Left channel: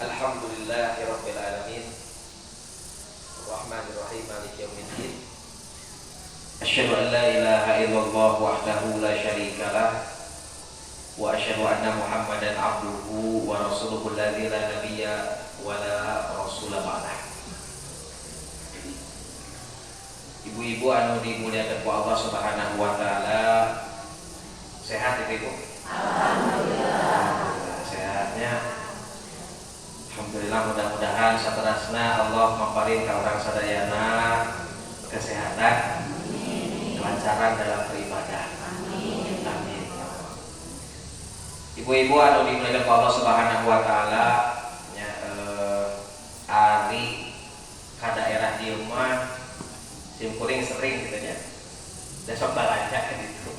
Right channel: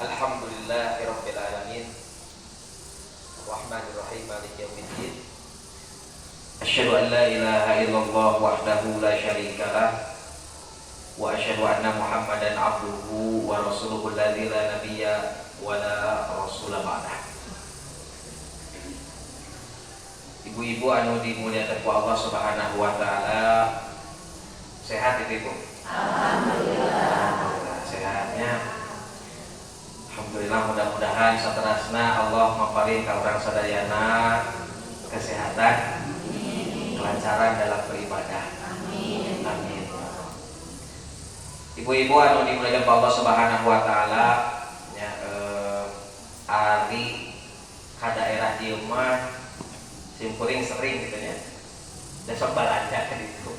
Alhamdulillahirabbil alamin. Arrahmanirrahim. Maliki yaumiddin. Asyhadu an la ilaha illallah wahdahu la syarikalah wa asyhadu anna Muhammadan abduhu wa rasuluhu alladzi la nabiyya wa la rasula ba'dah. Ibu-ibu anu dimuliakan ku Allah Subhanahu wa taala, sehat Ibu? Alhamdulillah. Sehatnya alhamdulillah, mudah-mudahan saterasna Allah maparing ka urang sadayana kesehatan, kelancaran dalam beribadah. Amin. Amin. Ibu-ibu anu dimuliakan ku Allah Subhanahu wa taala, nya ari ka daerah dieu mah simkuring sering gitu nya. Da sok balanja gitu.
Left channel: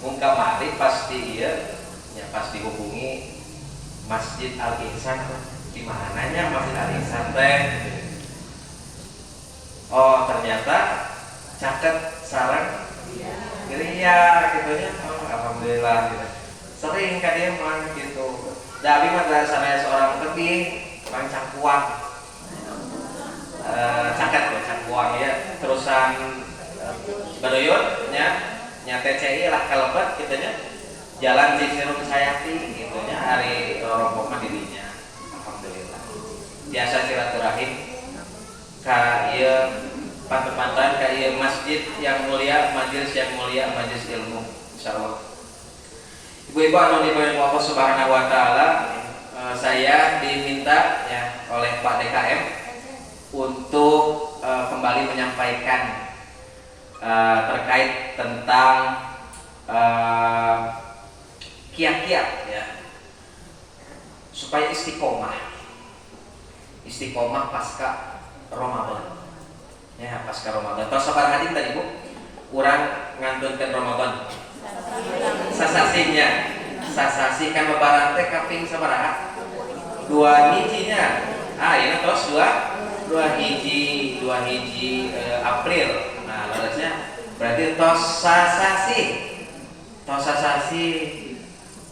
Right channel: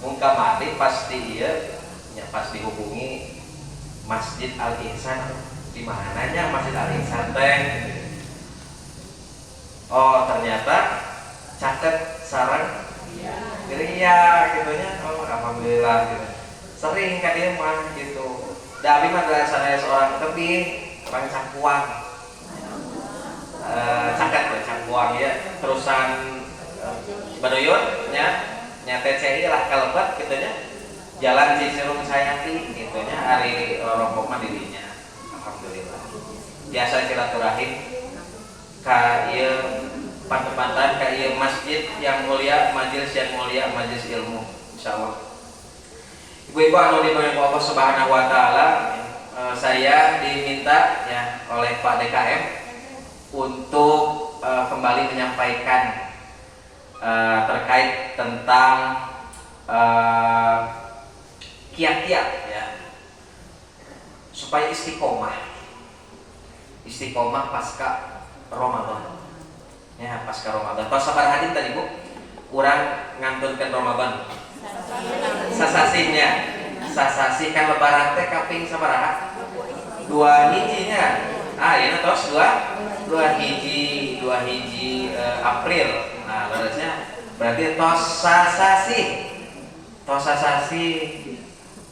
Mun kamari pasti ieu ya, pas dihubungi Masjid Al Ihsan, gimana nya Masjid Al Ihsan teh? Oh ternyata caket sareng geria gitunya. Oh alhamdulillah gitu. Sering ka dieu mah gitu. Da abi mah rasana seorang tebing, orang cangkuang. Caket cangkuang ya, terusan Badoyun nya TCI lah kalebet kitu nya. Jalan Cisirung Sayati gitunya, hari rompok mah dirinya. Alhamdulillah. Biasa silaturahim ka ieu pantepantan ka ieu masjid yang mulia, majelis yang mulia, majelis ilmu insyaallah. Ibu-ibu anu dimuliakan Allah Subhanahu wa taala, saya diminta ya oleh Pak DKM untuk kembali menyampaikan terkait tentang kiat-kiat ya supaya istiqomah pasca Ramadan ya, pasca Ramadan. Tos sabar hadir tadi Bu, kurang ngantunkeun Ramadan sasasi kan lebaran teh kaping sabaraha? 2 hijinya. Ieu tos 2 hiji April. Nah, larasnya berarti tos sasasi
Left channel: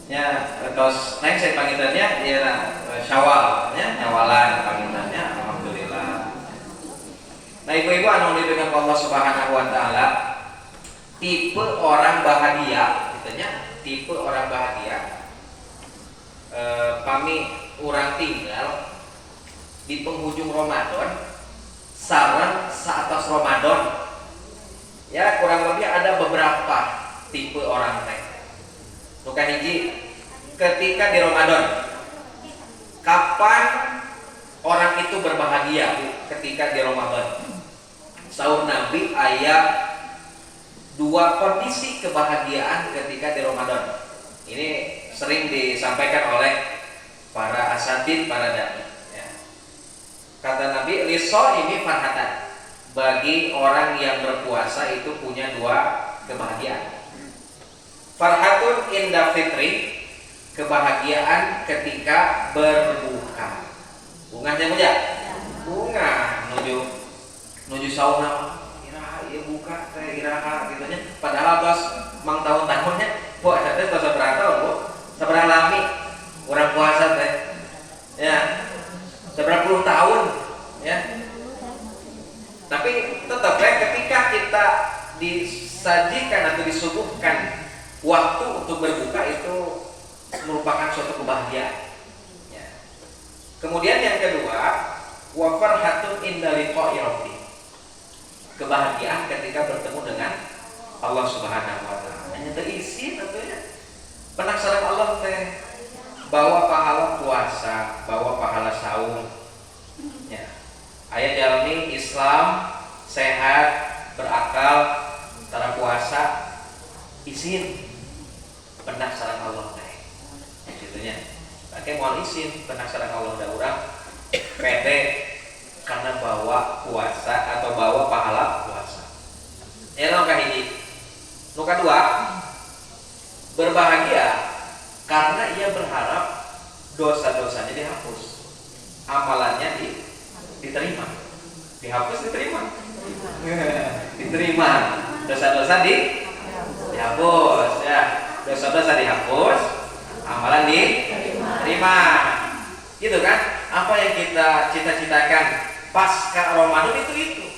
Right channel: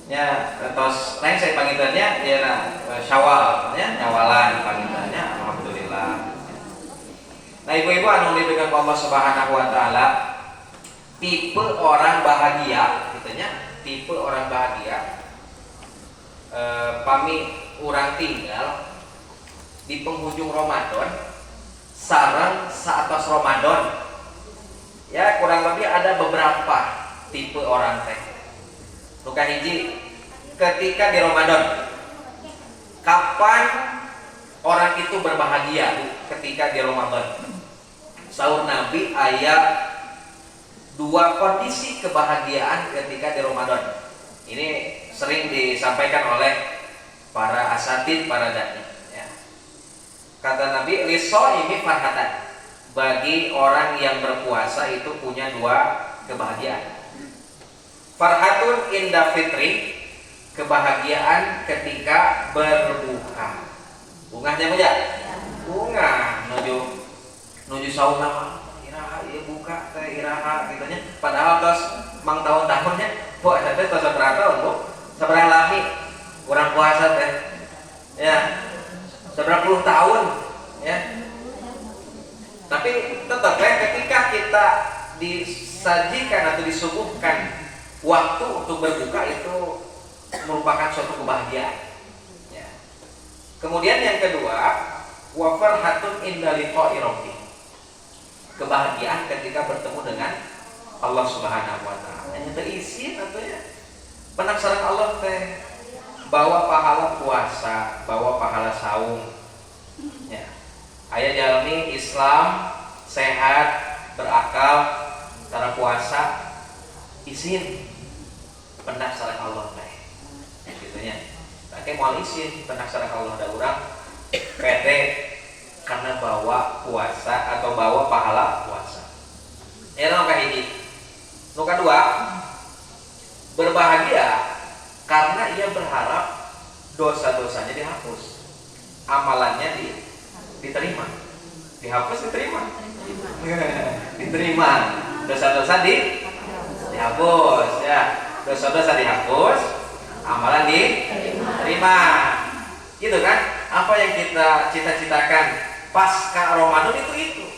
nya tos lain saya panggilannya ya Syawal nya nyawalan panggilannya. Alhamdulillah. Nah ibu-ibu anu dimuliakan Allah Subhanahu wa taala, tipe orang bahagia gitu nya, tipe orang bahagia pami urang tinggal di penghujung Ramadan sareng saatos Ramadan. Ya kurang lebih ada beberapa tipe orang teh. Nuka hiji, ketika di Ramadan, kapan orang itu berbahagia ketika di Ramadan? Sahur Nabi ayat 2 kondisi kebahagiaan ketika di Ramadan. Ini sering disampaikan oleh para asatid, para dai. Ya. Kata Nabi, liso ini farhatan. Bagi orang yang berpuasa itu punya 2 kebahagiaan. Farhatun inda fitri, kebahagiaan ketika berbuka. Bunganya punya? Bunga nuju sauna iraha ieu buka teh iraha gitu nya. Padahal tos mang tahun-tahunnya kok ada teh tos sabaraha tahun Bu? Sabaraha lami urang puasa teh. Ya. Sabaraha puluh tahun ya. Tapi tetap ketika kita disajikan atau disuguhkan waktu untuk berbuka itu merupakan suatu kebahagiaan. Ya. Kemudian yang kedua, wa farhatun inda liqa'i rabbi. Kebahagiaan ketika bertemu dengan Allah Subhanahu wa taala. Nya teu isi atunya. Penasaran Allah teh bawa pahala puasa, bawa pahala saum. Ya. Aya jalmi Islam sehat, berakal, cara puasa izin pendaftaran Allah teh. Gitunya. Take moal izin pendaftaran Allah da urang pede karena bawa puasa atau bawa pahala puasa. Eta nu kahiji. Nu kadua, berbahagia karena ia berharap dosa-dosanya dihapus. Amalannya diterima. Dihapus diterima. Diterima. Dosa-dosa dihapus ya. Dosa-dosa dihapus, amalan diterima. Gitu kan? Apa yang kita cita-citakan pasca Ramadan itu.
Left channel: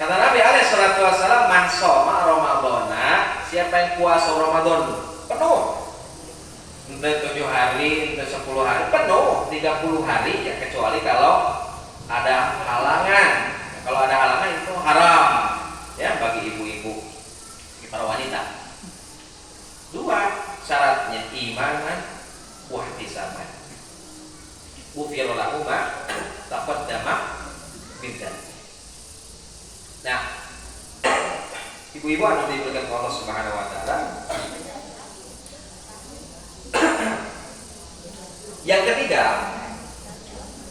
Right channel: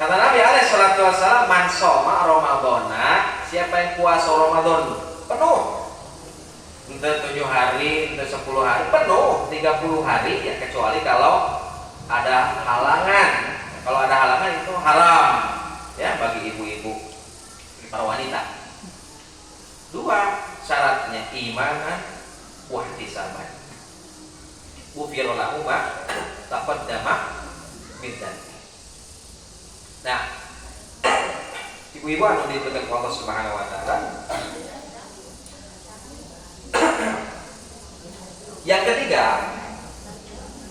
Kata Nabi alaihi salatu wassalam, man shoma Ramadhana, siapa yang puasa Ramadan penuh, entah 7 hari, entah 10 hari, penuh 30 hari ya, kecuali kalau ada halangan. Kalau ada halangan itu haram ya bagi ibu-ibu, para wanita. 2 syaratnya imanan wa ihtisaban. Ghufira lahu ma taqaddama min dzanbi. Nah, ibu-ibu anu diberikan Allah Subhanahu wa taala. Yang ketiga,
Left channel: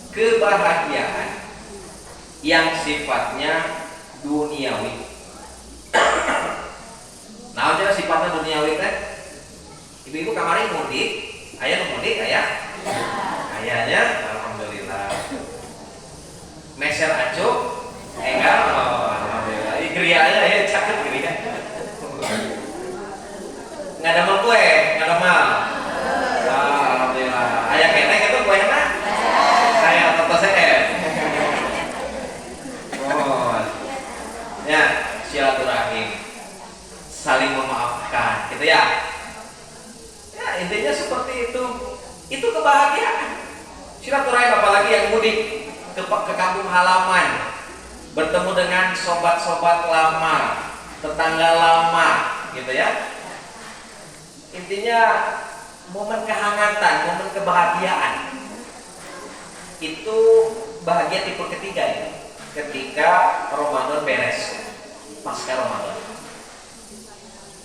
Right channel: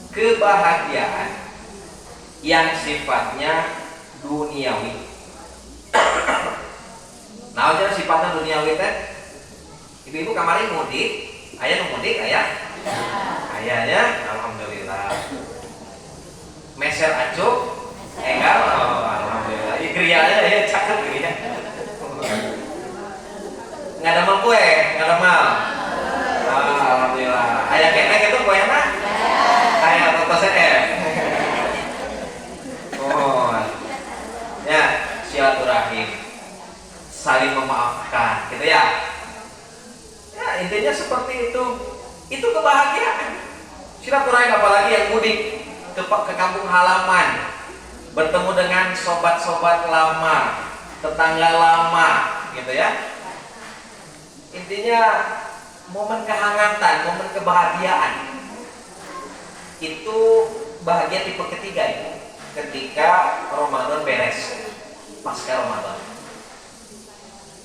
kebahagiaan yang sifatnya duniawi. Nah, jadi sifatnya duniawi teh. Ibu-ibu kamari mudik, aya nu mudik aya? Ayahnya alhamdulillah. Meser acuh enggak, alhamdulillah. Krianya ya cakep kria. Nggak ada mal kue, nggak ada mal. Alhamdulillah. Ayah kenek itu kue enak. Ayah toto CF. Oh, ya silaturahim, saling memaafkan, gitu ya. Ya intinya seperti itu. Itu kebahagiaan. Silaturahim apalagi yang mudik ke kampung halaman, bertemu dengan sobat-sobat lama, tetangga lama, gitu ya. Intinya momen kehangatan, momen kebahagiaan. Itu bahagia tipe ketiga itu. Ketika Ramadan beres, pasca Ramadan.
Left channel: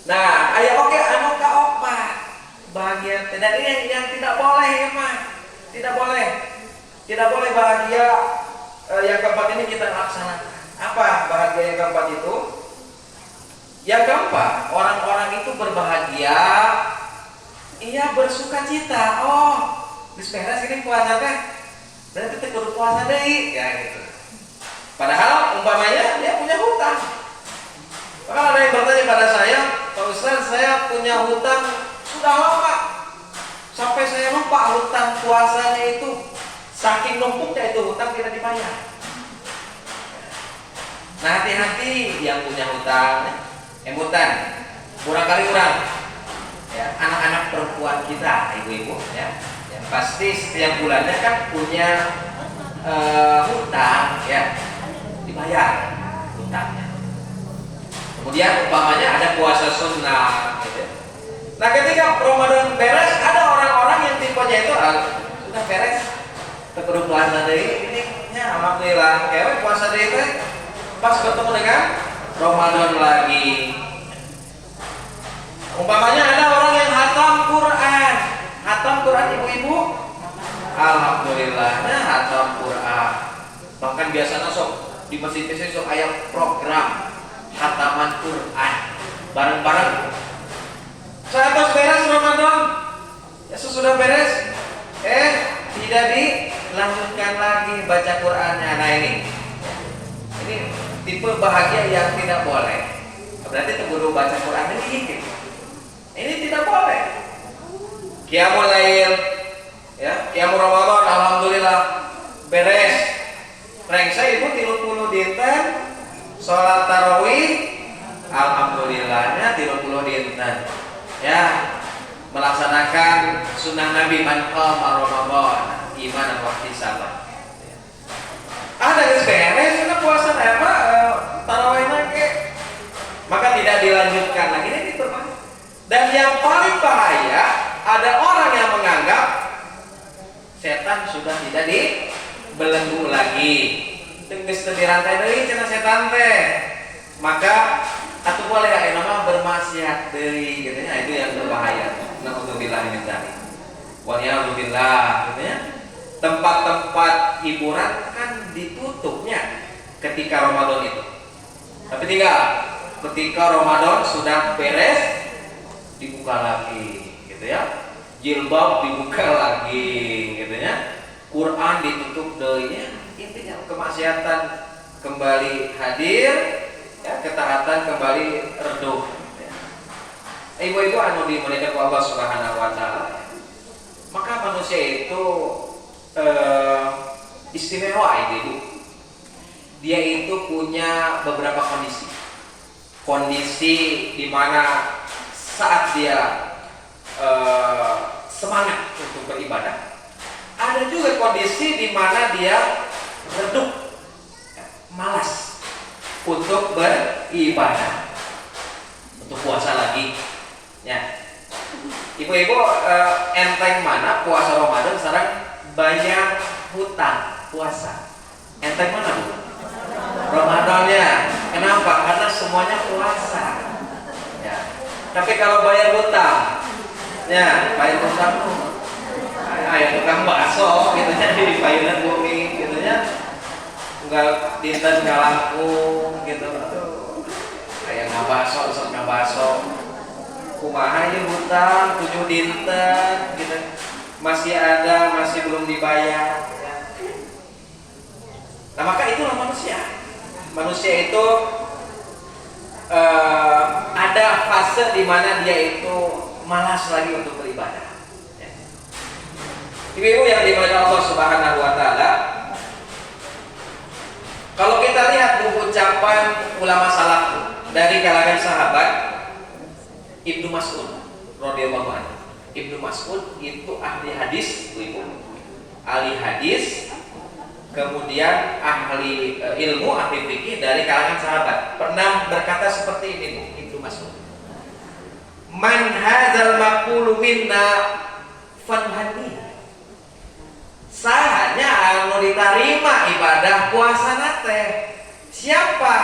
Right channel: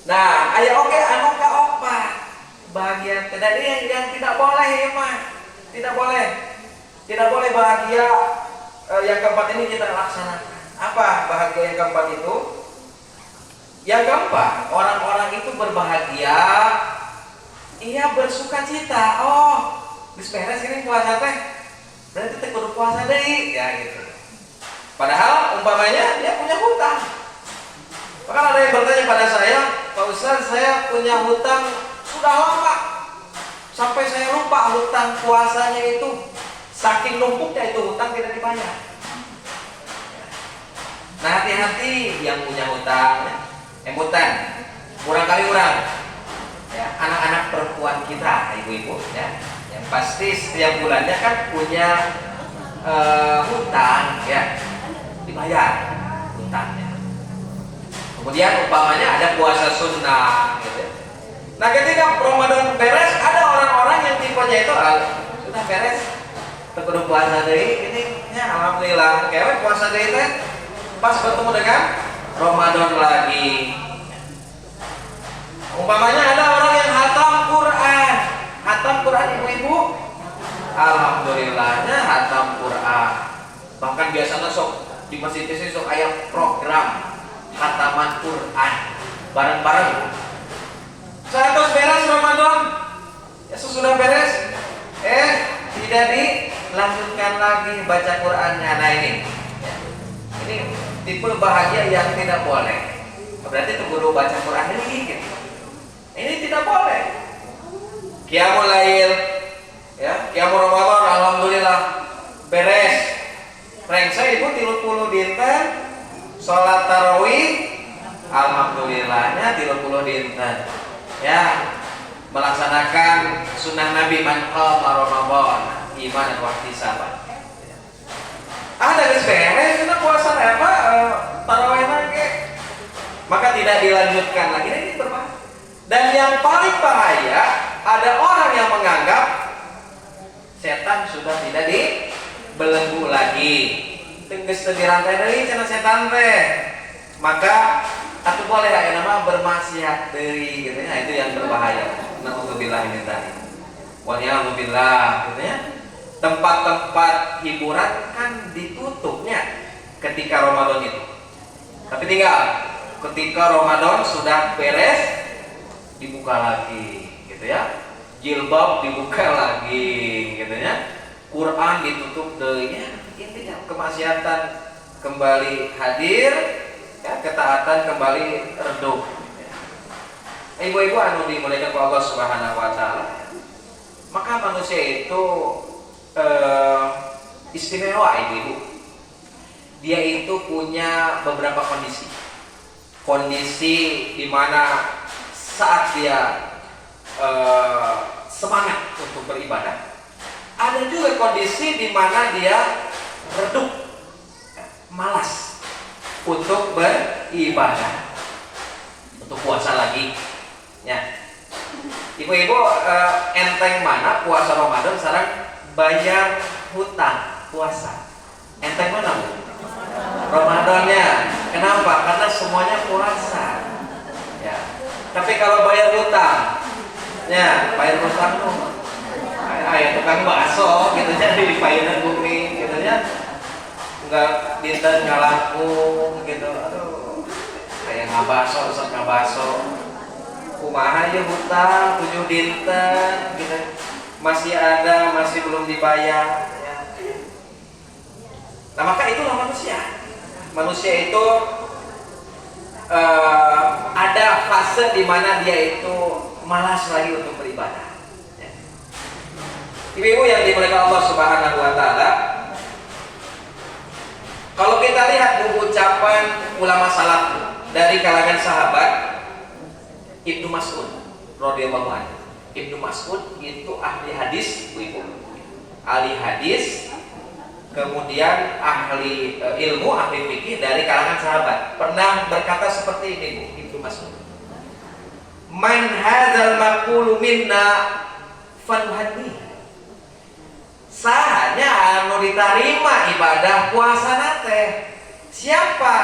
Nah, ayo oke, anu ka opa bahagia. Dan ini yang tidak boleh ya mah, tidak boleh bahagia. Yang keempat ini kita laksanakan. Apa bahagia yang keempat itu? Yang keempat, orang-orang itu berbahagia, ia bersuka cita. Oh, geus beres ini puasa teh, berarti teh kudu puasa deui, ya gitu. Padahal umpamanya dia punya hutang. Bahkan ada yang bertanya pada saya, Pak Ustaz, saya punya hutang sudah lama, sampai saya lupa hutang puasanya itu. Saking numpuknya itu hutang tidak dibayar. Nah, hati-hati yang punya hutang, emutan, kurang kali kurang. Ya, anak-anak perempuan kita, ibu-ibu, ya, yang pasti setiap bulannya kan punya hutang, ya, dibayar hutangnya. Kemudian umpamanya ada puasa sunnah, gitu ya. Nah, ketika Ramadan beres, ada orang-orang yang tipenya itu sudah beres. Kudu puasa deui ini ya alhamdulillah. Kayak puasa deui teh pas bertemu dengan Ramadan lagi. Umpamanya ada orang yang hatam Quran ibu-ibu. Alhamdulillahnya hatam Quran. Bahkan biasanya sok di masjid-masjid sok aya program khataman Quran bareng-bareng. Saat beres Ramadan, ya sesudah beres, tidak dilanjutkan lagi baca Qur'annya. Nah ini tipe bahagia yang tidak boleh. Berarti guru baca Qur'an ini dikit. Ini tidak boleh. Qiyamul Lail, ya, Qiyamul Ramadan, alhamdulillah beres. Rengsa ibu 30 dinten, sholat tarawih, alhamdulillahnya 30 dinten. Ya, melaksanakan sunnah Nabi man qama Ramadan imanan wa ihtisaban. Ada geus beres kita puasa apa tarawih nage. Maka tidak dilanjutkan lagi, ini berbahaya. Dan yang paling bahaya, ada orang yang menganggap setan sudah tidak dibelenggu lagi. Geus teu dirantai deui cenah setan teh. Maka atuh boleh aya nama bermaksiat deui gitu ya, itu yang berbahaya. Na'udzubillah min dzalik. Wa na'udzubillah gitu ya. Tempat-tempat hiburan kan ditutupnya ketika Ramadan itu. Tapi tinggal ketika Ramadan sudah beres dibuka lagi gitu ya. Jilbab dibuka lagi gitu ya. Quran ditutup deui nya. Intinya kemaksiatan kembali hadir, ya, ketaatan kembali redup. Ibu-ibu anu dimuliakan Allah Subhanahu wa taala. Maka manusia itu istimewa ibu. Dia itu punya beberapa kondisi. Kondisi di mana saat dia semangat untuk beribadah. Ada juga kondisi di mana dia redup, malas untuk beribadah, untuk puasa lagi. Ya, ibu-ibu enteng mana puasa Ramadan sekarang bayar hutang puasa? Enteng mana bu? Ramadannya. Kenapa? Karena semuanya puasa. Ya. Tapi kalau bayar hutang, ya bayar hutang tuh, yang tukang bakso, gitu nya di payunan bumi, gitu nya, nggak dinten nggak langkung, gitu. Aduh, kayak ngabaso, resep ngabaso. Kumaha aja hutang 7 dinten, gitu. Masih ada, masih belum dibayar. Ya. Nah maka itulah manusia. Manusia itu ada fase di mana dia itu malas lagi untuk beribadah. Ya. Ibu-ibu yang dimuliakan Allah Subhanahu Wa Taala, kalau kita lihat ucapan ulama salaf dari kalangan sahabat, Ibnu Mas'ud radhiyallahu anhu. Ibnu Mas'ud itu ahli hadis, ibu-ibu. Ahli hadis, kemudian ahli ilmu, ahli fikih dari kalangan sahabat. Pernah berkata seperti ini, Ibnu Mas'ud. Man hadzal maqulu minna fanhadi. Sahanya anu diterima ibadah puasa nate. Siapa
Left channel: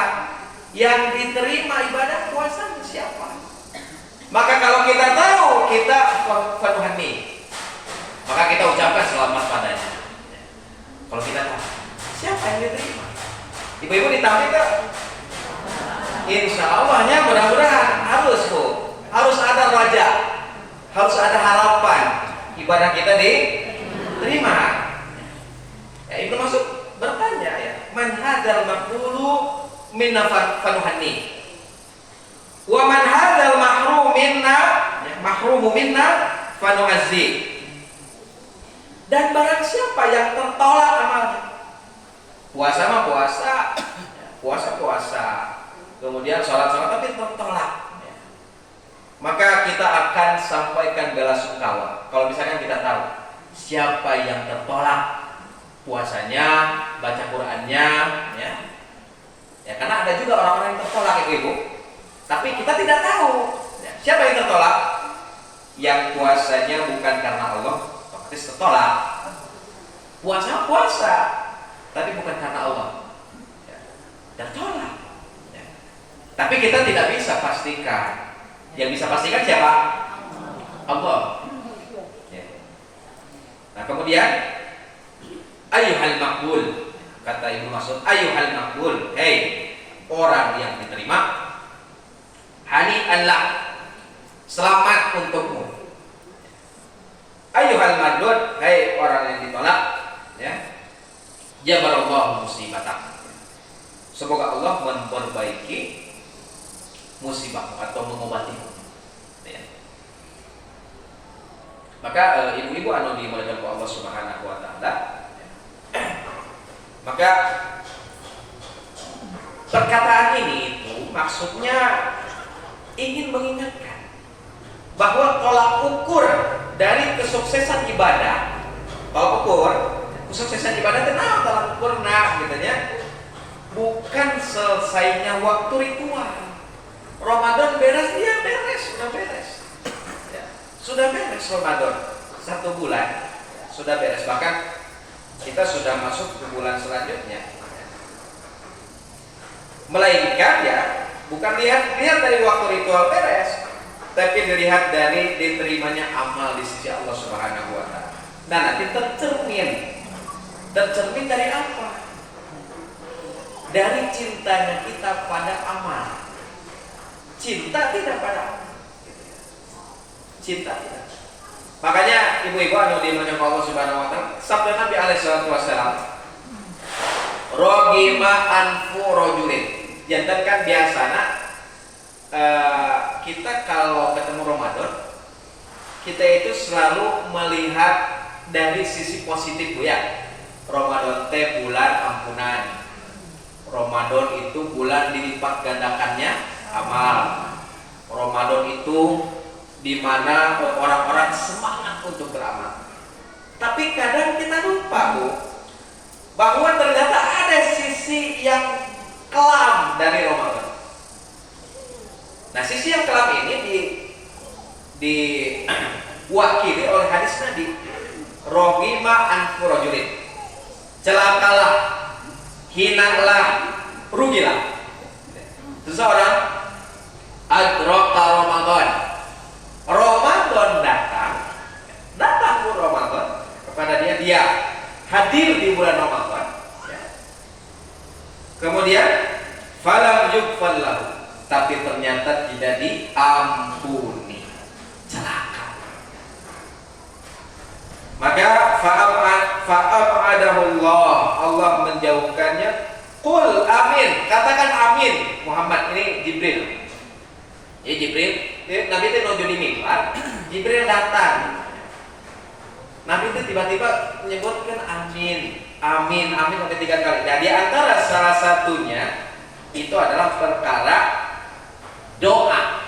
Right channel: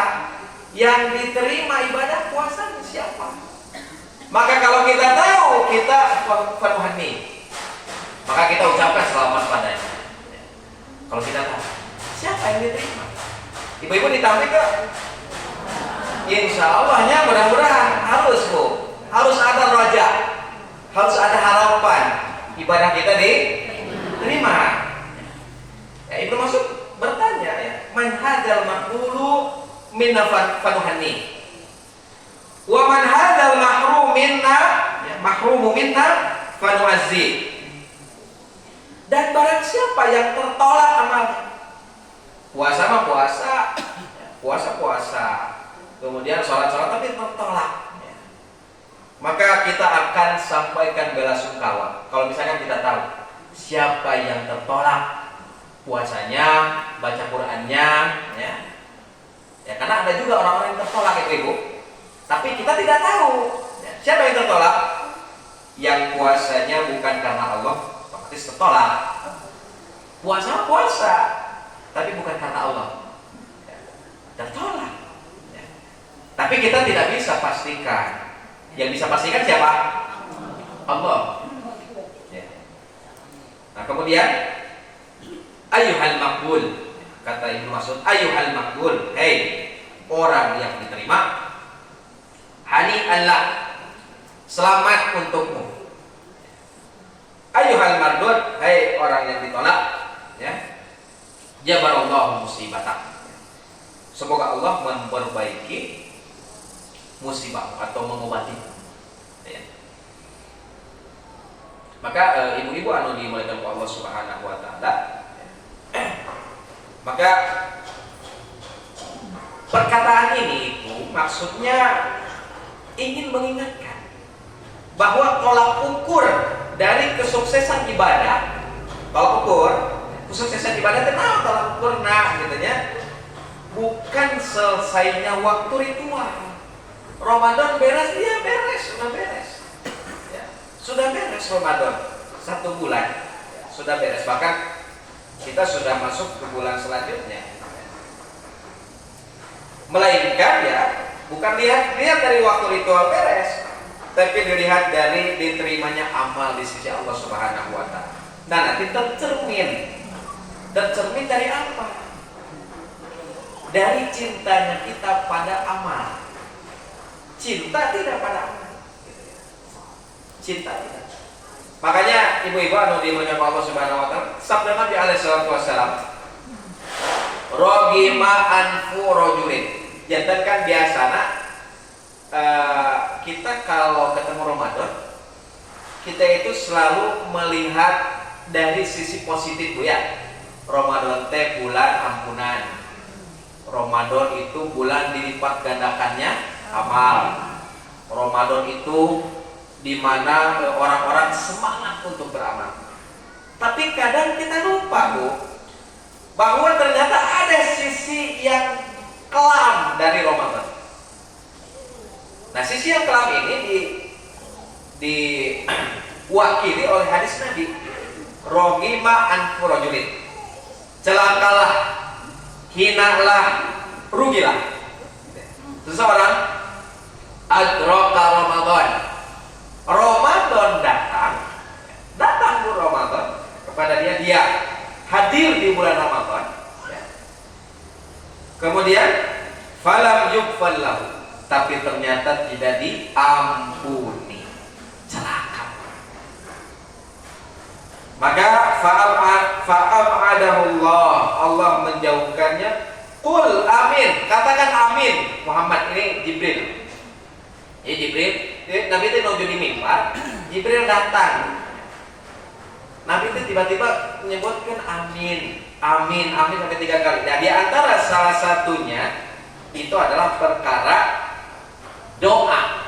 yang diterima ibadah puasa siapa? Maka kalau kita tahu kita fanhadi, maka kita ucapkan selamat padanya. Kalau kita tahu siapa yang diterima, ibu-ibu ditampik ke? Insya Allahnya mudah-mudahan harus bu, harus ada raja, harus ada harapan ibadah kita diterima. Ya, Ibnu Mas'ud bertanya ya, man hadzal maqulu minna fanuhanni, wa man hadzal mahrum minna, ya, mahrumu minna fanu'azzi. Dan barang siapa yang tertolak amalnya, puasa mah puasa, puasa, kemudian sholat tapi tertolak, maka kita akan sampaikan bela sungkawa. Kalau misalkan kita tahu siapa yang tertolak puasanya, baca Qur'annya, ya karena ada juga orang-orang yang tertolak ibu-ibu, tapi kita tidak tahu siapa yang tertolak. Yang puasanya bukan karena Allah, tertolak. Puasa, tapi bukan karena Allah, tertolak. Tapi kita tidak bisa pastikan. Yang bisa pastikan siapa? Allah. Nah kemudian ayyuhal maqbul, kata Ibnu Mas'ud, ayyuhal maqbul, hei orang yang diterima, hani'an lak, selamat untukmu. Ayyuhal mardud, hai orang yang ditolak, ya. Jabarallahu musibatak. Semoga Allah memperbaiki musibahmu atau mengobatimu. Ya. Maka ibu-ibu anu dimuliakan Allah Subhanahu Wa Taala, maka perkataan ini itu maksudnya ingin mengingatkan bahwa tolak ukur dari kesuksesan ibadah, tolak ukur kesuksesan ibadah kenapa tolak ukur gitu ya, bukan selesainya waktu ritual. Ramadan beres, iya beres, sudah beres, ya, sudah beres Ramadan 1 bulan, ya, sudah beres. Bahkan kita sudah masuk ke bulan selanjutnya, melainkan ya bukan lihat dari waktu ritual beres, tapi dilihat dari diterimanya amal di sisi Allah Subhanahu Wa Taala. Nah nanti tercermin dari apa? Dari cintanya kita pada amal. Cinta tidak pada amal. Cinta tidak. Makanya ibu-ibu anu dimuliakan Allah Subhanahu Wa Taala, sabda Nabi alaihi wasallam, rogima anfu rojulin. Jantan kan biasana kita kalau ketemu Ramadan kita itu selalu melihat dari sisi positif Bu ya. Ramadan teh bulan ampunan. Ramadan itu bulan dilipat gandakannya amal. Ramadan itu di mana orang-orang semangat untuk beramal. Tapi kadang kita lupa Bu, bahwa ternyata ada sisi yang kelam dari Ramadan. Nah, sisi yang kelam ini diwakili oleh hadis Nabi, rohima anfu rajulin, celakalah, hinalah, rugilah seseorang adraka Ramadan. Ramadan datang Bu Ramadan kepada dia hadir di bulan Ramadan ya. Kemudian falam yughfar lahu, tapi ternyata tidak diampuni, celaka. Maka fa'abadahullah, Allah menjauhkannya. Qul amin, katakan amin. Muhammad, ini Jibril. Ya Jibril, Nabi itu menuju di mimbar, Jibril datang. Nabi itu tiba-tiba menyebutkan amin, amin, amin sampai 3 kali. Jadi antara salah satunya itu adalah perkara doa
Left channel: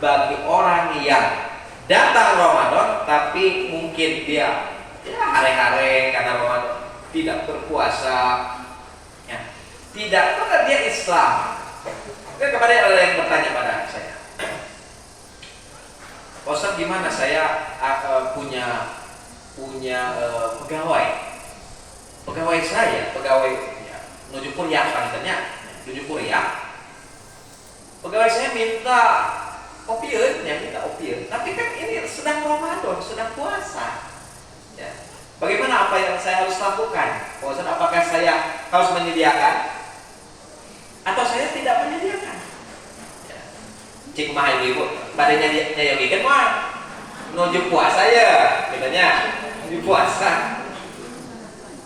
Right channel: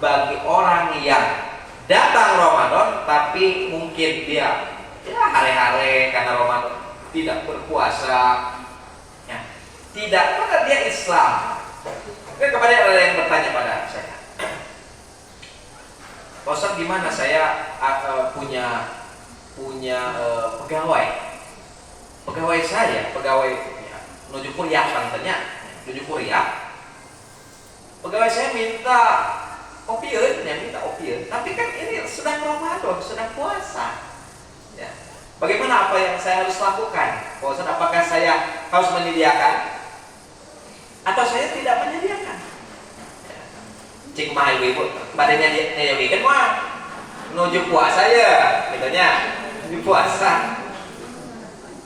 bagi orang yang datang Ramadan tapi mungkin dia hari-hari karena Ramadan tidak berpuasa, ya, tidak, karena dia Islam. Kepada ada yang bertanya pada saya, Pak Ustaz, gimana saya punya pegawai saya, pegawai ya, nuju kuliah panitanya, nuju kuliah. Pegawai saya minta opieun, tapi kan ini sedang Ramadan, sedang puasa. Ya. Bagaimana apa yang saya harus lakukan? Pak Ustaz, apakah saya harus menyediakan atau saya tidak menyediakan? Ya. Cik kumaha ibu, badannya nyayogikeun mah nuju puasa ya, katanya. Di puasa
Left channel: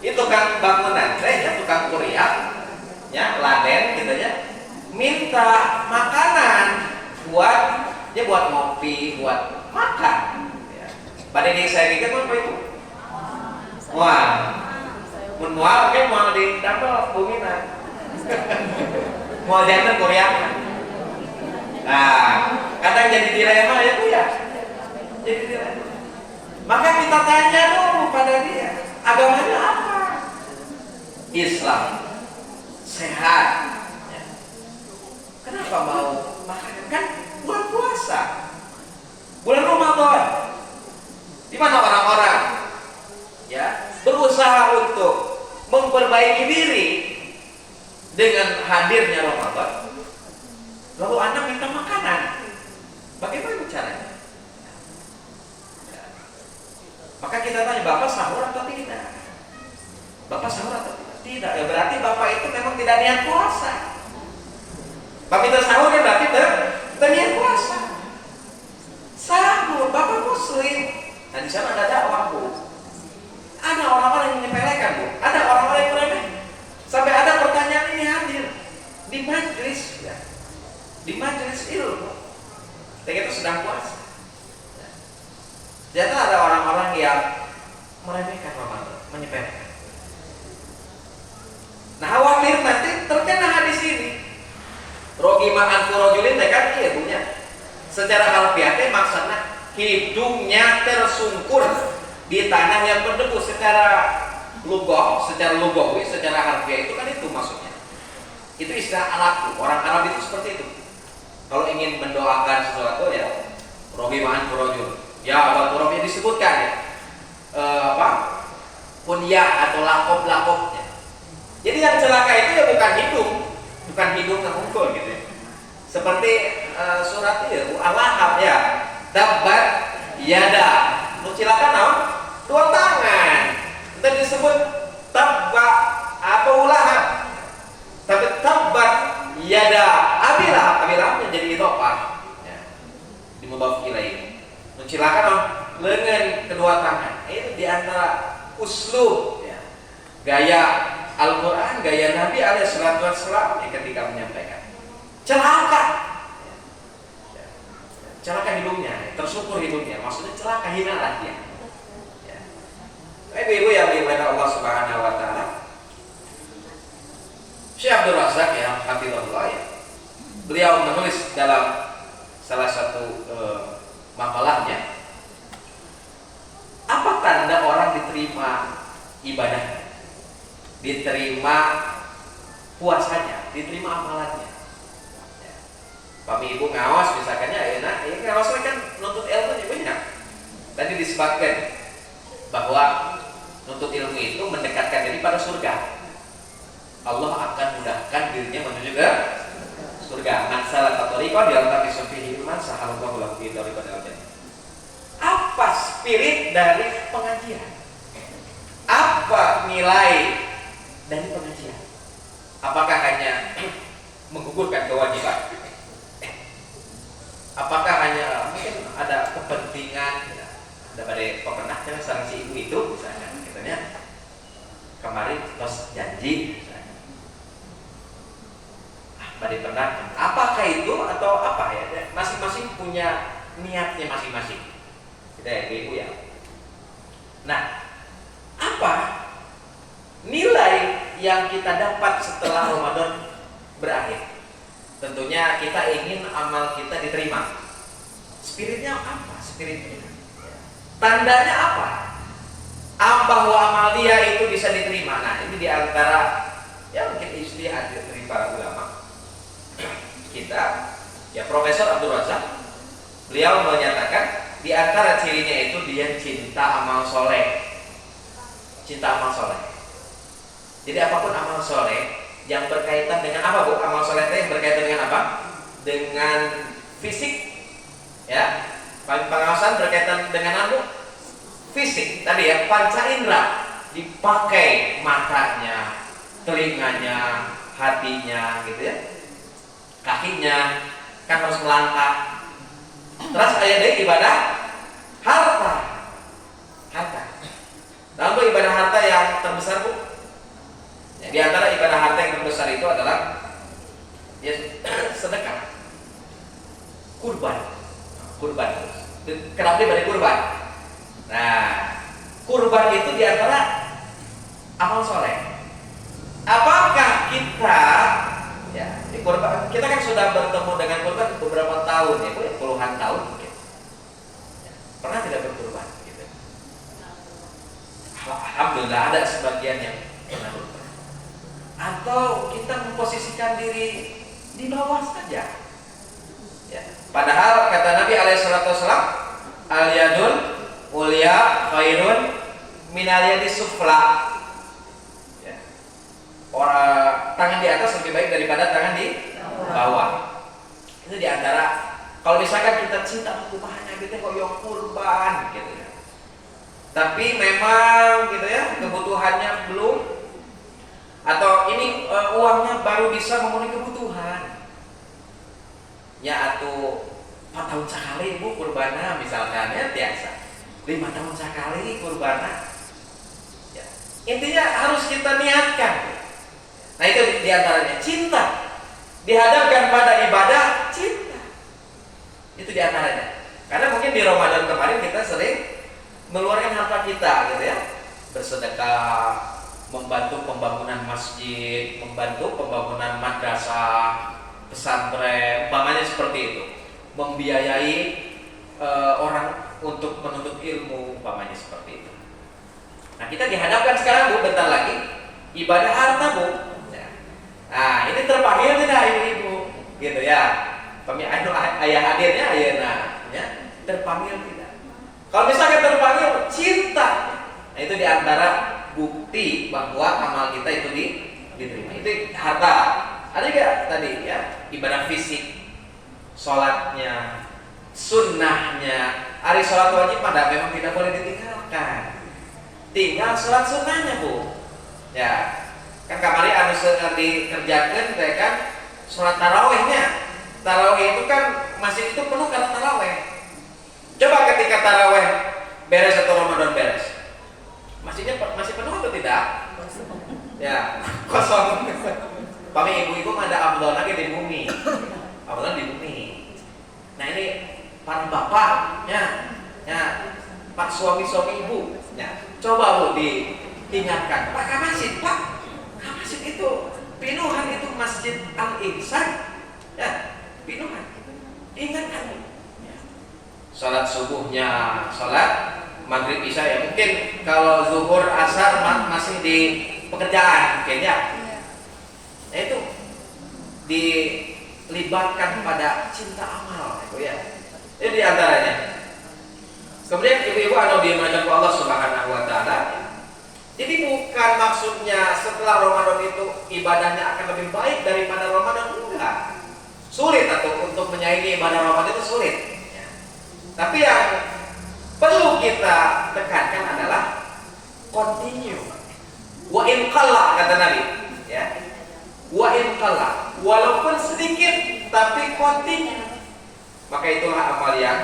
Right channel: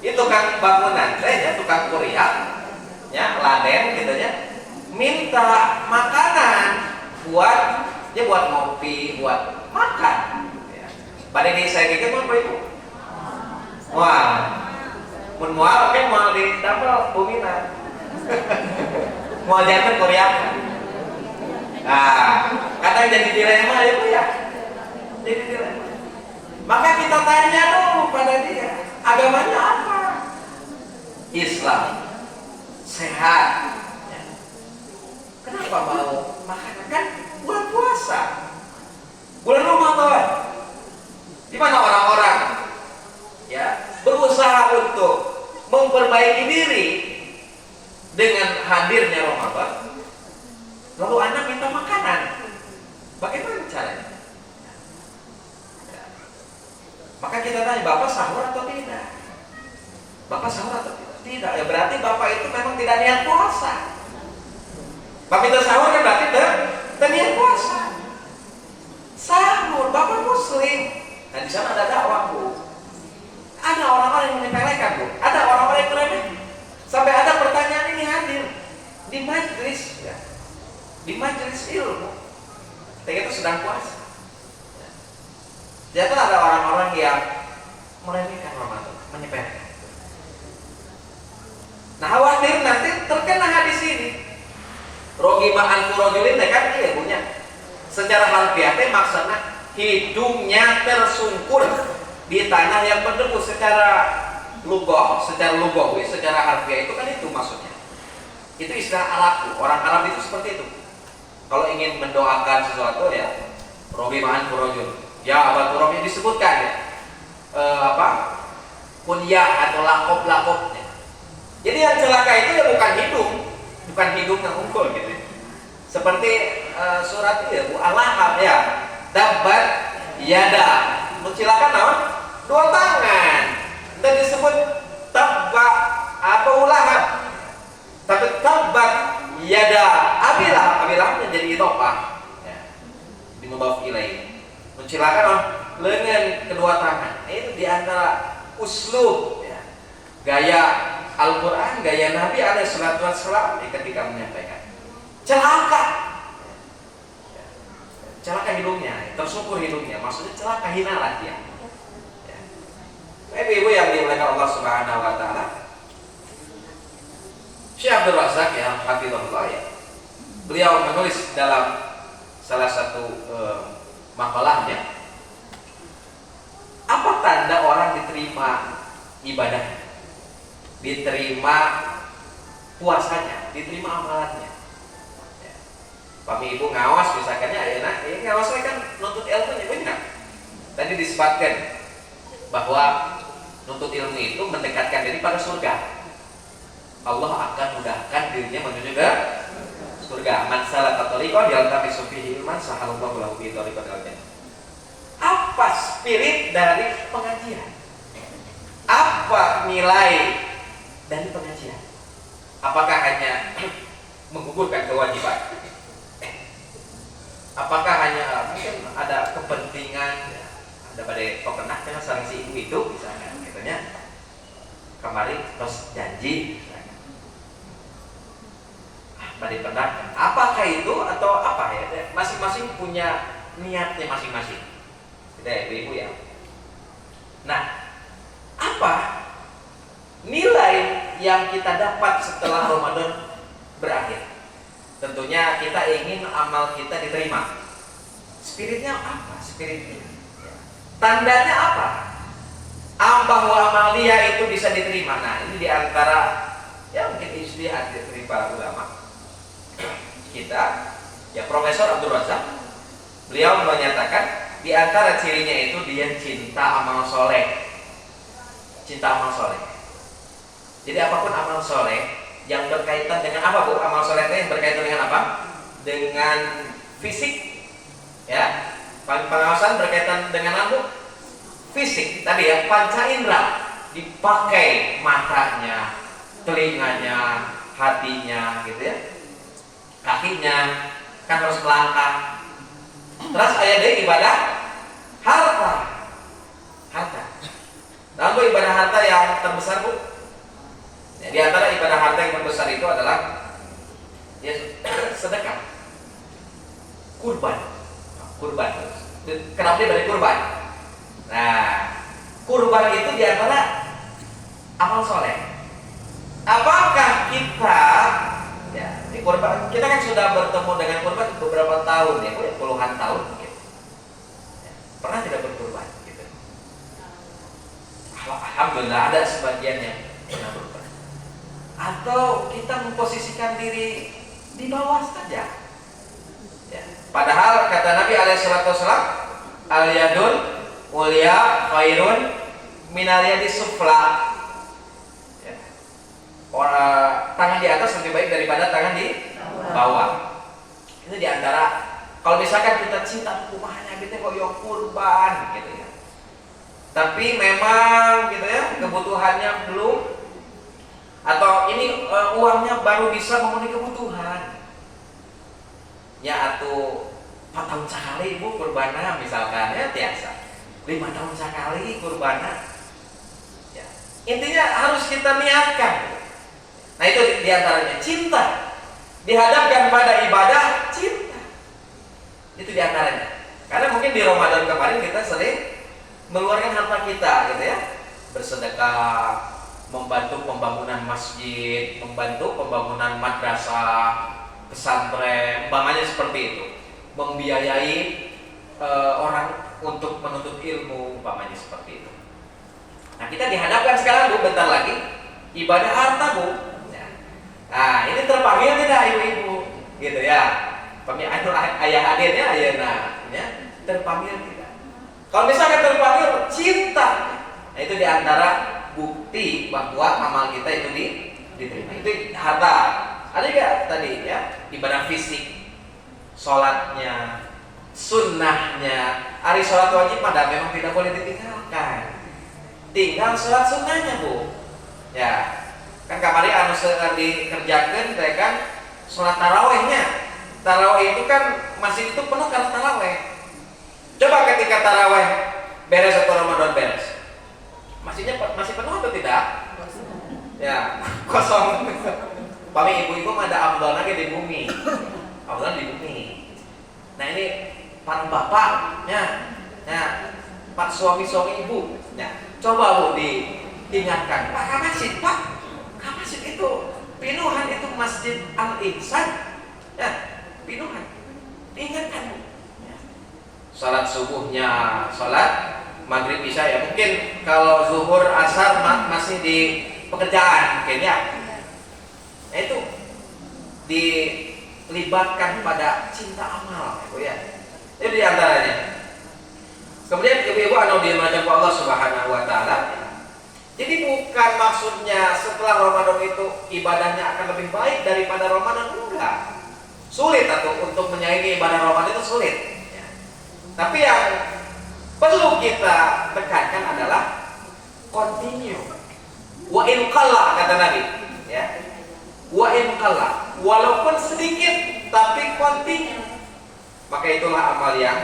itu tukang bangunan, saya tukang kuliah, ya laden gitu ya, minta makanan buat ngopi, buat makan. Ya. Pada ini saya pikir apa itu? Wah, mun mual kan mual di dapur buminan, mual jantan kuliah. Nah, kadang jadi dilema ya Bu ya, jadi dilema. Maka kita tanya dulu pada dia, agamanya apa? Islam, sehat. Ya. Kenapa mau makan? Kan bulan puasa, bulan Ramadan, di mana orang-orang ya berusaha untuk memperbaiki diri dengan hadirnya Ramadan. Lalu anak minta makanan, bagaimana caranya? Maka kita tanya, Bapak sahur atau tidak? Bapak sahur atau tidak? Tidak, ya berarti Bapak itu memang tidak niat puasa. Bapak itu sahur kan berarti niat puasa. Sahur, Bapak Muslim. Nah di sana ada dakwah Bu. Ada orang-orang yang menyepelekan Bu. Ada orang-orang yang meremehkan. Sampai ada pertanyaan ini hadir di majelis ya. Di majelis ilmu. Dan itu sedang puasa. Ternyata ada orang-orang yang meremehkan Ramadan, menyepelekan. Nah khawatir nanti terkena hadis ini. Rogi ma'an furojulin kan iya punya. Secara harfiah maksudnya hidungnya tersungkur di tanah yang berdebu. Secara lugawi, secara harfiah itu kan itu maksudnya. Itu istilah Arab, orang Arab itu seperti itu. Kalau ingin mendoakan sesuatu ya rogi ma'an furojulin. Ya, Baturomnya disebutkan ya, kunyah atau lakop-lakopnya. Jadi yang celaka itu ya bukan hidung yang unggul gitu. Seperti surat itu ya, Bu Al-Lahab ya, tabbat yada, celaka naon? 2 tangan. Dan disebut tabba atau Lahab. Tapi tabbat yada abilah jadi idhofah. Ya. Di mudhaf ilaih. Mencilakan lengan kedua tangan. Itu diantara uslub ya. Gaya Al-Quran, gaya Nabi alaihissalam ketika menyampaikan celaka. celaka hidungnya, tersyukur hidungnya, maksudnya celaka hina lah dia. Ya. Ibu-ibu yang dimuliakan Allah Subhanahu wa taala. Syekh Abdul Razak ya, hafizahullah ya. Beliau menulis dalam salah satu makalahnya, apa tanda orang diterima ibadah, diterima puasanya, diterima amalannya. Pami ibu ngawas misalkan ya, ngawas kan nuntut ilmunya banyak. Tadi disebutkan bahwa nuntut ilmu itu mendekatkan diri pada surga. Allah akan mudahkan dirinya menuju ke surga. Man salaka thariqan yaltamisu fihi ilman sahalallahu lahu bihi thariqan ilal jannah. Apa spirit dari pengajian? Apa nilai dari pengajian? Apakah hanya menggugurkan kewajiban? Apakah hanya mungkin ada kepentingan, ya, ada pada pemenang dengan sang si ibu itu misalnya, katanya kemarin terus janji misalnya, pada penang, apakah itu atau apa ya? Masing-masing punya niatnya masing-masing, kita ya ibu ya. Nah, apa nilai yang kita dapat setelah Ramadan berakhir? Tentunya kita ingin amal kita diterima. Spiritnya apa? Spiritnya. Tandanya apa? Bahwa amal dia itu bisa diterima. Nah, ini diantara ya mungkin ijtihad dari para ulama. Kita, ya Profesor Abdul Razak, beliau menyatakan diantara cirinya itu dia cinta amal soleh. Cinta amal soleh. Jadi apapun amal soleh yang berkaitan dengan apa Bu? Amal soleh yang berkaitan dengan apa? Dengan fisik, ya. Pengawasan berkaitan dengan apa? Fisik. Tadi ya, panca indera dipakai matanya, telinganya, hatinya, gitu ya. Kakinya kan harus melangkah. Terus ada ibadah harta. Harta. Lalu ibadah harta yang terbesar Bu? Ya, di antara ibadah harta yang terbesar itu adalah ya, sedekah, kurban. Kenapa diberi kurban? Nah, kurban itu di antara amal soleh. Apakah kita, ya, di kurban, kita kan sudah bertemu dengan kurban beberapa tahun ya, puluhan tahun mungkin. Ya, pernah tidak berkurban? Gitu. Alhamdulillah ada sebagian yang pernah berkurban. Atau kita memposisikan diri di bawah saja. Ya. Padahal kata Nabi alaihissalam, al-yadul mulia khairun minal yadis sufla. Ya. Tangan di atas lebih baik daripada tangan di bawah. Itu diantara kalau misalkan kita cinta hukumannya gitu kok yang kurban gitu ya. Tapi memang gitu ya kebutuhannya belum, atau ini uangnya baru bisa memenuhi kebutuhan. Ya atau 4 tahun sekali ibu kurbana misalkan ya biasa. 5 tahun sekali kurbana. Ya. Intinya harus kita niatkan. Nah itu diantaranya cinta. Dihadapkan pada ibadah cinta. Itu diantaranya. Karena mungkin di Ramadan kemarin kita sering mengeluarkan harta kita gitu ya. Bersedekah, membantu pembangunan masjid, membantu pembangunan madrasah, pesantren, umpamanya seperti itu, membiayai orang untuk menuntut ilmu, umpamanya seperti itu. Nah kita dihadapkan sekarang Bu, bentar lagi ibadah harta Bu. Ya. Nah ini terpanggil tidak ibu-ibu, gitu ya. Ayah hadirnya, ayah ya, terpanggil tidak. Kalau misalnya terpanggil cinta, nah itu diantara bukti bahwa amal kita itu diterima. Itu harta. Ada juga tadi ya ibadah fisik, sholatnya, sunnahnya. Hari sholat wajib pada memang tidak boleh ditinggalkan. Tinggal sholat sunnahnya Bu. Ya kan kemarin anu dikerjakan, ya kan sholat tarawehnya. Taraweh itu kan masih itu penuh karena taraweh. Coba ketika taraweh beres atau Ramadan beres, masjidnya masih penuh atau tidak? Ya, kosong. Pami ibu-ibu ada afdol lagi di bumi. Afdol di bumi. Nah ini para bapak, ya, pak suami-suami ibu, ya, coba Bu diingatkan, Pak Kamasid, Pak Kamasid itu pinuhan itu Masjid Al-Ihsan, ya, pinuhan, ingatkan Bu. Ya. Salat subuhnya, salat maghrib isya ya, mungkin kalau zuhur asar masih di pekerjaan mungkin ya. Nah itu dilibatkan pada cinta amal itu ya. Itu diantaranya. Kemudian ibu-ibu anu dimuliakan Allah Subhanahu wa taala. Jadi bukan maksudnya setelah Ramadan itu ibadahnya akan lebih baik daripada Ramadan, enggak. Sulit atau untuk menyaingi ibadah Ramadan itu sulit. Ya. Tapi yang perlu kita tekankan adalah continue. Wa in qalla kata Nabi, ya. Wa in qalla, walaupun sedikit tapi continue. Maka itulah amal yang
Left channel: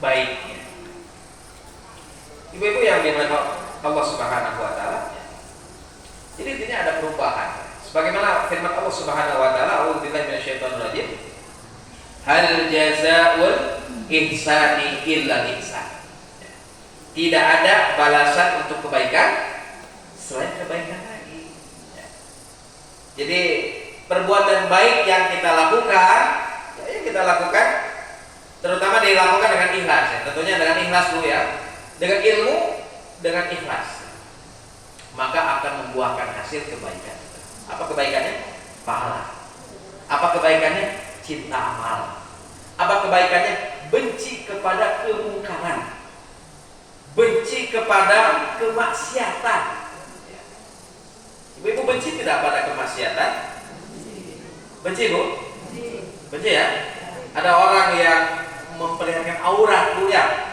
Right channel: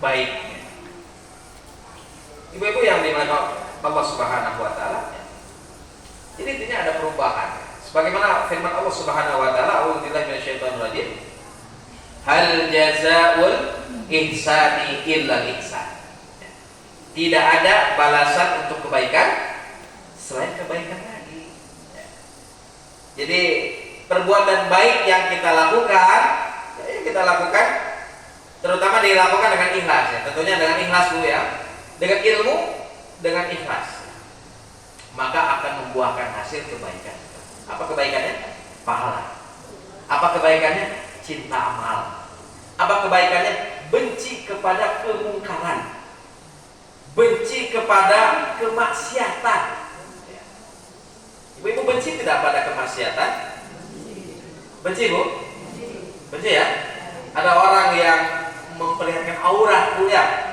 baik. Ibu-ibu yang dimuliakan Allah Subhanahu wa taala. Jadi intinya ada perubahan. Sebagaimana firman Allah Subhanahu wa taala, a'udzubillahi minasyaitonir rajim. Hal jazaa'ul ihsani illa ihsan. Tidak ada balasan untuk kebaikan selain kebaikan lagi. Jadi perbuatan baik yang kita lakukan, terutama dilakukan dengan ikhlas ya. Tentunya dengan ikhlas dulu ya. Dengan ilmu, dengan ikhlas. Maka akan membuahkan hasil kebaikan. Apa kebaikannya? Pahala. Apa kebaikannya? Cinta amal. Apa kebaikannya? Benci kepada kemungkaran. Benci kepada kemaksiatan. Ibu-ibu benci tidak pada kemaksiatan? Benci Bu? Benci ya? Ada orang yang memperlihatkan aurat Bu ya?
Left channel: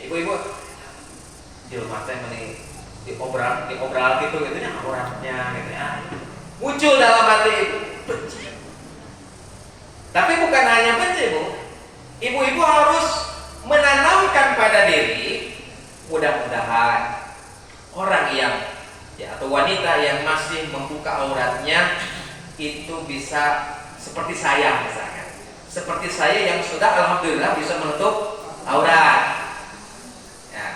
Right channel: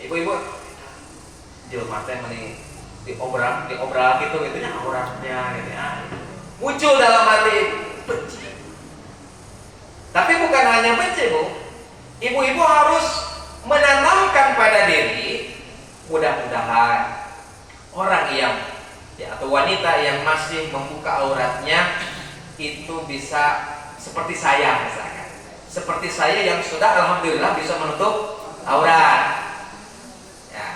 Ibu-ibu di rumah teh mending diobral gitu nya auratnya gitu ya. Muncul dalam hati benci. Tapi bukan hanya benci Bu. Ibu-ibu harus menanamkan pada diri, mudah-mudahan orang yang ya, atau wanita yang masih membuka auratnya itu bisa seperti saya misalkan, seperti saya yang sudah alhamdulillah bisa menutup aurat ya.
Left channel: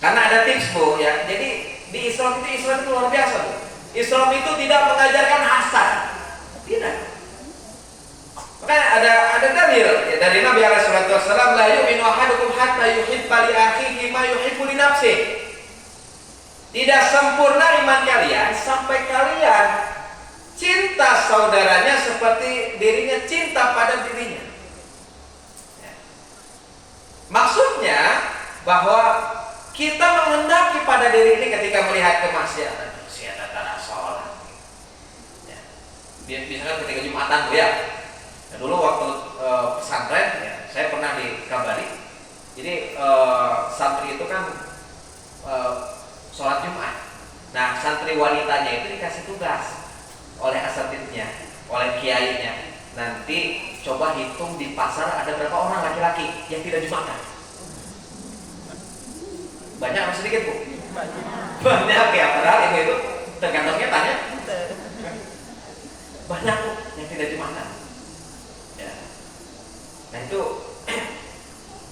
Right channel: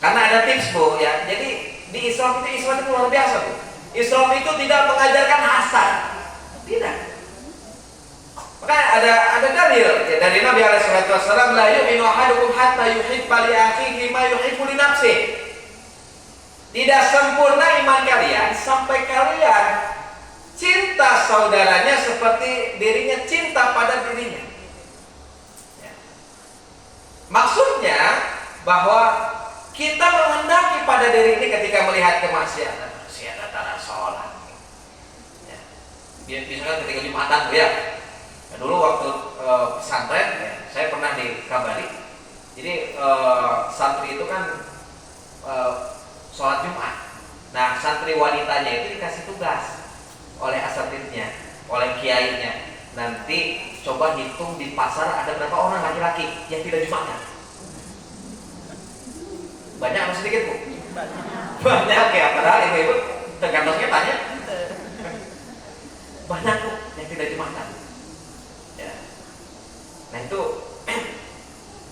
Karena ada tips Bu ya. Jadi di Islam itu luar biasa Bu. Islam itu tidak mengajarkan hasad, tidak. Makanya ada dalil ya, dari Nabi alaihi wasallam, la yu'minu ahadukum hatta yuhibba li akhihi ma yuhibbu li nafsihi. Tidak sempurna iman kalian sampai kalian cinta saudaranya seperti dirinya cinta pada dirinya. Ya. Maksudnya bahwa kita menghendaki pada diri ini ketika melihat kemaksiatan, maksiatan tanah sholat. Ya. Biasanya ketika Jumatan Bu ya. Ya, dulu waktu pesantren ya, saya pernah dikabari. Jadi santri itu kan sholat Jumat. Nah santri wanitanya itu dikasih tugas oleh asatidnya, oleh kiainya. Nanti coba hitung di pasar ada berapa orang laki-laki yang tidak Jumatan. Banyak atau sedikit Bu? Banyak ya, padahal ibu-ibu tergantungnya tanya. Banyak Bu yang tidak Jumatan. Nah itu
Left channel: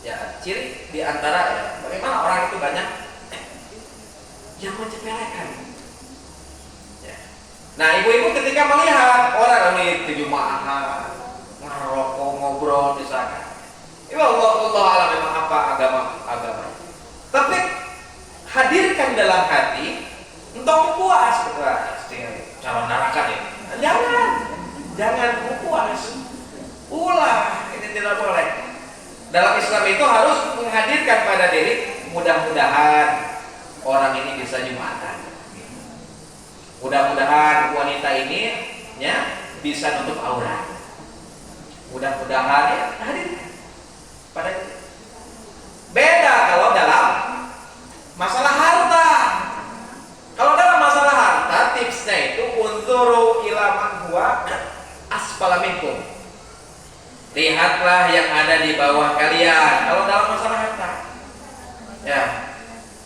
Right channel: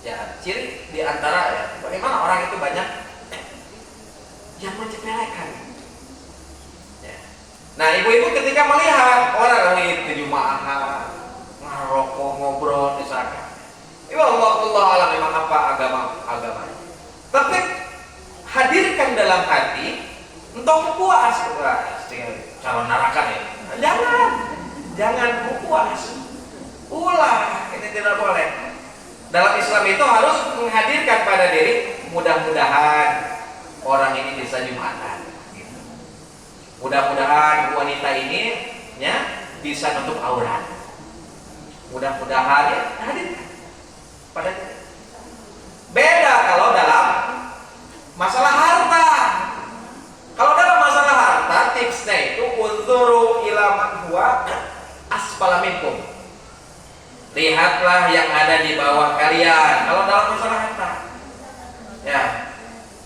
ya ciri diantara ya, bagaimana orang itu banyak yang menyepelekan. Ya. Nah ibu-ibu ketika melihat orang itu Jumatan ngerokok ngobrol misalnya, ya Allah alam memang apa agamanya. Tapi hadirkan dalam hati untuk puas, calon neraka ya. Jangan puas. Ulah, ini tidak boleh. Dalam Islam itu harus menghadirkan pada diri, mudah-mudahan orang ini bisa Jumatan. Mudah-mudahan wanita ini ya bisa nutup aurat. Mudah-mudahan ya, hadirkan pada diri. Beda kalau dalam masalah harta. Kalau dalam masalah harta, tipsnya itu unzuru ila man huwa asfala minkum. Lihatlah yang ada di bawah kalian. Kalau dalam masalah harta, ya.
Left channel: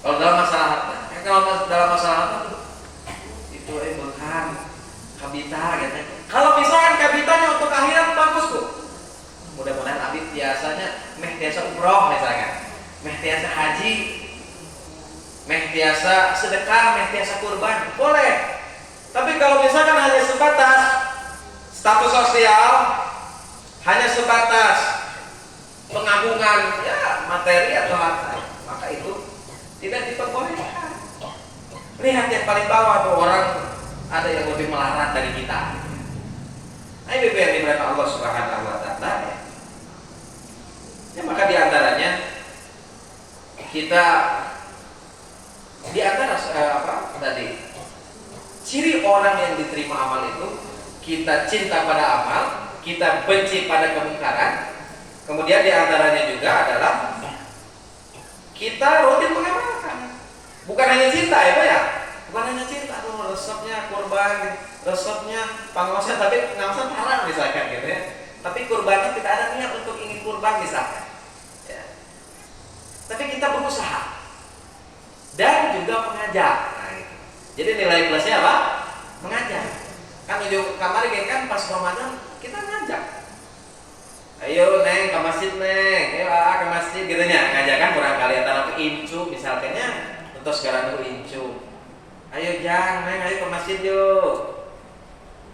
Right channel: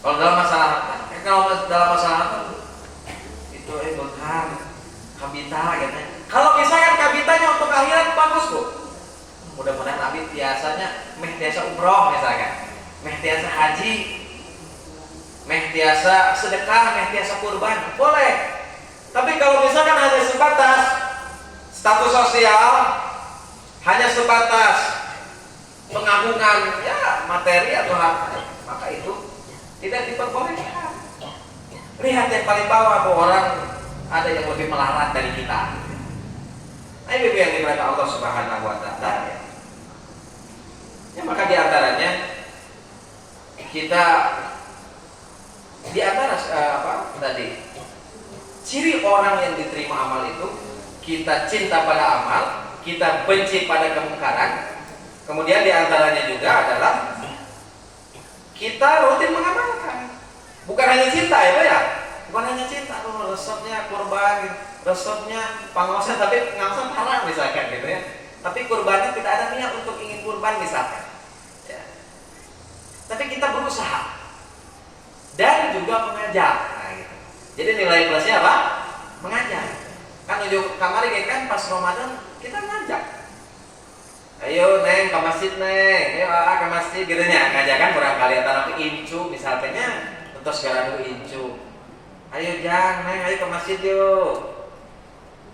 Kalau dalam masalah harta, kalau dalam masalah harta itu berkah, kabita, gitu. Kalau misalkan kabitanya untuk akhirat bagus Bu. Mudah-mudahan abdi biasanya meh tiasa umroh misalkan, meh tiasa haji, meh tiasa sedekah, meh tiasa kurban, boleh. Tapi kalau misalkan hanya sebatas status sosial, hanya sebatas pengagungan ya materi atau harta, maka itu tidak diperbolehkan. Lihat yang paling bawah tuh, orang ada yang lebih melarat dari kita. Nah, ini yang dimuliakan Allah Subhanahu wa taala ya. Ya, maka diantaranya kita diantara tadi ciri orang yang diterima amal itu, kita cinta pada amal, kita benci pada kemungkaran. Kemudian diantaranya juga adalah kita rutin mengamalkan. Bukan hanya cinta ya, bukan hanya cinta, resepnya kurban, resepnya pengawasan, tapi ngawasan haram misalkan gitu ya. Tapi kurbannya tidak ada niat untuk ingin kurban misalkan. Ya. Tapi kita berusaha dan juga mengajak. Nah, gitu. Jadi nilai plusnya apa? Mengajak. Kan kemarin kan pas Ramadan kita ngajak. Ayo neng ke masjid neng, ayo ke masjid gitu nya. Ngajakan barangkali antara incu misalkannya untuk segala dulu incu. Ayo jang neng, ayo ke masjid yuk.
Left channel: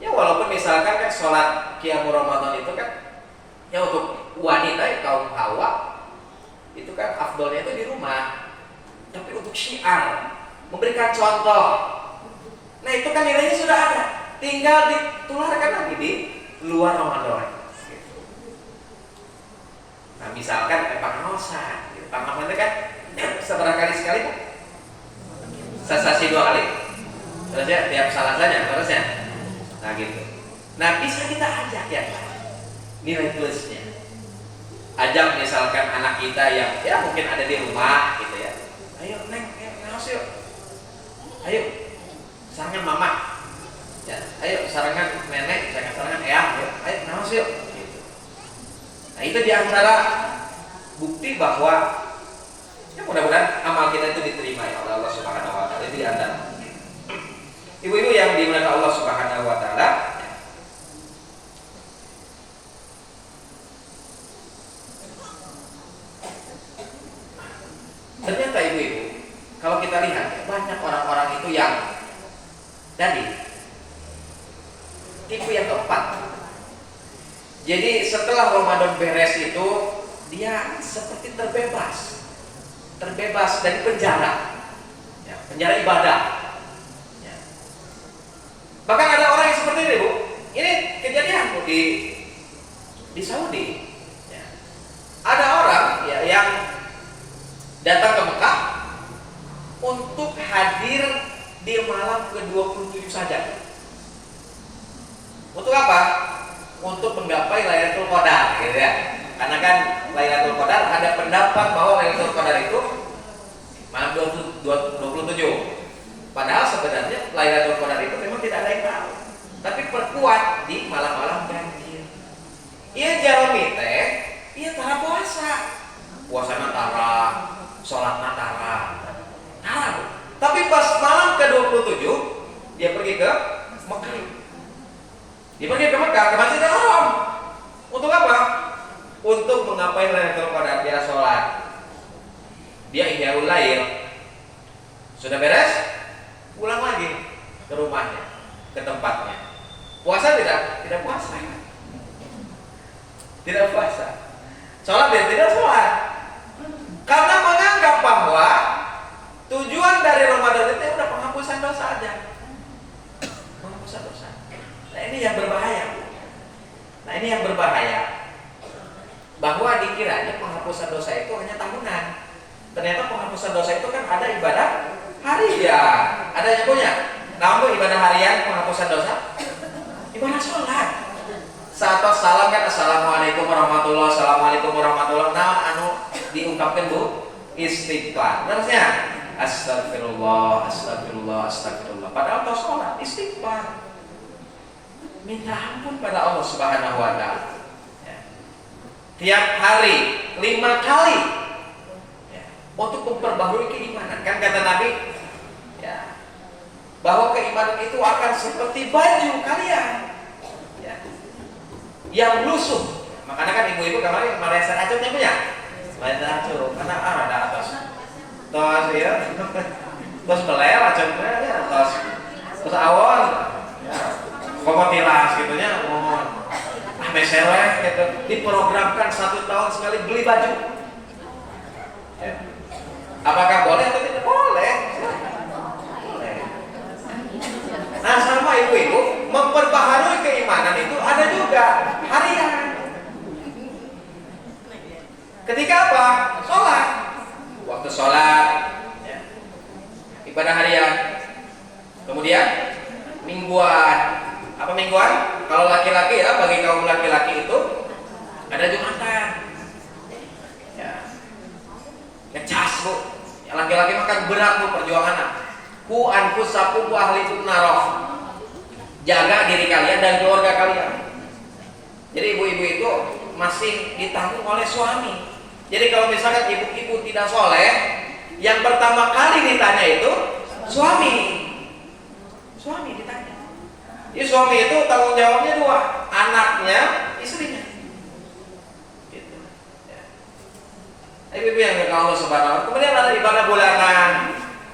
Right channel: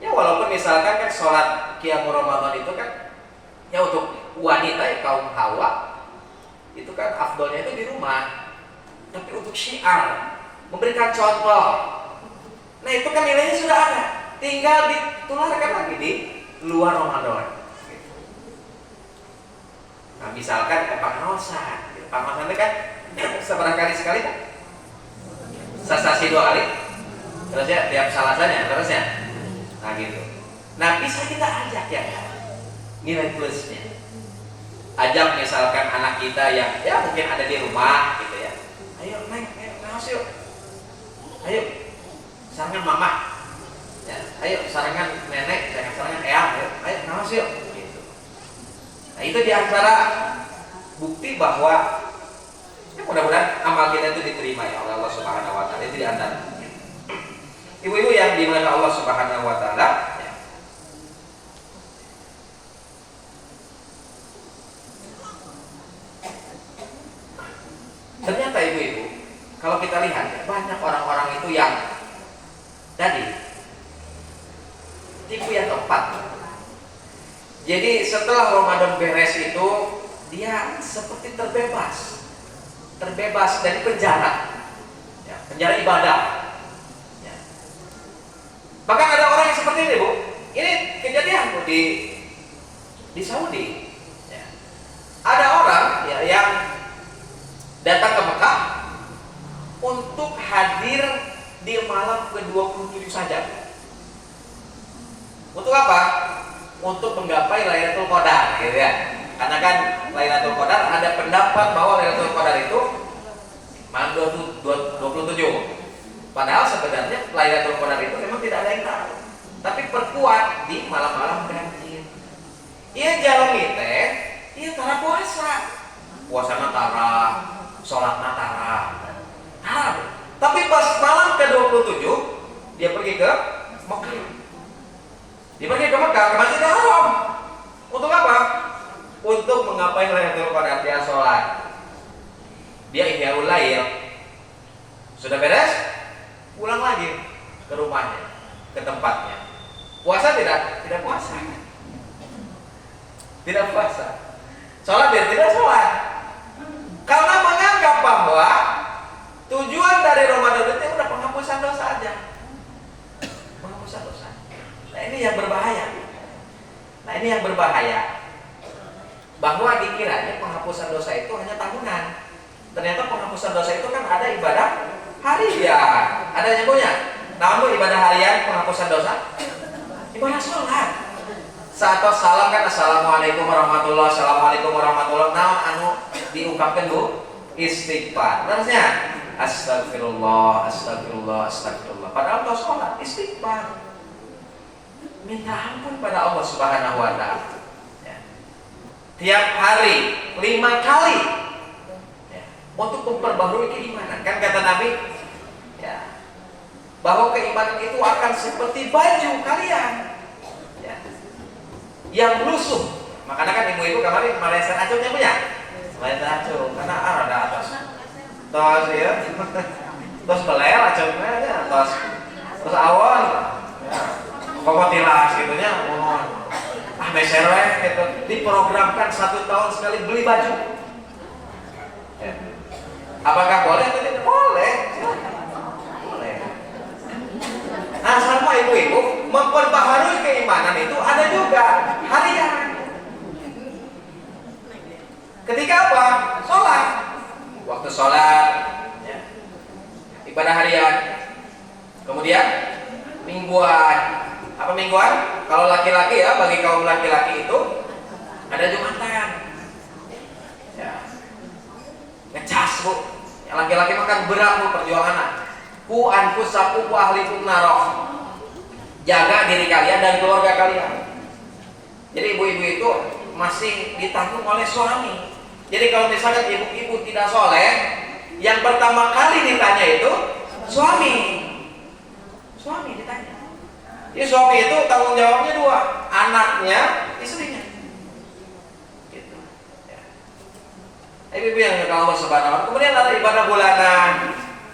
Ya walaupun misalkan kan sholat qiyamul Ramadan itu kan ya untuk wanita ya, kaum hawa itu kan afdolnya itu di rumah. Tapi untuk syiar, memberikan contoh, nah itu kan nilainya sudah ada, tinggal ditularkan lagi di luar Ramadan. Nah misalkan pengawasan, pengawasan itu kan seberapa kali sekali kan? Sasasi 2 kali, terus ya tiap salasanya terusnya. Nah gitu. Nah bisa kita ajak ya nilai plusnya. Ajak misalkan anak kita yang ya mungkin ada di rumah gitu ya. Ayo neng, ayo ngawas yuk. Ayo sarangan mama. Ya, ayo sarangan nenek, jangan sarangan eyang. Ayo ngawas yuk. Gitu. Nah itu diantara bukti bahwa ya mudah-mudahan amal kita itu diterima ya oleh Allah Subhanahu Wa Taala. Itu diantara. Ibu-ibu yang dimuliakan Allah Subhanahu Wa Taala. Ternyata ibu-ibu, kalau kita lihat banyak orang-orang itu yang tadi tipe yang keempat. Jadi setelah Ramadan beres itu dia seperti terbebas dari penjara, ya, penjara ibadah. Ya. Bahkan ada orang yang seperti ini, Bu. Ini kejadian, Bu, di Saudi. Ya. Ada orang ya yang datang ke Mekah untuk hadir di malam ke-27 saja. Untuk apa? Untuk menggapai Lailatul Qadar, gitu ya. Karena kan Lailatul Qadar ada pendapat bahwa Lailatul Qadar itu malam 27. Padahal sebenarnya Lailatul Qadar itu memang tidak ada yang tahu. Tapi perkuat di malam-malam banjir. Ia jalmi teh, ia tara puasa. Puasana tara, sholat natara. Tapi pas malam ke-27 dia pergi ke Mekah. Dia pergi ke Mekah, ke Masjidil Haram. Untuk apa? Untuk menggapai Lailatul Qadar. Dia sholat, dia ihyaul lail. Sudah beres, pulang lagi ke rumahnya, ke tempatnya. Puasa tidak? Tidak puasa. Tidak puasa. Sholat dia tidak sholat. Karena menganggap bahwa tujuan dari Ramadan itu udah penghapusan dosa aja. Penghapusan dosa. Nah ini yang berbahaya. Bahwa dikiranya penghapusan dosa itu hanya tahunan. Ternyata penghapusan dosa itu kan ada ibadah harian. Ada yang punya. Namun ibadah harian penghapusan dosa, ibadah sholat. Saat salam kan assalamualaikum warahmatullahi, assalamualaikum warahmatullahi. Nah anu diungkapkan Bu, istighfar. Terusnya astagfirullah, astagfirullah, astagfirullah. Padahal tos sholat istighfar. Minta ampun pada Allah Subhanahu Wa Taala. Tiap hari 5 kali ya, untuk memperbaharui keimanan. Kan kata Nabi ya, bahwa keimanan itu akan seperti baju kalian ya, yang lusuh, Makanya kan ibu-ibu kemarin malesan acungnya punya. Malesan acung karena ada atas. Tos ya. Tos beler acungnya ya, tos awon. Ya. Komotilas gitunya mohon. Mesereh gitu. Diprogramkan 1 tahun sekali beli baju. Ya. Apakah boleh atau tidak? Boleh. Boleh. Nah, sama ibu-ibu memperbaharui keimanan itu ada juga harian. Ketika apa? Sholat. Waktu sholat, ya. Ibadah harian. Kemudian mingguan. Apa mingguan? Kalau laki-laki ya, bagi kaum laki-laki itu ada Jumatan. Ya. Ngecas bu. Yang laki-laki makan berat bu perjuangan. Ku anfusakum wa ahlikum naro. Jaga diri kalian dan keluarga kalian. Jadi ibu-ibu itu masih ditanggung oleh suami. Jadi kalau misalkan ibu-ibu tidak soleh, yang pertama kali ditanya itu suami. Suami ditanya. Jadi suami itu tanggung jawabnya 2, anaknya, istrinya. Gitu. Ya. Ibu-ibu yang dirahmati Allah Subhanahu wa Ta'ala. Kemudian ada ibadah bulanan.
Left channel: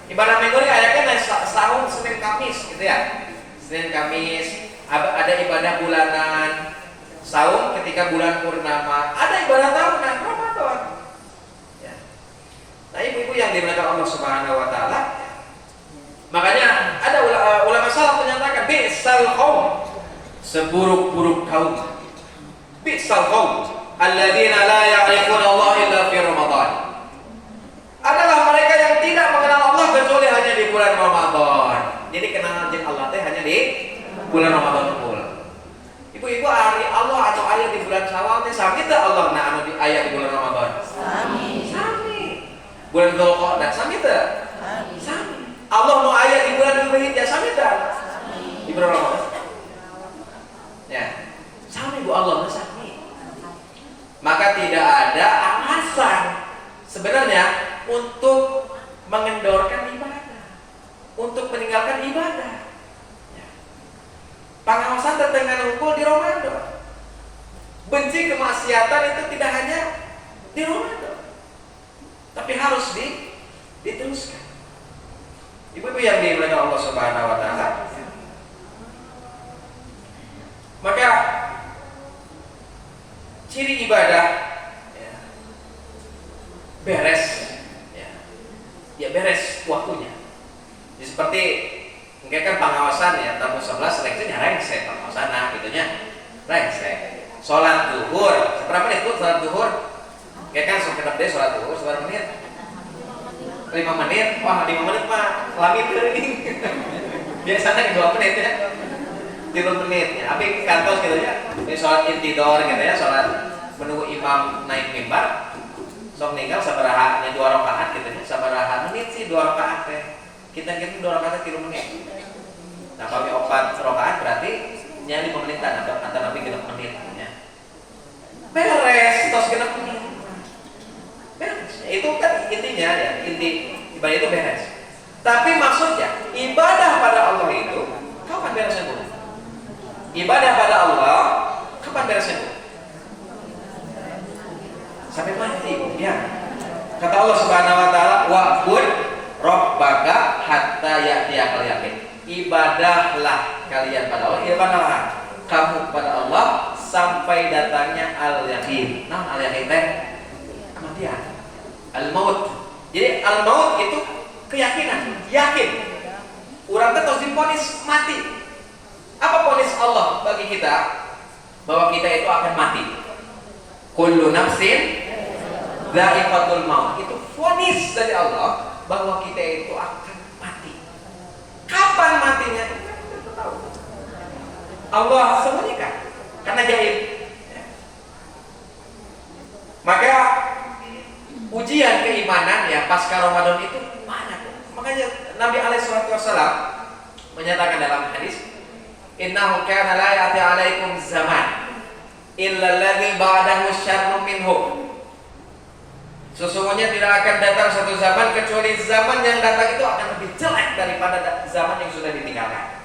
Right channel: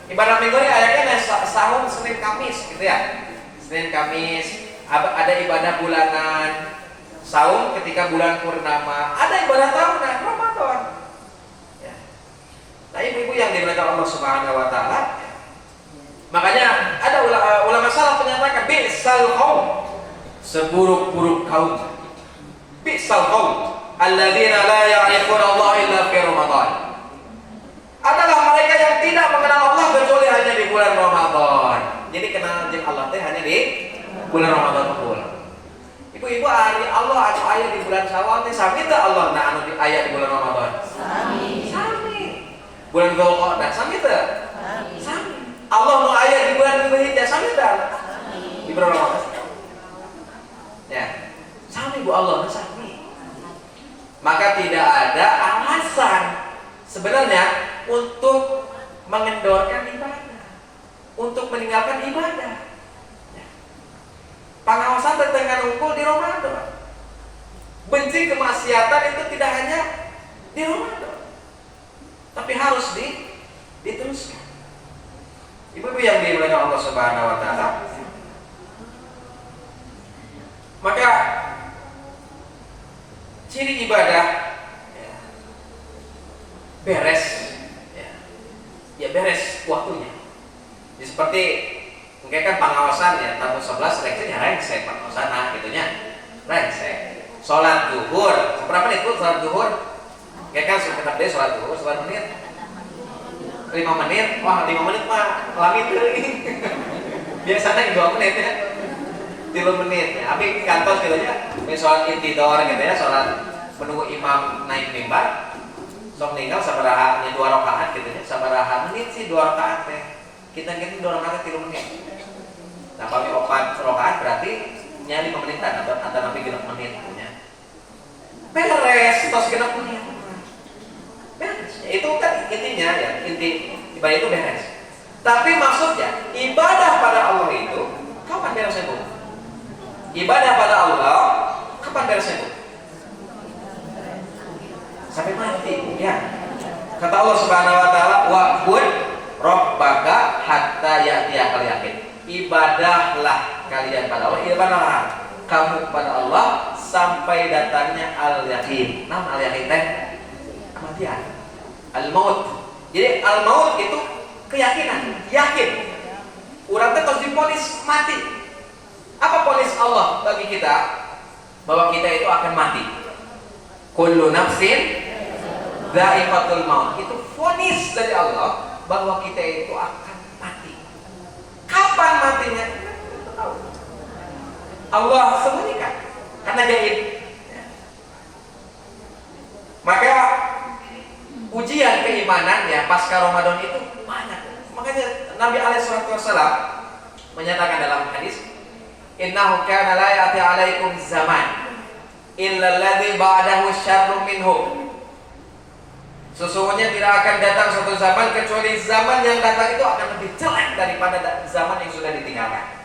Ibadah minggu ini ayatnya setahun Senin Kamis gitu ya. Senin Kamis, ada ibadah bulanan, saum ketika bulan purnama, ada ibadah tahunan Ramadan. Ya. Nah, ibu-ibu yang dimuliakan Allah Subhanahu wa Ta'ala, makanya ada ulama salaf menyatakan bi'sal qaum, seburuk-buruk kaum. Bi'sal qaum alladzina la ya'rifuna Allah illa fi Ramadan. Adalah mereka yang tidak mengenal Allah kecuali hanya di bulan Ramadan. Jadi kenal jeung Allah teh hanya di bulan Ramadan full. Ibu-ibu hari Allah anu aya di bulan Syawal teh sami teh Allah na anu aya di bulan Ramadan? Sami. Sami. Bulan Dzulqa'dah sami teh? Sami. Allah nu aya di bulan Dzulhijjah sami teh? Di bulan Ramadan. Ya. Sami Bu Allah sami. Maka tidak ada alasan sebenarnya untuk mengendorkan ibadah, untuk meninggalkan ibadah. Ya. Pengawasan tentang hukum di Ramadan. Benci kemaksiatan itu tidak hanya di Ramadan, tapi harus diteruskan. Ibu-ibu yang dimuliakan Allah Subhanahu wa Ta'ala, maka ciri ibadah ya, beres. Ya beres waktunya. Ya, seperti mungkin kan pengawasan ya tahun 11 seleksinya rengsek pengawasan nah gitunya rengsek. Sholat zuhur berapa menit tuh sholat zuhur? Kayak kan sebentar deh sholat zuhur seberapa menit? 5 menit. Wah 5 menit mah langit kering. Biasanya 2 menit ya. 3 menit ya. Tapi kantor gitu ya. Sholat intidor gitu ya, sholat menunggu imam naik mimbar. Sok ninggal sabaraha 2 rakaat gitu ya. Sabaraha menit sih 2 rakaat teh. Kita 2 rakaat 3 menit. Nah, kalau 4 rakaat berarti nya 5 menitan atau nabi 6 menit punya. Beres tos 6 menit. Beres. Itu kan intinya ya, inti ibadah itu beres. Tapi maksudnya ibadah pada Allah itu kapan beresnya Bu? Ibadah pada Allah kapan beresnya Bu? Sampai mati ya. Kata Allah Subhanahu wa Ta'ala, wa'bud rabbaka hatta ya'tiyakal yaqin. Ibadahlah kalian pada Allah, ibadahlah kamu pada Allah sampai datangnya al-yaqin. Nah, al-yaqin teh kematian. Al-maut. Jadi al-maut itu keyakinan, yakin. Urang teh tos divonis mati. Apa vonis Allah bagi kita? Bahwa kita itu akan mati. Kullu nafsin dha'iqatul maut. Itu vonis dari Allah bahwa kita itu akan mati. Kapan matinya? Kita tahu. Allah sembunyikan karena jahil. Ya. Maka ujian keimanan ya pasca Ramadan itu banyak. Makanya Nabi SAW menyatakan dalam hadis, innahu kana la ya'ti 'alaikum zaman illa alladhi ba'dahu syarrun minhu. Sesungguhnya tidak akan datang suatu zaman kecuali zaman yang datang itu akan lebih jelek daripada zaman yang sudah ditinggalkan.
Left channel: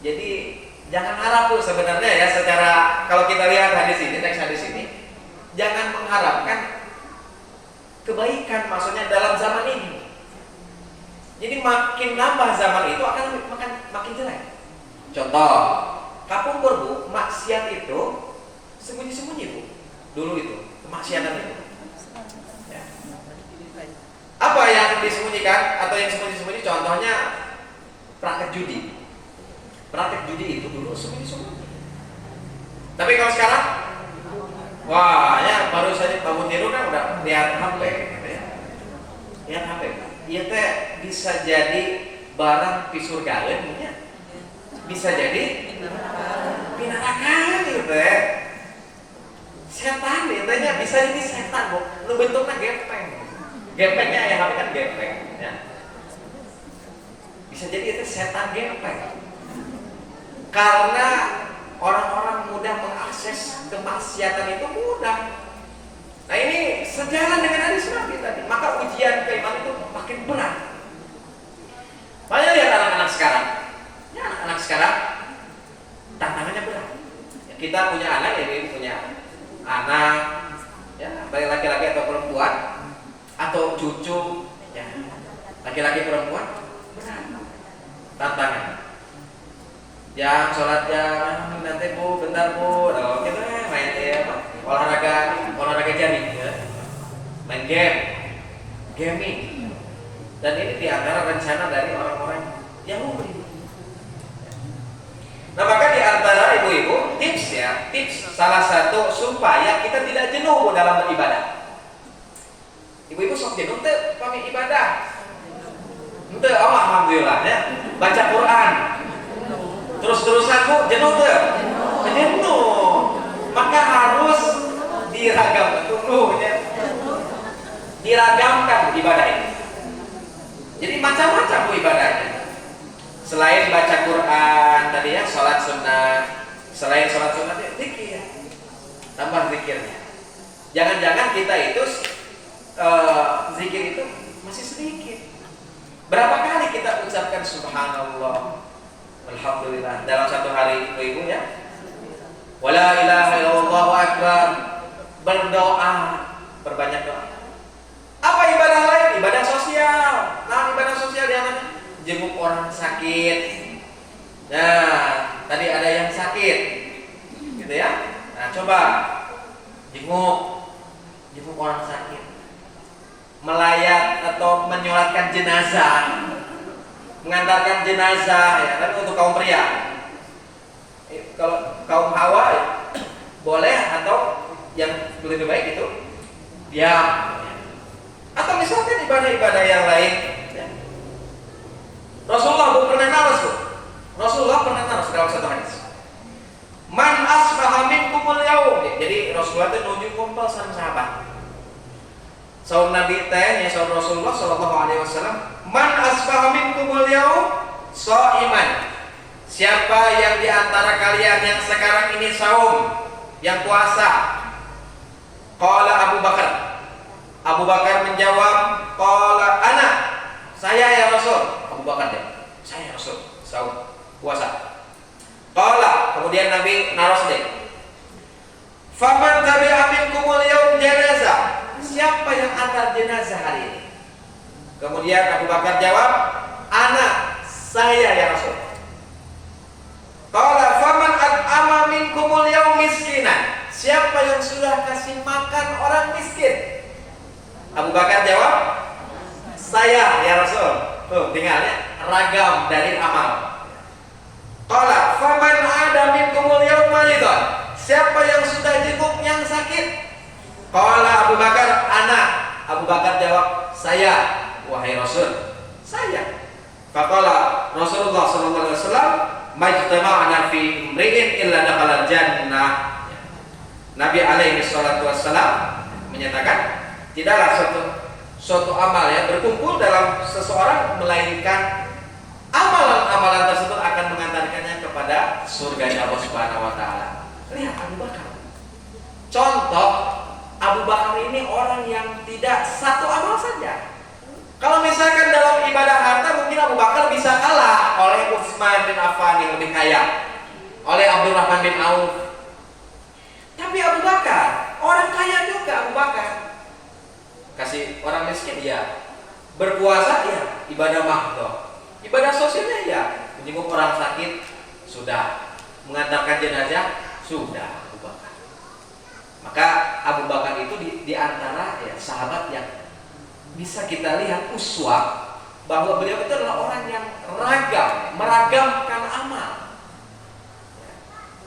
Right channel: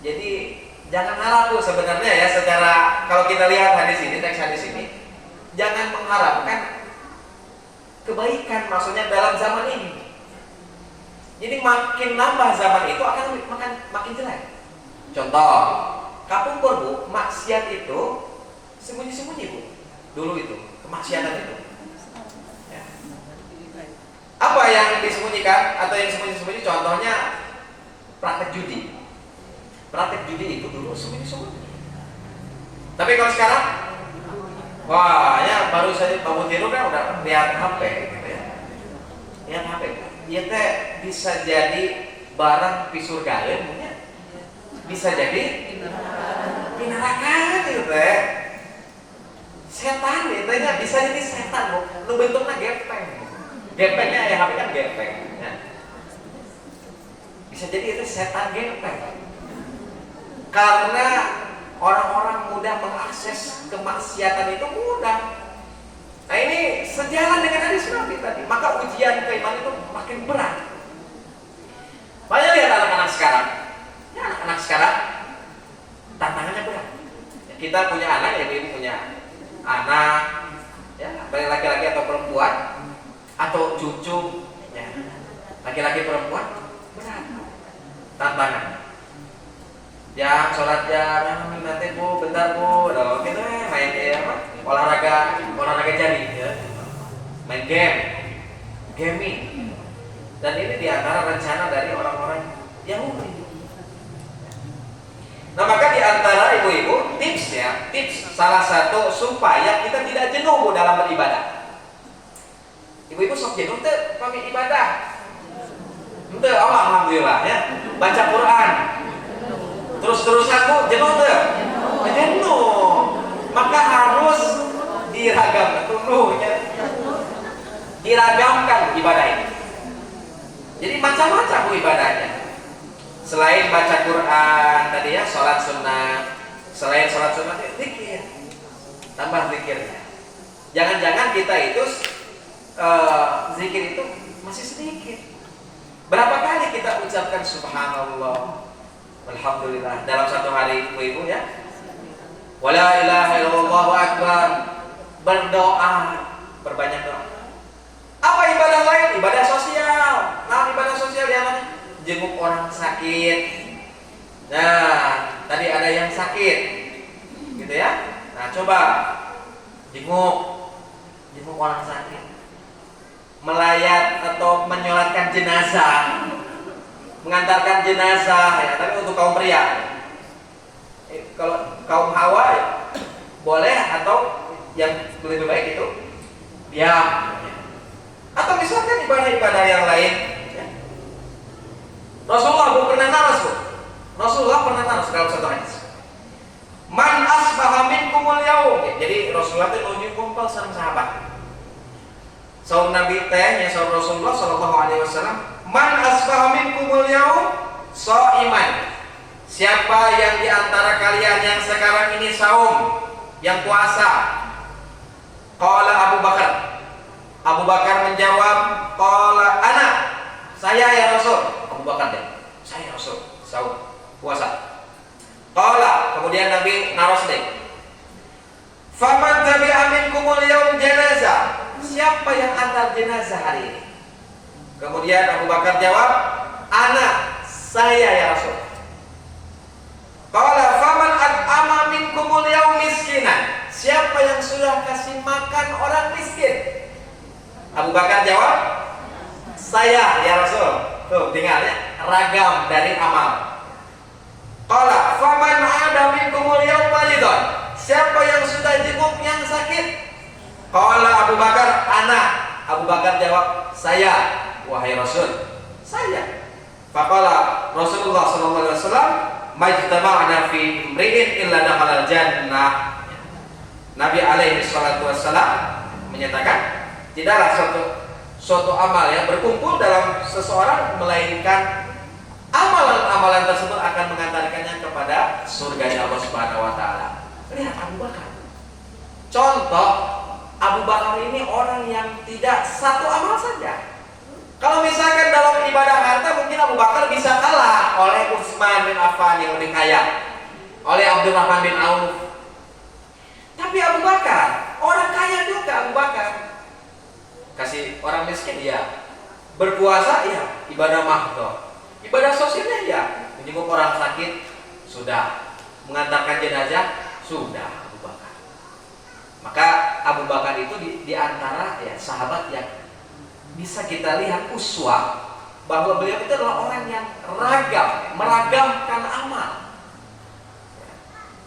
Jadi Jangan harap tuh sebenarnya ya, secara kalau kita lihat hadis ini, teks hadis ini, jangan mengharapkan kebaikan maksudnya dalam zaman ini. Jadi makin nambah zaman itu akan makin jelek. Contoh, kapungkur bu, maksiat itu sembunyi-sembunyi bu. Dulu itu, kemaksiatan itu. Ya. Apa yang disembunyikan atau yang sembunyi-sembunyi? Contohnya praktek judi. Praktek judi itu dulu sembunyi-sembunyi. Tapi kalau sekarang, wah, ya baru saja bangun tidur kan udah lihat HP gitu ya. Lihat HP. Iya teh bisa jadi barang pisur galen punya. Bisa jadi pinarakan gitu teh. Setan gitu nya bisa jadi setan bu. Nu bentuknya gepeng. Gepengnya ya HP kan gepeng. Ya. Bisa jadi itu setan gepeng. Karena orang-orang mudah mengakses kemaksiatan itu mudah. Nah ini sejalan dengan hadis Nabi tadi. Maka ujian keimanan itu makin berat. Banyak lihat anak-anak sekarang. Ya anak-anak sekarang tantangannya berat. Ya, kita punya anak, ya ibu punya anak, ya baik laki-laki atau perempuan atau cucu, ya laki-laki perempuan berat tantangan. Yang sholat jam nanti bu, bentar bu, kita main apa? olahraga jaring, ya. Main gaming. Dan ini diantara rencana dari orang-orang Yahudi. Nah maka diantara ibu-ibu tips salah satu supaya kita tidak jenuh bu dalam beribadah. Ibu-ibu sok jenuh tuh kami ibadah. Ente, alhamdulillah ya, baca Quran. Terus-terusan bu, jenuh tuh? Jenuh. Maka harus diragam dulu ya. Diragamkan ibadah ini. Jadi macam-macam bu ibadahnya. Selain baca Quran tadi ya, sholat sunnah. Selain sholat sunnah, zikir. Tambah zikirnya. Jangan-jangan kita itu zikir itu masih sedikit. Berapa kali kita ucapkan subhanallah, alhamdulillah dalam satu hari ibu-ibu ya? Wala ilaha illallah akbar. Berdoa, perbanyak doa. Apa ibadah lain? Ibadah sosial. Nah, ibadah sosial diantaranya jenguk orang sakit. Nah, tadi ada yang sakit, gitu ya. Nah, coba jenguk orang sakit. Melayat atau menyolatkan jenazah, mengantarkan jenazah ya, tapi untuk kaum pria. Kalau kaum hawa ya, boleh, atau yang lebih baik itu diam. Atau misalkan ibadah-ibadah yang lain ya. Rasulullah pernah naras dalam satu hadis. Man asbaha minkumul yaum. Jadi Rasulullah itu nuju kumpul sama sahabat. Saum Nabi teh nya saum Rasulullah sallallahu alaihi wasallam, man asbaha minkumul yaum shaiman. Siapa yang di antara kalian yang sekarang ini saum, yang puasa? Qala Abu Bakar. Abu Bakar menjawab, qala ana. Saya ya Rasul. Abu Bakar dia. Saya Rasul, saum, puasa. Qala, kemudian Nabi naros deh. Faman tabi'a minkumul yaum janazah. Siapa yang antar jenazah hari ini? Kemudian Abu Bakar jawab, ana, saya ya Rasul. Qala faman at'ama minkumul yaum miskinan. Siapa yang sudah kasih makan orang miskin? Abu Bakar jawab, saya ya Rasul. Tuh tinggal ya, ragam dari amal. Qala faman ada minkumul yaum maridun. Siapa yang sudah jenguk yang sakit? Qala Abu Bakar, anak. Abu Bakar jawab, saya, wahai Rasul, saya. Faqala Rasulullah sallallahu alaihi wasallam, majtama'na fi imri'in illa dakhala jannah. Nabi alaihi salatu wassalam menyatakan, tidaklah suatu amal ya berkumpul dalam seseorang melainkan amalan-amalan tersebut akan mengantarkannya kepada surganya Allah Subhanahu wa taala. Lihat Abu Bakar. Contoh, Abu Bakar ini orang yang tidak satu amal saja. Kalau misalkan dalam ibadah harta mungkin Abu Bakar bisa kalah oleh Utsman bin Affan yang lebih kaya. oleh Abdurrahman bin Auf. Tapi Abu Bakar, orang kaya juga Abu Bakar. Kasih orang miskin ya, berpuasa ya, ibadah mahdoh, ibadah sosialnya ya, menjenguk orang sakit sudah, mengantarkan jenazah sudah Abu Bakar. Maka Abu Bakar itu di antara ya sahabat yang bisa kita lihat uswah bahwa beliau itu adalah orang yang ragam, meragamkan amal.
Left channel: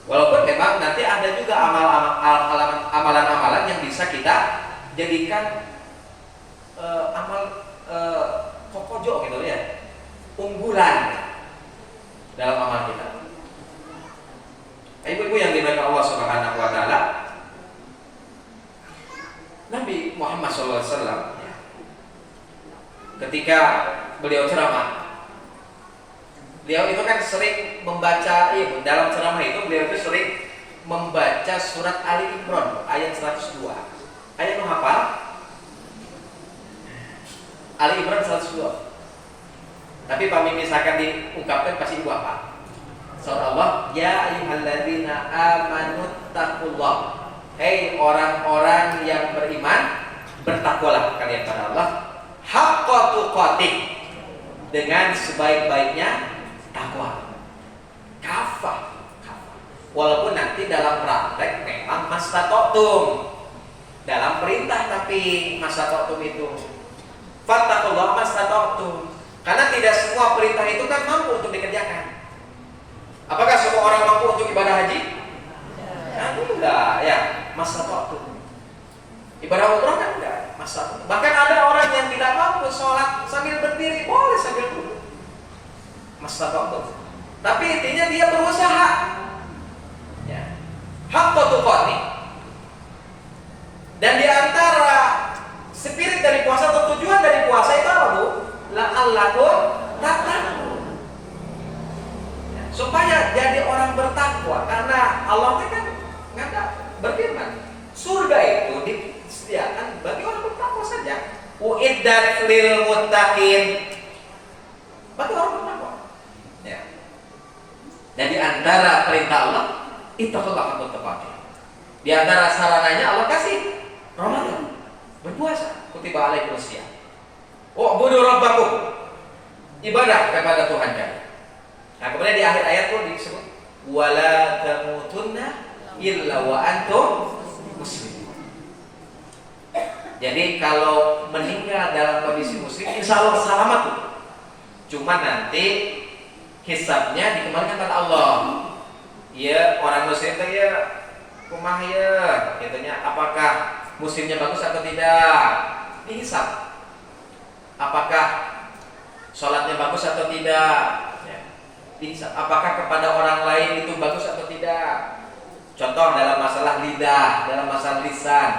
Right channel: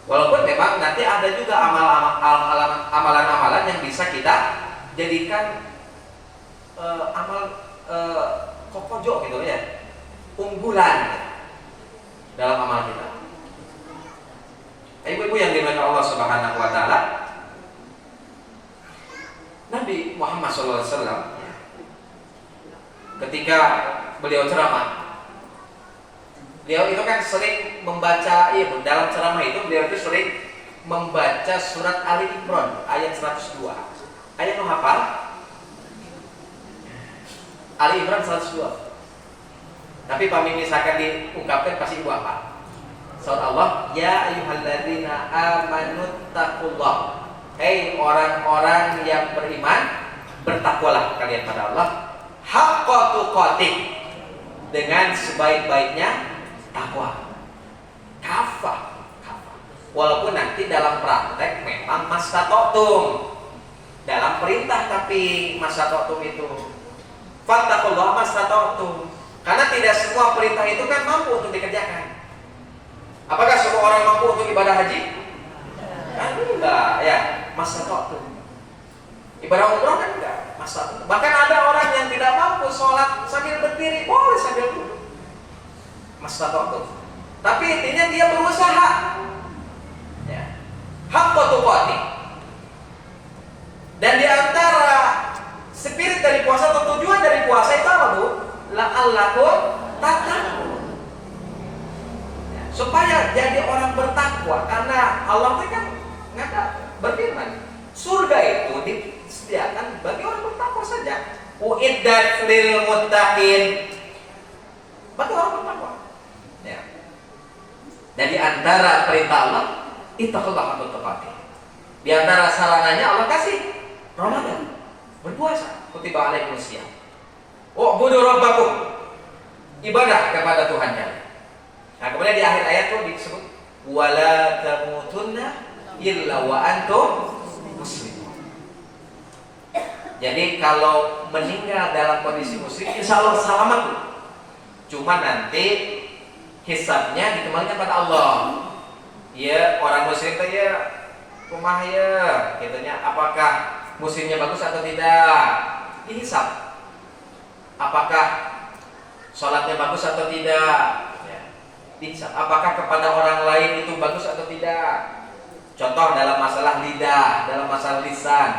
Walaupun memang nanti ada juga amalan-amalan yang bisa kita jadikan amal kokojo gitu ya, unggulan dalam amal kita. Ibu-ibu yang dimuliakan Allah Subhanahu wa taala, Nabi Muhammad SAW ketika beliau ceramah, beliau itu kan sering membaca, dalam ceramah itu beliau itu sering membaca surat Ali Imran ayat 102. Ayat lo hafal? Ali Imran 102. Tapi pamit misalkan diungkapkan pasti ibu apa? Surat Allah, ya ayyuhalladzina amanu taqullah. Hei orang-orang yang beriman, bertakwalah kalian pada Allah haqqa tuqatih, dengan sebaik-baiknya takwa. Kafah. Walaupun nanti dalam praktek memang mastata'tum, dalam perintah tapi mastata'tum itu fattaqullah mastata'tum, karena tidak semua perintah itu kan mampu untuk dikerjakan. Apakah semua orang mampu untuk ibadah haji? Enggak ya, mastata'tum. Ibadah umrah kan enggak, mastata'tum. Bahkan ada orang yang tidak mampu sholat sambil berdiri, boleh sambil duduk, mastata'tum. Tapi intinya dia berusaha. Ya. Haqqa tuqatih. Dan di antara spirit dari puasa atau tujuan dari puasa itu apa, Bu? La'allakum tattaqun. Ya, supaya jadi orang bertakwa, karena Allah kan berfirman, surga itu disediakan bagi orang bertakwa saja. Uiddat lil muttaqin. Bagi orang bertakwa. Ya. Dan di antara perintah Allah, ittaqullah haqqa tuqatih. Di antara sarananya Allah kasih Ramadan, berpuasa, kutiba alaikumus syiyam. U'budu rabbakum, ibadah kepada Tuhan kalian. Nah, kemudian di akhir ayat tuh disebut wala tamutunna illa wa antum muslimun. Jadi kalau meninggal dalam kondisi muslim, insya Allah selamat tuh. Cuma nanti hisabnya dikembalikan pada Allah. Ya, orang muslim itu ya kumaha ya, katanya apakah muslimnya bagus atau tidak? Dihisab. Apakah sholatnya bagus atau tidak? Ya. Dihisab. Apakah kepada orang lain itu bagus atau tidak? Contoh dalam masalah lidah, dalam masalah lisan,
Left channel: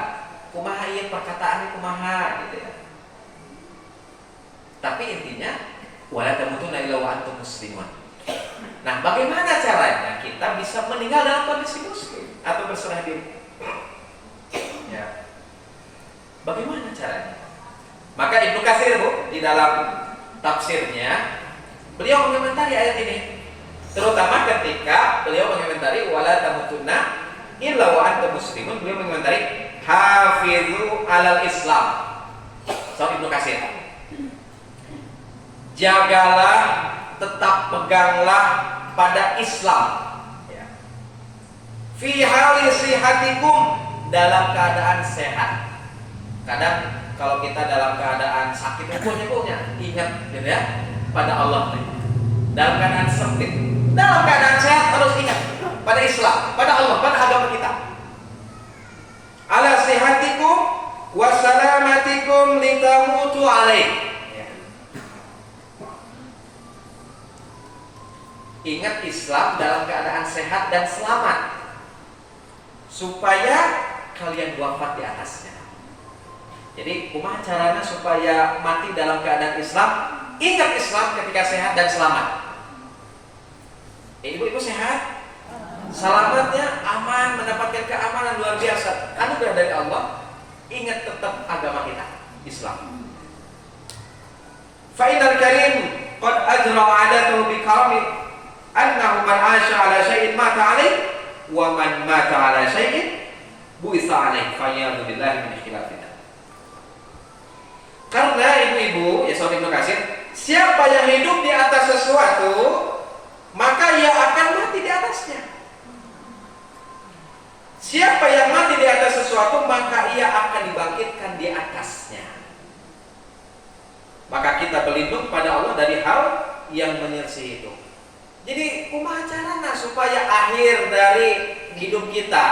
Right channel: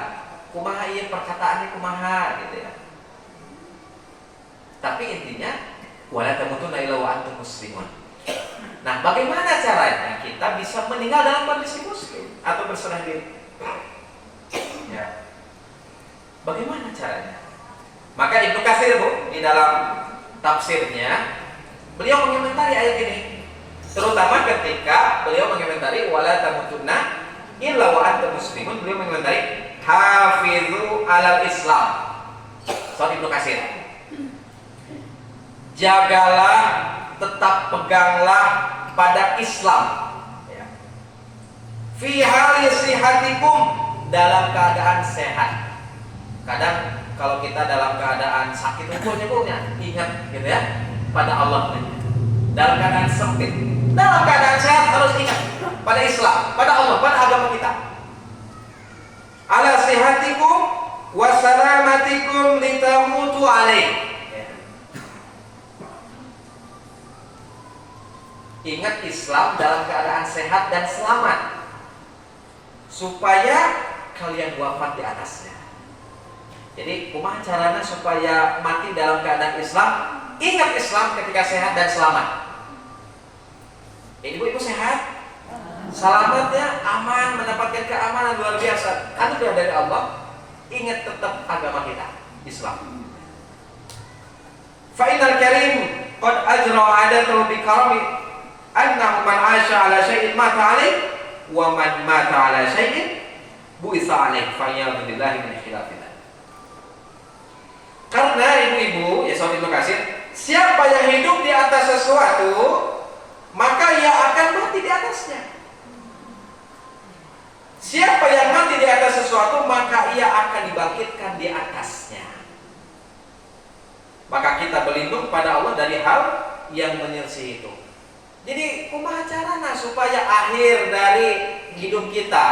kumaha ya perkataannya kumaha gitu ya. Tapi intinya wala tamutunna illa wa antum muslimun. Nah, bagaimana caranya kita bisa meninggal dalam kondisi muslim atau berserah diri? Ya. Bagaimana caranya? Maka Ibnu Katsir, Bu, di dalam tafsirnya beliau mengomentari ayat ini, terutama ketika beliau mengomentari wala tamutunna illa wa antum muslimun, beliau mengomentari hafizu alal Islam. Sorry, Ibnu Katsir. Jagalah, tetap peganglah pada Islam. Ya. Fi hali sihatikum, dalam keadaan sehat. Kadang kalau kita dalam keadaan sakit punya ingat gitu ya pada Allah. Dalam keadaan sempit, dalam keadaan sehat harus ingat pada Islam, pada Allah, pada agama kita. Ala sihatikum wa salamatikum litamutu alaih. Ingat Islam dalam keadaan sehat dan selamat, supaya kalian wafat di atasnya. Jadi kumaha caranya supaya mati dalam keadaan Islam? Ingat Islam ketika sehat dan selamat. Ibu-ibu sehat, selamatnya aman, mendapatkan keamanan luar biasa, anugerah dari Allah. Ingat tetap agama kita, Islam. Fa'inal karim qad ajra 'adatuhu bi karami annahu man 'asha 'ala syai'in mata 'alaih wa man mata 'ala syai'in bu'itsa 'alaih fa'iyadu billahi min khilafina. Karena ibu-ibu, ya sahabat Ibnu Katsir, siapa yang hidup di atas sesuatu, maka ia akan mati di atasnya. Siapa yang mati di atas sesuatu, maka ia akan dibangkitkan di atasnya. Maka kita berlindung pada Allah dari hal yang menyelisih itu. Jadi kumaha carana supaya akhir dari hidup kita,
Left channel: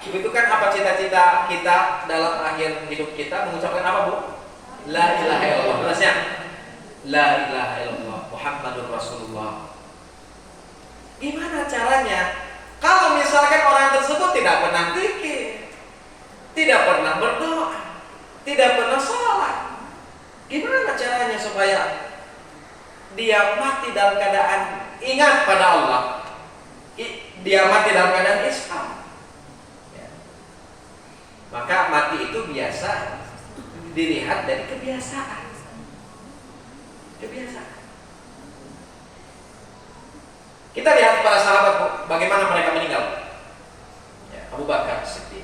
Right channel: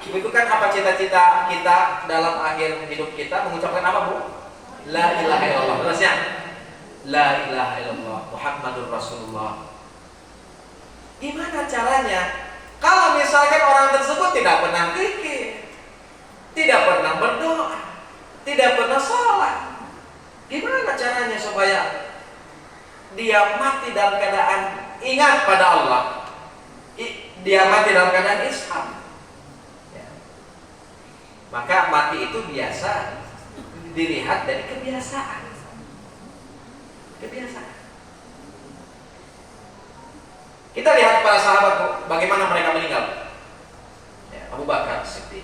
itu kan apa cita-cita kita dalam akhir hidup kita, mengucapkan apa, Bu? La ilaha illallah. Jelasnya? La ilaha illallah Muhammadur Rasulullah. Gimana caranya? Kalau misalkan orang tersebut tidak pernah zikir, tidak pernah berdoa, tidak pernah sholat, gimana caranya supaya dia mati dalam keadaan ingat pada Allah, dia mati dalam keadaan Islam? Ya. Maka mati itu biasa dilihat dari kebiasaan. Kebiasaan. Kita lihat para sahabat bagaimana mereka meninggal. Ya, Abu Bakar Siddiq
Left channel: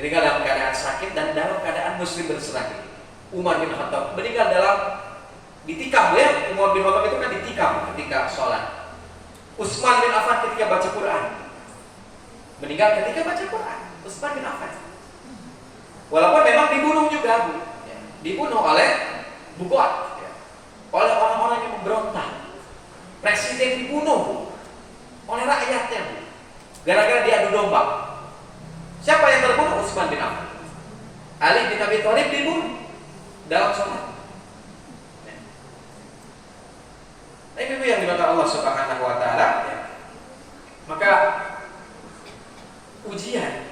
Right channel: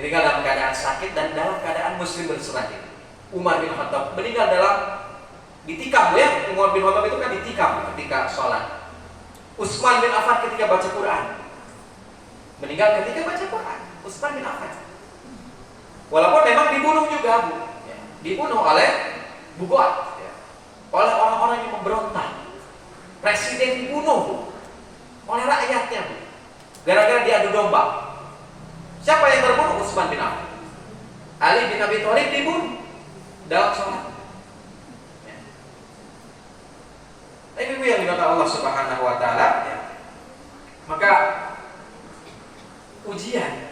meninggal dalam keadaan sakit dan dalam keadaan muslim berserah diri. Umar bin Khattab meninggal dalam ditikam, ya. Umar bin Khattab itu kan ditikam ketika sholat. Utsman bin Affan ketika baca Quran. Meninggal ketika baca Quran. Utsman bin Affan. Walaupun memang dibunuh juga, Bu. Ya, dibunuh oleh Bugot, ya, oleh orang-orang yang memberontak. Presiden dibunuh oleh rakyatnya, Bu, gara-gara diadu domba. Siapa yang terbunuh? Utsman bin Affan. Ali bin Abi Thalib dibunuh dalam sholat. Ya. Ibu-ibu yang dimakan Allah Subhanahu wa Ta'ala, ya. Maka ujian,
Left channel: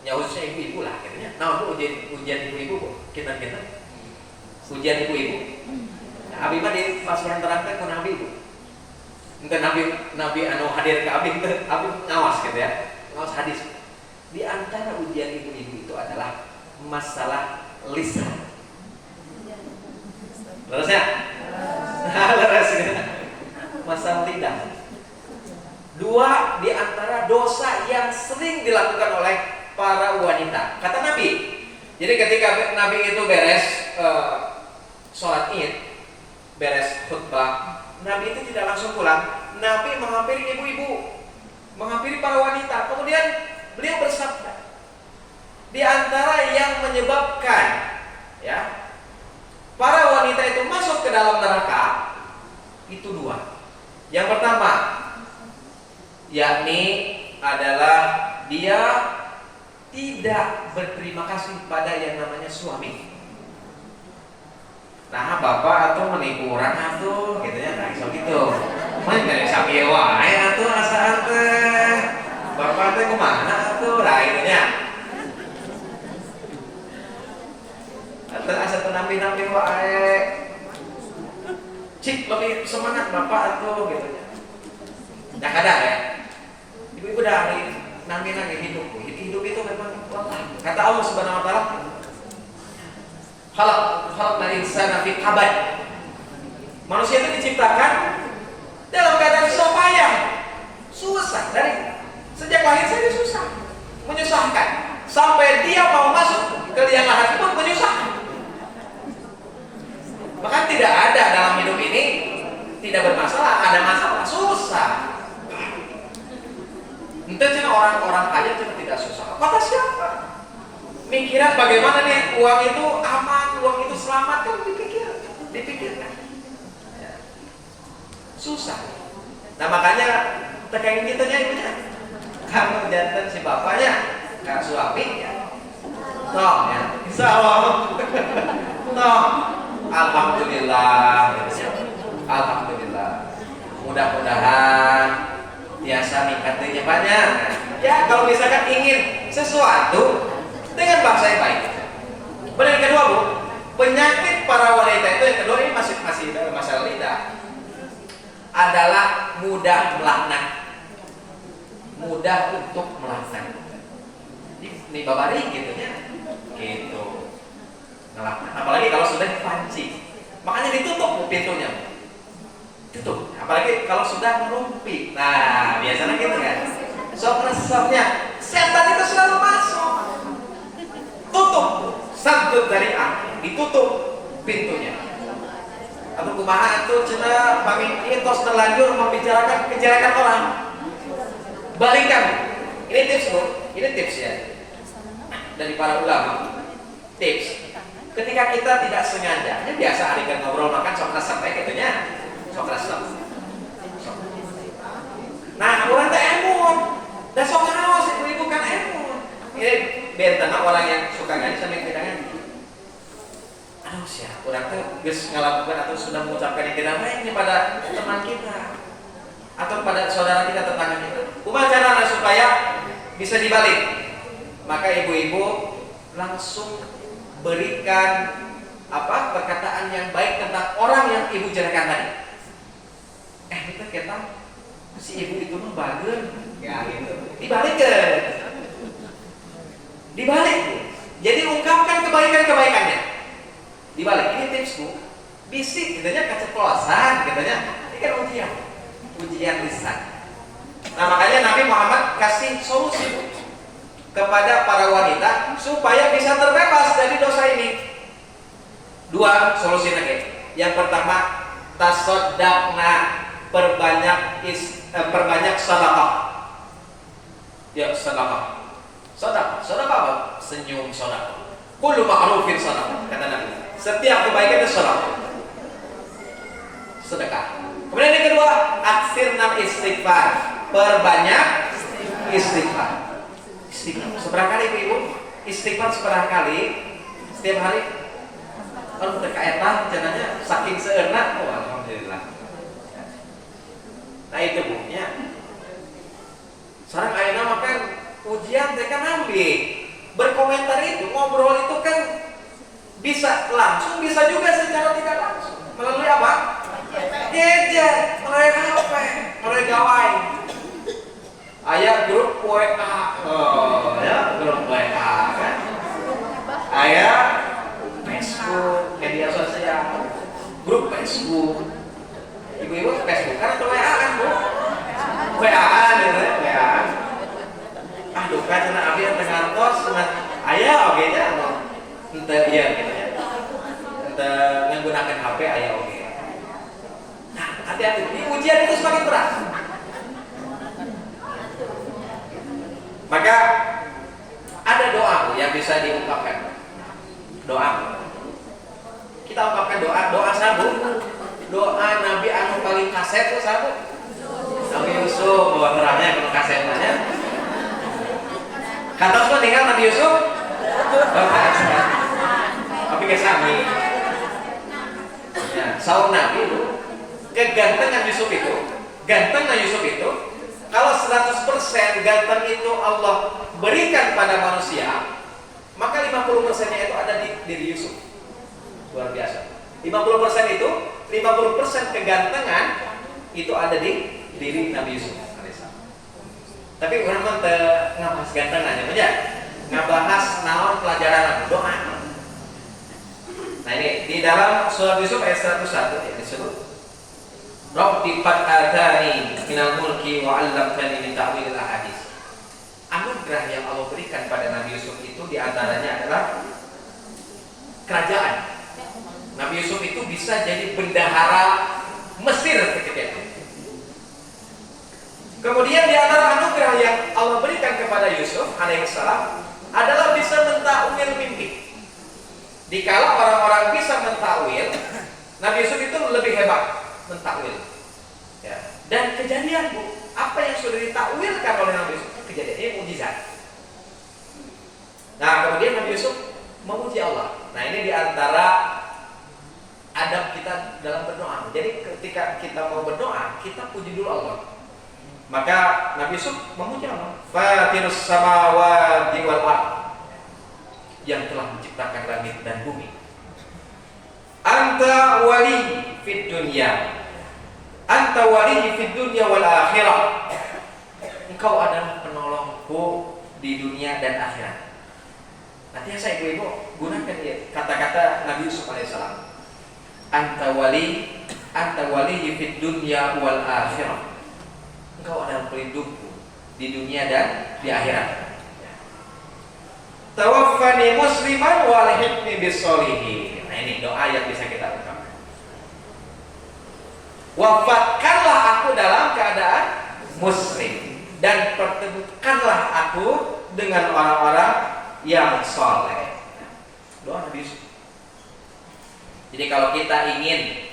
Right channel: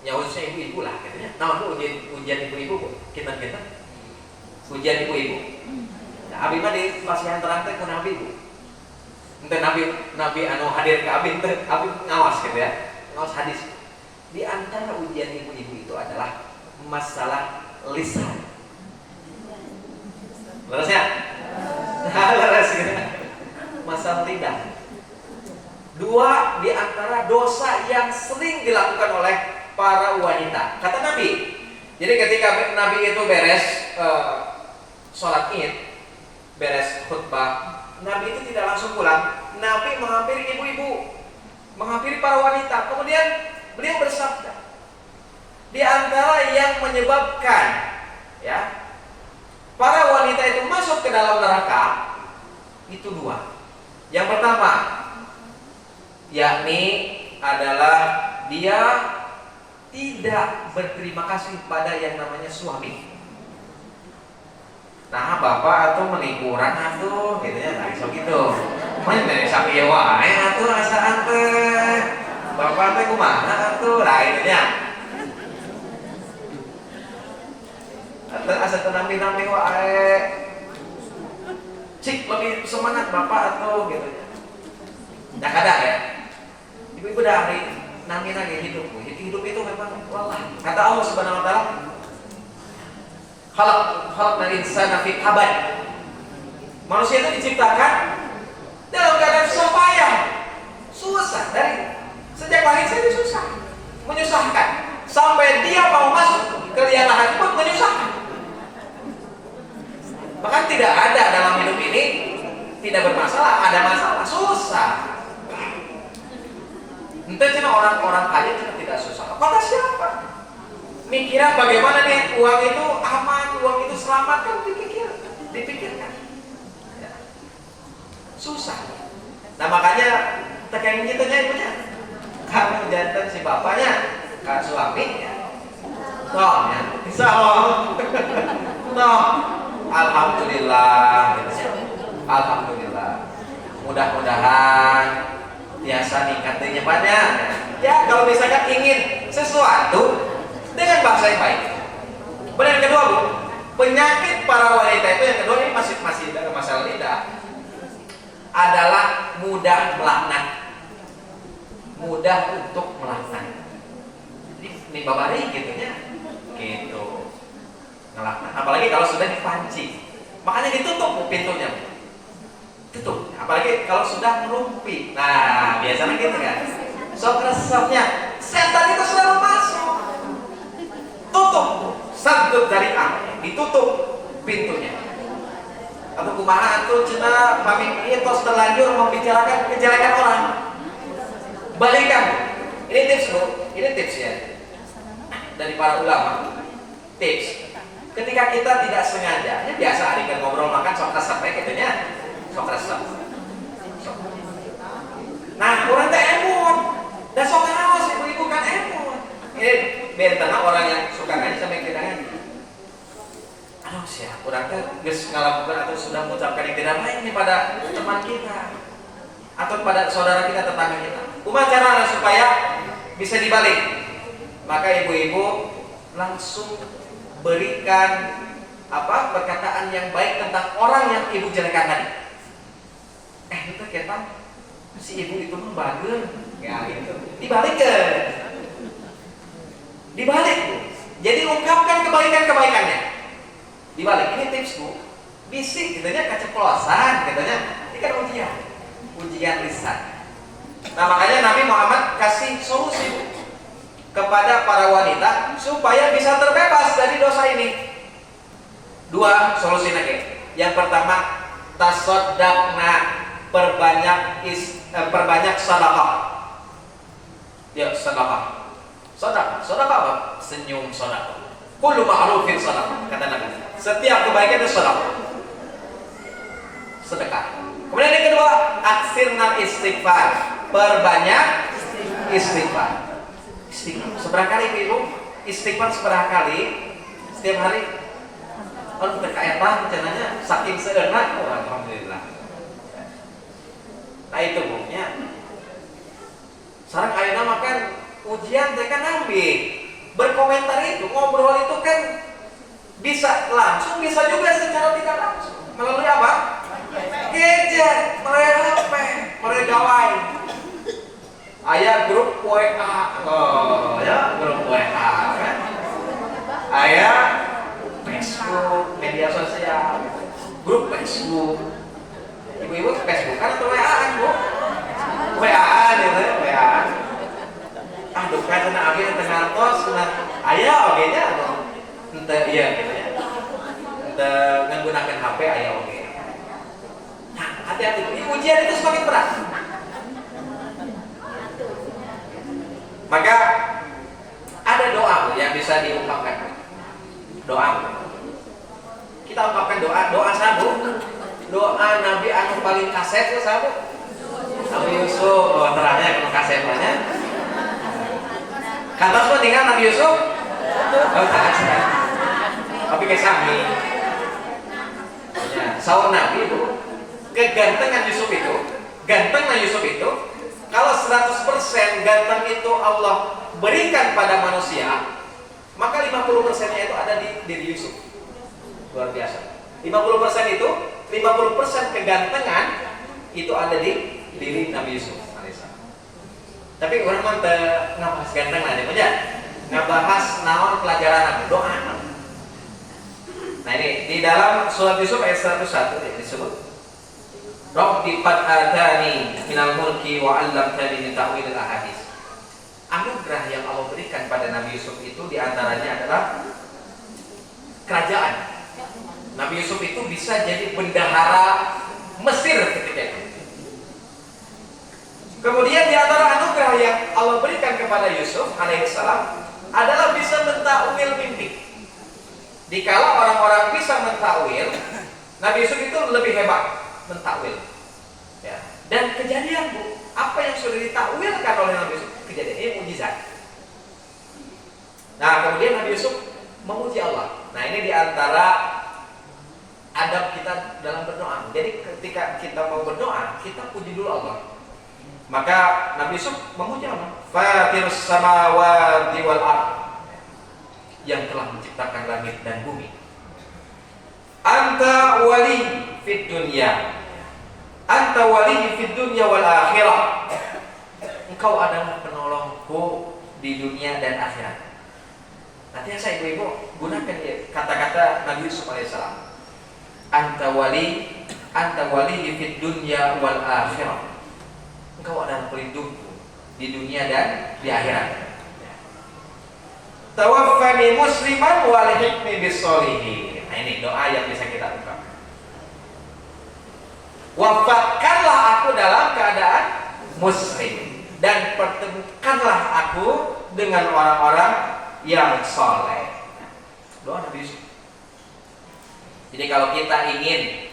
nyawusnya ibu-ibu lah, katanya. Nah, itu ujian ibu-ibu, kita ujian ibu-ibu. Abi mah di pasihan terang teh kana abi, Bu. Ente nabi anu hadir ke abi teh abi ngawas gitu ya. Ngawas hadis. Di antara ujian ibu-ibu itu adalah masalah lisan. Lerasnya? Leres gitu. Masalah lidah. Dua di antara dosa yang sering dilakukan oleh para wanita. Kata Nabi. Jadi ketika Nabi itu beres sholat Id, beres khutbah, Nabi itu tidak langsung pulang. Nabi menghampiri ibu-ibu, menghampiri para wanita. Kemudian beliau bersabda, di antara yang menyebabkan, ya, para wanita itu masuk ke dalam neraka itu dua. Yang pertama, yakni adalah dia tidak berterima kasih pada yang namanya suami. Nah, bapak atau menikuran atuh, gitu ya, nah so gitu. Main dari sapi wae atuh asaan teh. Bapak teh kumaha atuh, lah itu nya. Atuh asa teu nambi-nambi wae. Cik lebih semangat bapak atuh gitu. Nah, kadang ya. Ibu-ibu dari nambi-nambi hidup. Hidup itu memang lelah. Kata Allah Subhanahu wa Ta'ala, khalaqnal insana fi kabad. Manusia itu diciptakan dalam keadaan susah payah, susah. Dari sejak lahir saja susah, menyusahkan. Sampai dia mau masuk ke liang lahat pun menyusahkan. Bahkan tidak ada dalam hidup ini tidak bermasalah, ada masalah, susah. Entah cina orang-orang kaya cina tidak susah. Kata siapa? Mikiran bagaimana nih uang itu aman, uang itu selamat, kan dipikirkan. Ya. Susah. Nah makanya tekan kitanya ibunya, karena jantan si bapaknya, kak suaminya, tong ya, insya Allah, tong, alhamdulillah, alhamdulillah. Mudah-mudahan biasa nikahnya banyak. Ya kalau misalkan ingin sesuatu dengan bahasa yang baik. Kemudian yang kedua, Bu, penyakit para wanita itu yang kedua ini masih masalah lidah adalah mudah melaknat, mudah untuk melaknat. Ini babari gitunya, gitu, ngelaknat. Apalagi kalau sudah dipancing, makanya ditutup pintunya. tutup. Apalagi kalau sudah merumpi. Nah, biasanya gitu kan. Sok resepnya, setan itu selalu masuk. Tutup, sadut dari ditutup pintunya. Atau kumaha itu cina pamit tos terlanjur membicarakan kejelekan orang. Balikan. Ini tips Bu, ini tips ya dari para ulama. Tips. Ketika kita tidak sengaja, ini biasa adik ngobrol makan sok resep katanya, sok resep. Nah, orang teh emun. Dan sok ngawas ibu-ibu kan emun. Ini biar tenang orang yang suka ngaji sama yang tidak ngaji. Aduh sih, orang teh geus ngalakukan atau sudah mengucapkan yang tidak baik ini pada teman kita atau pada saudara kita, tetangga kita. Kumaha caranya supaya bisa dibalik? Maka ibu-ibu langsung berikan perkataan yang baik tentang orang yang ibu jelekan tadi. Itu kita si ibu itu mah bageun, ya gitu. Dibalik. Bu. Jadi ungkapkan kebaikan-kebaikannya. Dibalik. Ini tips Bu. Bisik katanya keceplosan katanya. Ini kan ujian lisan. Nah, makanya Nabi Muhammad kasih solusi Bu kepada para wanita supaya bisa terbebas dari dosa ini. 2 solusi lagi. Yang pertama, tasoddaqna, perbanyak sedekah. Ya, sedekah. Sedekah apa? Senyum sedekah. Kullu ma'rufin sedekah, kata Nabi. Setiap kebaikan itu sedekah. Sedekah. Kemudian yang kedua, aksirna istighfar. Perbanyak istighfar. Seberapa kali ibu istighfar seberapa kali setiap hari? Kalau terkaitlah rencananya saking seenak, alhamdulillah. Nah itu Bu nya. Sareng ayeuna makan ujian teh kan nambi. Berkomentar itu, ngobrol itu kan bisa langsung, bisa juga secara tidak langsung. Melalui apa? Gadget, melalui HP, melalui gawai. Aya grup WA, grup WA kan? Aya Facebook, media sosial, grup Facebook. Ibu-ibu Facebookan atau WA-an Bu? WA-an gitu, WA-an. Aduh kan cenah abdi teu ngantos, aya oge nya teu ieu gitu ya. Teu nggunakeun HP aya oge. Nah, hati-hati, ini ujian itu semakin berat. Maka ada doa yang bisa diungkapkan. Doa. Kita ungkapkan doa sabu. Doa Nabi anu paling kaset tuh sabu. Nabi Yusuf, terangnya kudu kasetnya. Kantos mah tinggal Nabi Yusuf. Tapi kesami. Ya, saur Nabi itu kegantengan Yusuf itu, gantengnya Yusuf itu. Kalau 100% ganteng itu Allah berikan pada manusia, maka 50%-nya itu ada di diri Yusuf. Luar biasa. 50% itu, 50% kegantengan itu ada di diri Nabi Yusuf. Tapi orang mah ngabahas ganteng aja, aja ngabahas naon pelajaran Nabi, doa. Nah ini di dalam surat Yusuf ayat 101 yang disebut Rabbi qad atani minal mulki wa 'allamtani min ta'wilil ahadits. Anugerah yang Allah berikan pada Nabi Yusuf itu diantaranya adalah kerajaan. Nabi Yusuf itu bisa jadi bendahara Mesir ketika itu. Kemudian di antara anugerah yang Allah berikan kepada Yusuf alaihissalam adalah bisa mentakwil mimpi. Dikala orang-orang bisa mentakwil, Nabi Yusuf itu lebih hebat mentakwil. Ya. Dan kejadian Bu, apa yang sudah ditakwilkan oleh Nabi Yusuf, kejadian ini mukjizat. Nah, kemudian Nabi Yusuf memuji Allah. Nah, ini di antara adab kita dalam berdoa. Jadi ketika kita mau berdoa, kita puji dulu Allah. Maka Nabi Yusuf memuji Allah. Fatirus samawati wal ardh, yang telah menciptakan langit dan bumi. Anta wali fid dunya, anta wali fid dunya wal akhirah. Engkau adalah penolongku di dunia dan akhirat. Nanti saya ibu-ibu gunakan ya kata-kata Nabi Yusuf alaihissalam. Anta wali, anta waliyyi fid dunya wal akhirah. Engkau adalah pelindungku di dunia dan di akhirat. Tawaffani musliman wa alhiqni bis sholihin. Nah, ini doa yang bisa kita ungkap. Wafatkanlah aku dalam keadaan muslim dan pertemukanlah aku dengan orang-orang yang soleh. Doa Nabi Yusuf. Jadi kalau kita ingin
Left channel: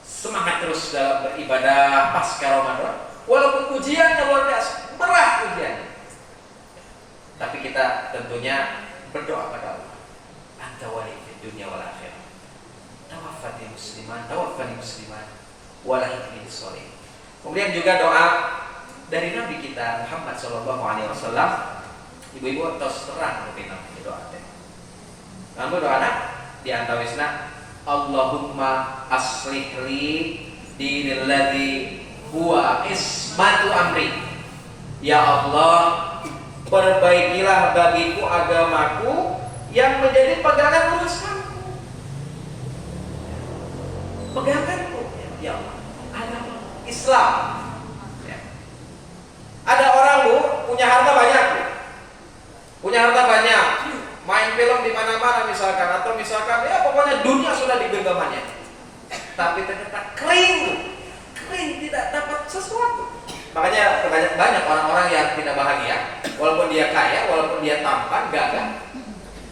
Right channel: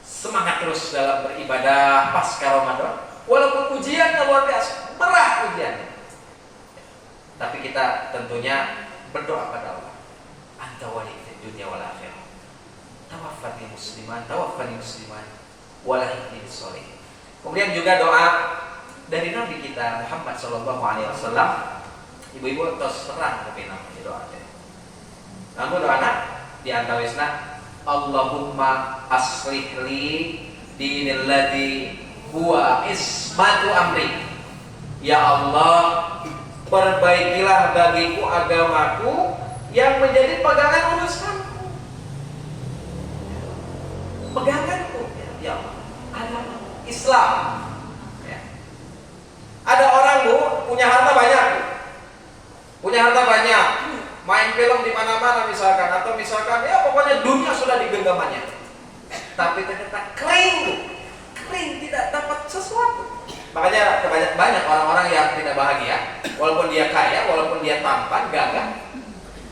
semangat terus dalam beribadah pasca Ramadan, walaupun ujiannya luar biasa, berat ujiannya, tapi kita tentunya berdoa pada Allah. Anta wali fid dunya wal akhirah. Tawaffani musliman wa alhiqni bis sholihin. Kemudian juga doa dari Nabi kita Muhammad sallallahu alaihi wasallam. Ibu-ibu tos terang kepinang doa teh. Lamun doana di antawisna Allahumma aslih li dinil ladzi huwa ismatu amri. Ya Allah, perbaikilah bagiku agamaku yang menjadi pegangan urusanku. Peganganku, ya Allah, agama Islam. Ya. Ada orang Bu punya harta banyak, main film di mana-mana misalkan, atau misalkan ya pokoknya dunia sudah di genggamannya, tapi ternyata kering, tidak dapat sesuatu. Makanya banyak orang-orang yang tidak bahagia, walaupun dia kaya, walaupun dia tampan, gagah.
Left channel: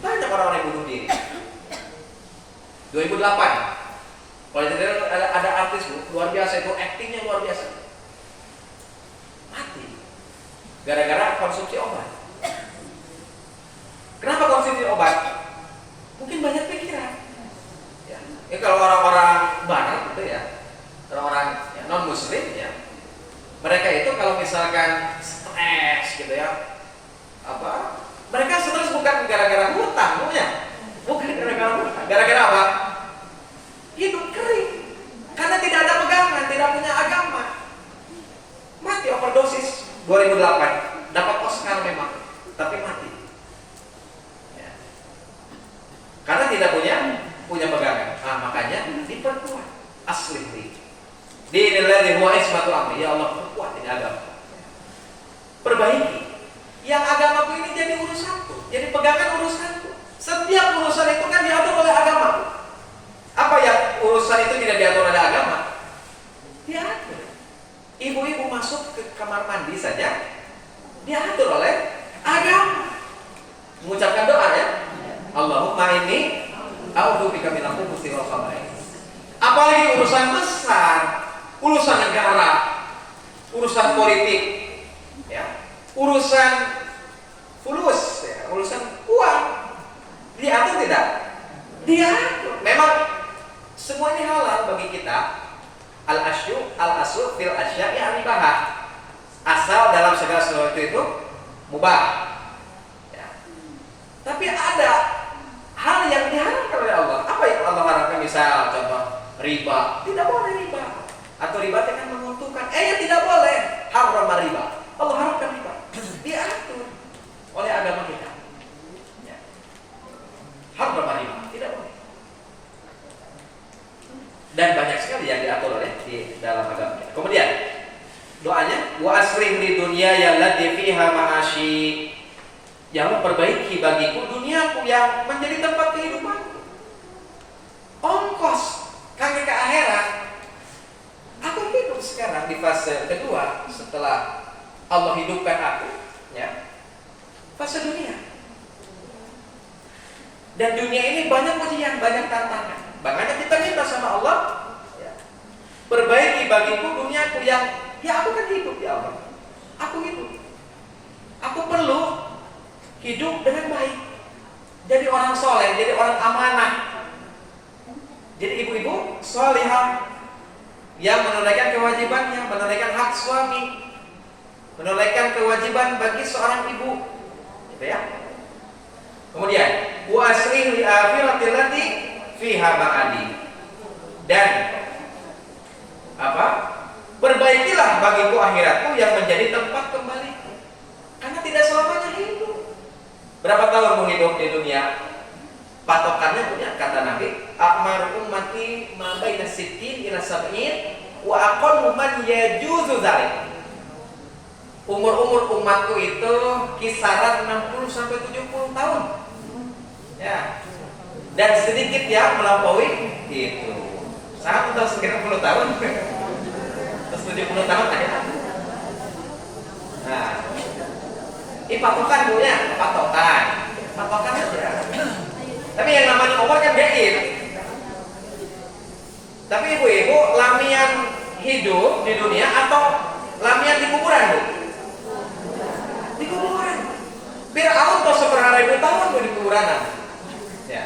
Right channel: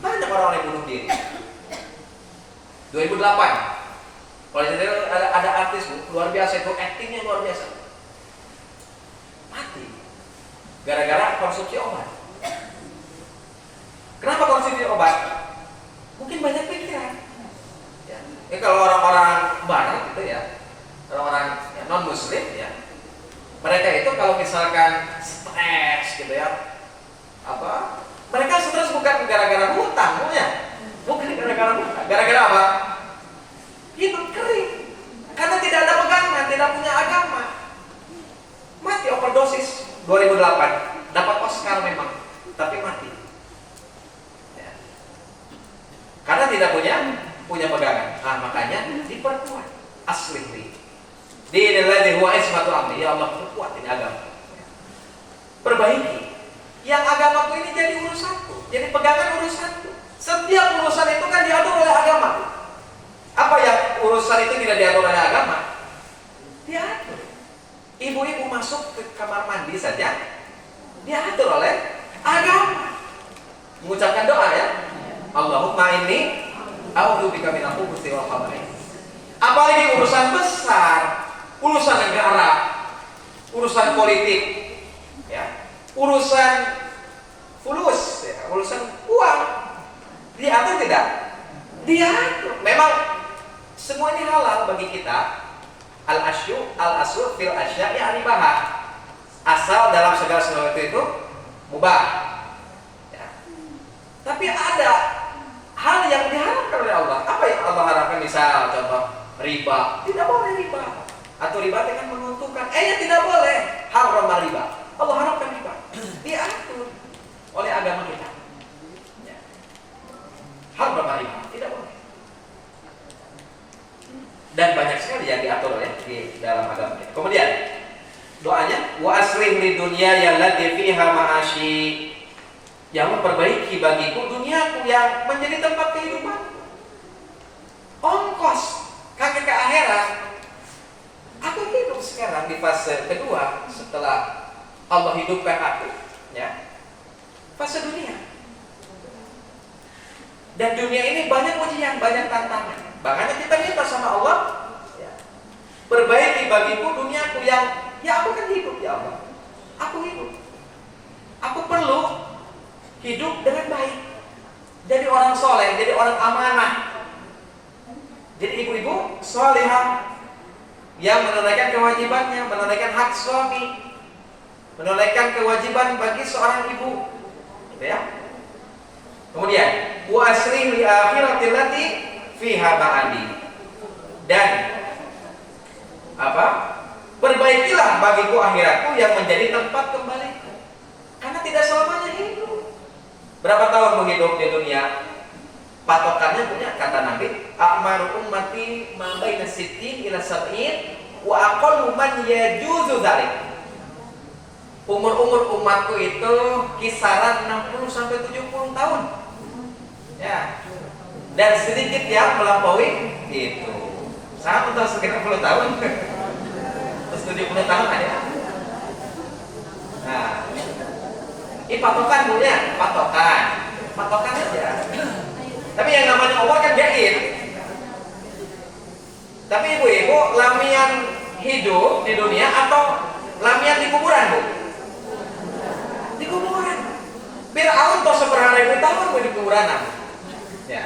Banyak orang-orang yang bunuh diri. 2008, kalau ada artis Bu, luar biasa itu, aktingnya luar biasa, mati gara-gara konsumsi obat. Kenapa konsumsi obat? Mungkin banyak pikiran. Ya. Ini kalau orang-orang Barat gitu ya, orang-orang ya, non Muslim ya, mereka itu kalau misalkan stres gitu ya, mereka stres bukan gara-gara hutang, bukan gara-gara hutang, gara-gara apa? Hidup kering, karena tidak ada pegangan, tidak punya agama. Mati overdosis 2008, dapat Oscar memang, tapi mati. Ya. Karena tidak punya pegangan. Nah, makanya diperkuat asli. Dinilai huwa ismatu amri. Ya Allah, perkuat ini agama. Perbaiki. Yang agamaku ini jadi urusanku, jadi pegangan urusanku. Setiap urusan itu kan diatur oleh agama. Apa yang urusan itu tidak diatur oleh agama? Diatur. Ibu-ibu masuk ke kamar mandi saja diatur oleh agama. Mengucapkan doa ya. Allahumma inni a'udzubika minal khubuthi wal khaba'ith. Apalagi urusan besar, urusan negara, urusan politik, ya, urusan fulus, ya, urusan uang, diatur tidak? Diatur. Memang semua ini halal bagi kita. Al-aslu fil asya'i al-ibahah. Asal dalam segala sesuatu itu mubah. Ya. Tapi ada hal yang diharamkan oleh Allah. Apa yang Allah haramkan? Misal contoh riba, tidak boleh riba. Atau riba dengan menguntungkan. Ya tidak boleh. Haram riba. Allah haramkan riba. Diatur oleh agama kita. Ya. Haram riba, tidak boleh. Dan banyak sekali yang diatur oleh di dalam agama kita. Kemudian doanya wa aslih li dunya allati fiha ma'ashi. Ya Allah, perbaiki bagiku duniaku yang menjadi tempat kehidupanku. Ongkos kaki ke akhirat. Aku hidup sekarang di fase kedua setelah Allah hidupkan aku, ya. Fase dunia. Dan dunia ini banyak ujian, banyak tantangan. Makanya kita minta sama Allah, ya, perbaiki bagiku duniaku yang, ya aku kan hidup ya Allah. Aku hidup. Aku perlu hidup dengan baik. Jadi orang soleh, jadi orang amanah. Jadi ibu-ibu solehah yang menunaikan kewajibannya, menunaikan hak suami, menunaikan kewajiban bagi seorang ibu, gitu ya. Kemudian wa aslih li akhirati allati fiha ba'di. Dan perbaikilah bagiku akhiratku yang menjadi tempat kembaliku. Karena tidak selamanya hidup. Berapa tahun menghidup di dunia? Patokannya punya kata Nabi a'maru ummati ma baina sittin ila sab'in wa aqallu man yajuzu dzalik. Umur umatku itu kisaran 60 sampai 70 tahun. Ya. Dan sedikit yang melampaui itu. Saya udah sekitar 10 tahun. Terus 70 tahun aja. Nah. Ini patokan Bu ya, patokan aja. Tapi yang namanya umur kan gaib. Tapi ibu-ibu lamian hidup di dunia atau lamian di kuburan Bu? Di kuburan. Fir'aun toh seberapa ribu tahun Bu di kuburan. Ya.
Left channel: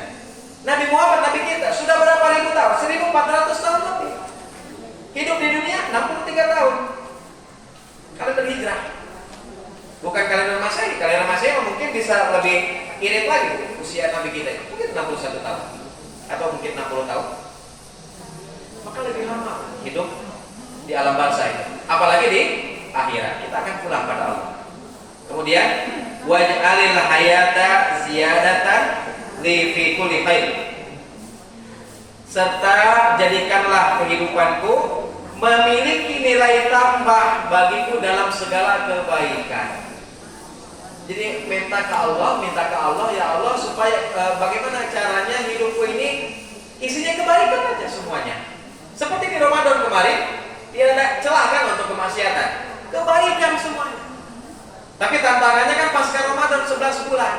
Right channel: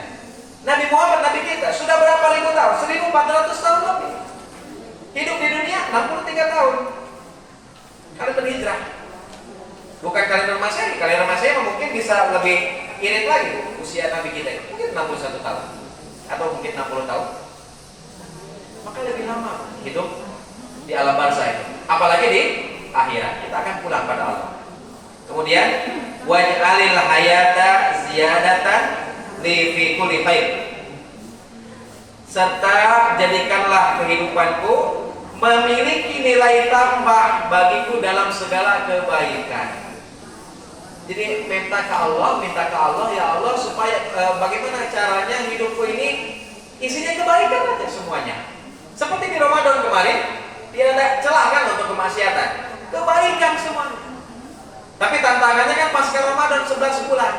Nabi Muhammad, Nabi kita sudah berapa ribu tahun? 1400 tahun lebih. Hidup di dunia 63 tahun. Kalian berhijrah. Bukan kalender Masehi. Kalender Masehi mungkin bisa lebih irit lagi usia Nabi kita. Mungkin 61 tahun atau mungkin 60 tahun. Maka lebih lama hidup di alam barzah itu. Apalagi di akhirat. Kita akan pulang pada Allah. Kemudian waj'alil hayata ziyadatan li fi kulli khair. Serta jadikanlah kehidupanku memiliki nilai tambah bagiku dalam segala kebaikan. Jadi minta ke Allah, ya Allah supaya bagaimana caranya hidupku ini isinya kebaikan aja semuanya. Seperti di Ramadan kemarin, tidak ada celah kan untuk kemaksiatan. Kebaikan semuanya. Tapi tantangannya kan pasca Ramadan 11 bulan.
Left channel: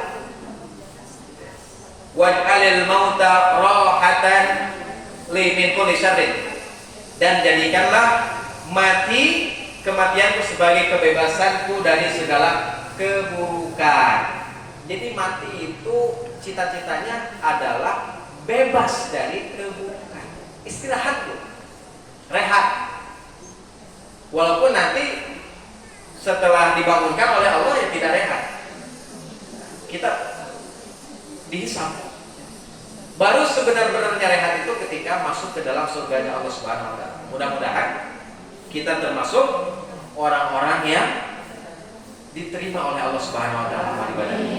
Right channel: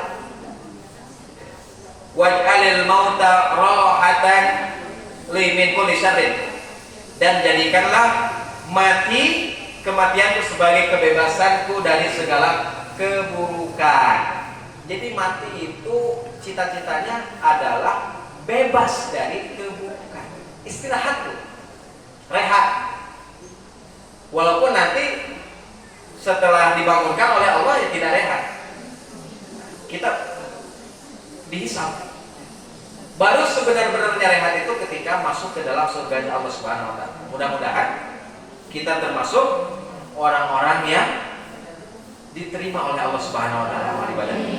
Waj'alil mauta rahatan li min kulli syarrin. Dan jadikanlah kematianku sebagai kebebasanku dari segala keburukan. Jadi mati itu cita-citanya adalah bebas dari keburukan. Istirahat Bu. Rehat. Walaupun nanti setelah dibangunkan oleh Allah ya tidak rehat. Kita dihisab. Baru sebenar-benarnya rehat itu ketika masuk ke dalam surganya Allah Subhanahu wa taala. Mudah-mudahan kita termasuk orang-orang yang diterima oleh Allah Subhanahu wa taala amal ibadahnya.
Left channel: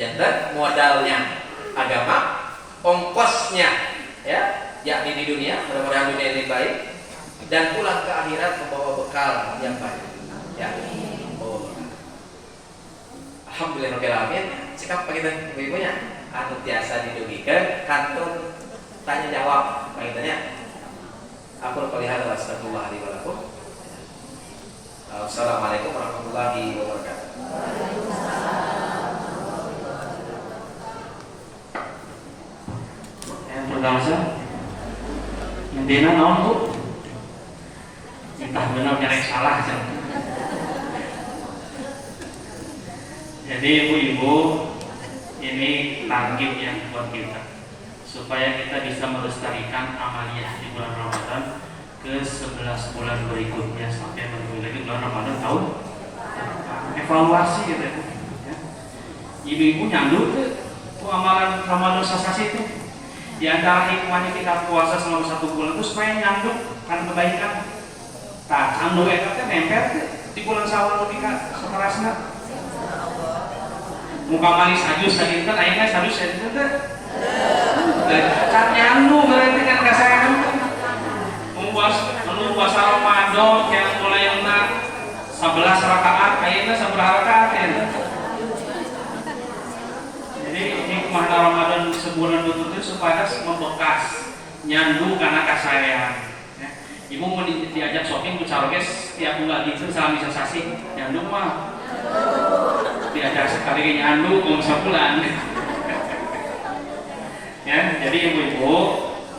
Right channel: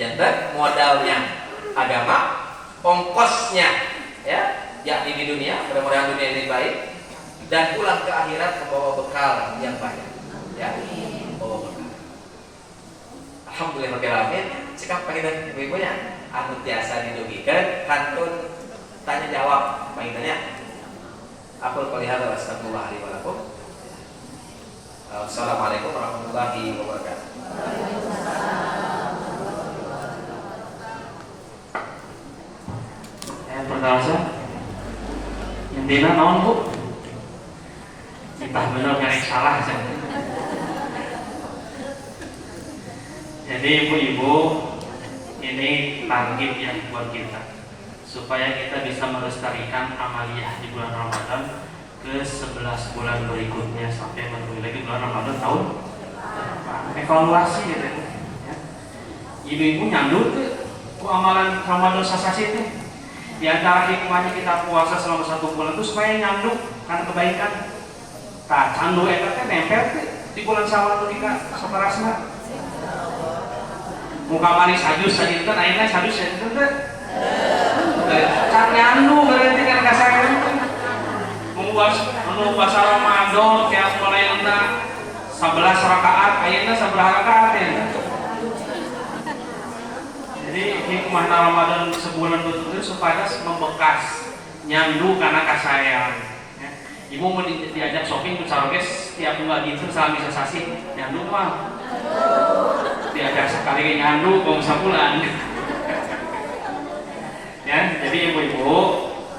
Jadi modalnya agama, ongkosnya ya, yakni di dunia, mudah-mudahan dunia ini baik, dan pulang ke akhirat membawa bekal yang baik. Ya, membawa bekal. Alhamdulillahirabbil alamin. Sikap pengidan ibu-ibunya anu tiasa didugikeun kantun tanya jawab pengidannya. Aku pelihara astagfirullah li wa lakum. Assalamualaikum warahmatullahi wabarakatuh. Yang pertama yang dina naon Bu? Entah benar nyerek salah aja. Jadi ibu-ibu ini target yang buat kita supaya kita bisa melestarikan amaliyah di bulan Ramadan ke 11 bulan berikutnya sampai menuju lagi bulan Ramadan tahun evaluasi gitu ya. Ibu-ibu nyandut tuh amalan Ramadan sasasi itu. Di antara hikmahnya kita puasa selama 1 bulan itu supaya nyanduk karena kebaikan. Nah, candu itu kan nempel di bulan Syawal kita saparasna. Muka manis sajus tadi kan ayeuna sajus ya itu teh. Can nyandu berarti kan kasarangan. Mun puasa Ramadan yang mulainya 11 rakaat, ayeuna sabaraha rakaat ya. Jadi hikmah Ramadan sebulan betul itu supaya membekas nyandu karena kasarean. Ya. Ibu mau diajak shopping ke Sarokes tiap bulan gitu salami sesasi nyandu mah. Diajak sekali nyandu kok bisa pulang. Ya, jadi ibu-ibu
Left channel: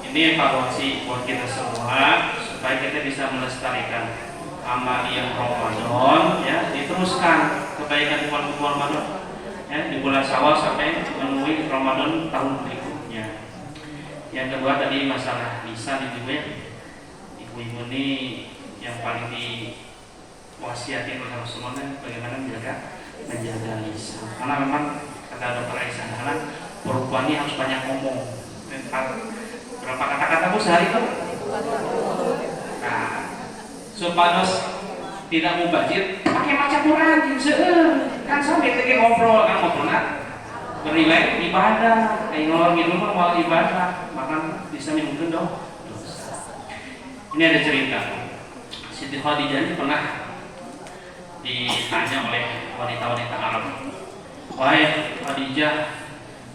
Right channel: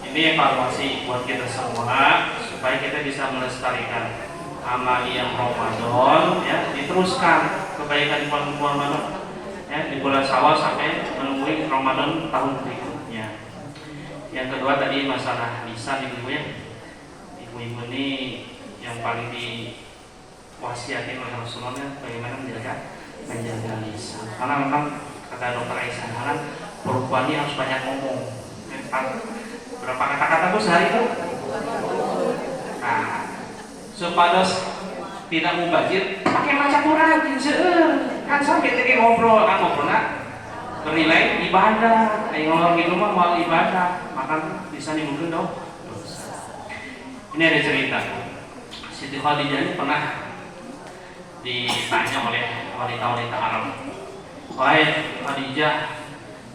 ini evaluasi buat kita semua supaya kita bisa melestarikan amaliyah Ramadan ya, diteruskan kebaikan di bulan Ramadan ya, di bulan Syawal sampai menemui Ramadan tahun berikutnya. Yang kedua tadi masalah lisan ibu ya. Ibu-ibu ini yang paling diwasiatin oleh Rasulullah bagaimana menjaga lisan. Karena memang kata dokter Aisyah kan perempuan ini harus banyak ngomong. Berapa kata-kata Bu sehari itu? Nah, supados tidak mubazir, pakai baca Quran, kan sampai ngobrol, kan ngobrol bernilai ibadah. Yang ngomong gitu mah mau ibadah, makan bisa nimbulkeun dong. Ini ada cerita. Siti Khadijah ini pernah ditanya oleh wanita-wanita Arab. Wahai Khadijah,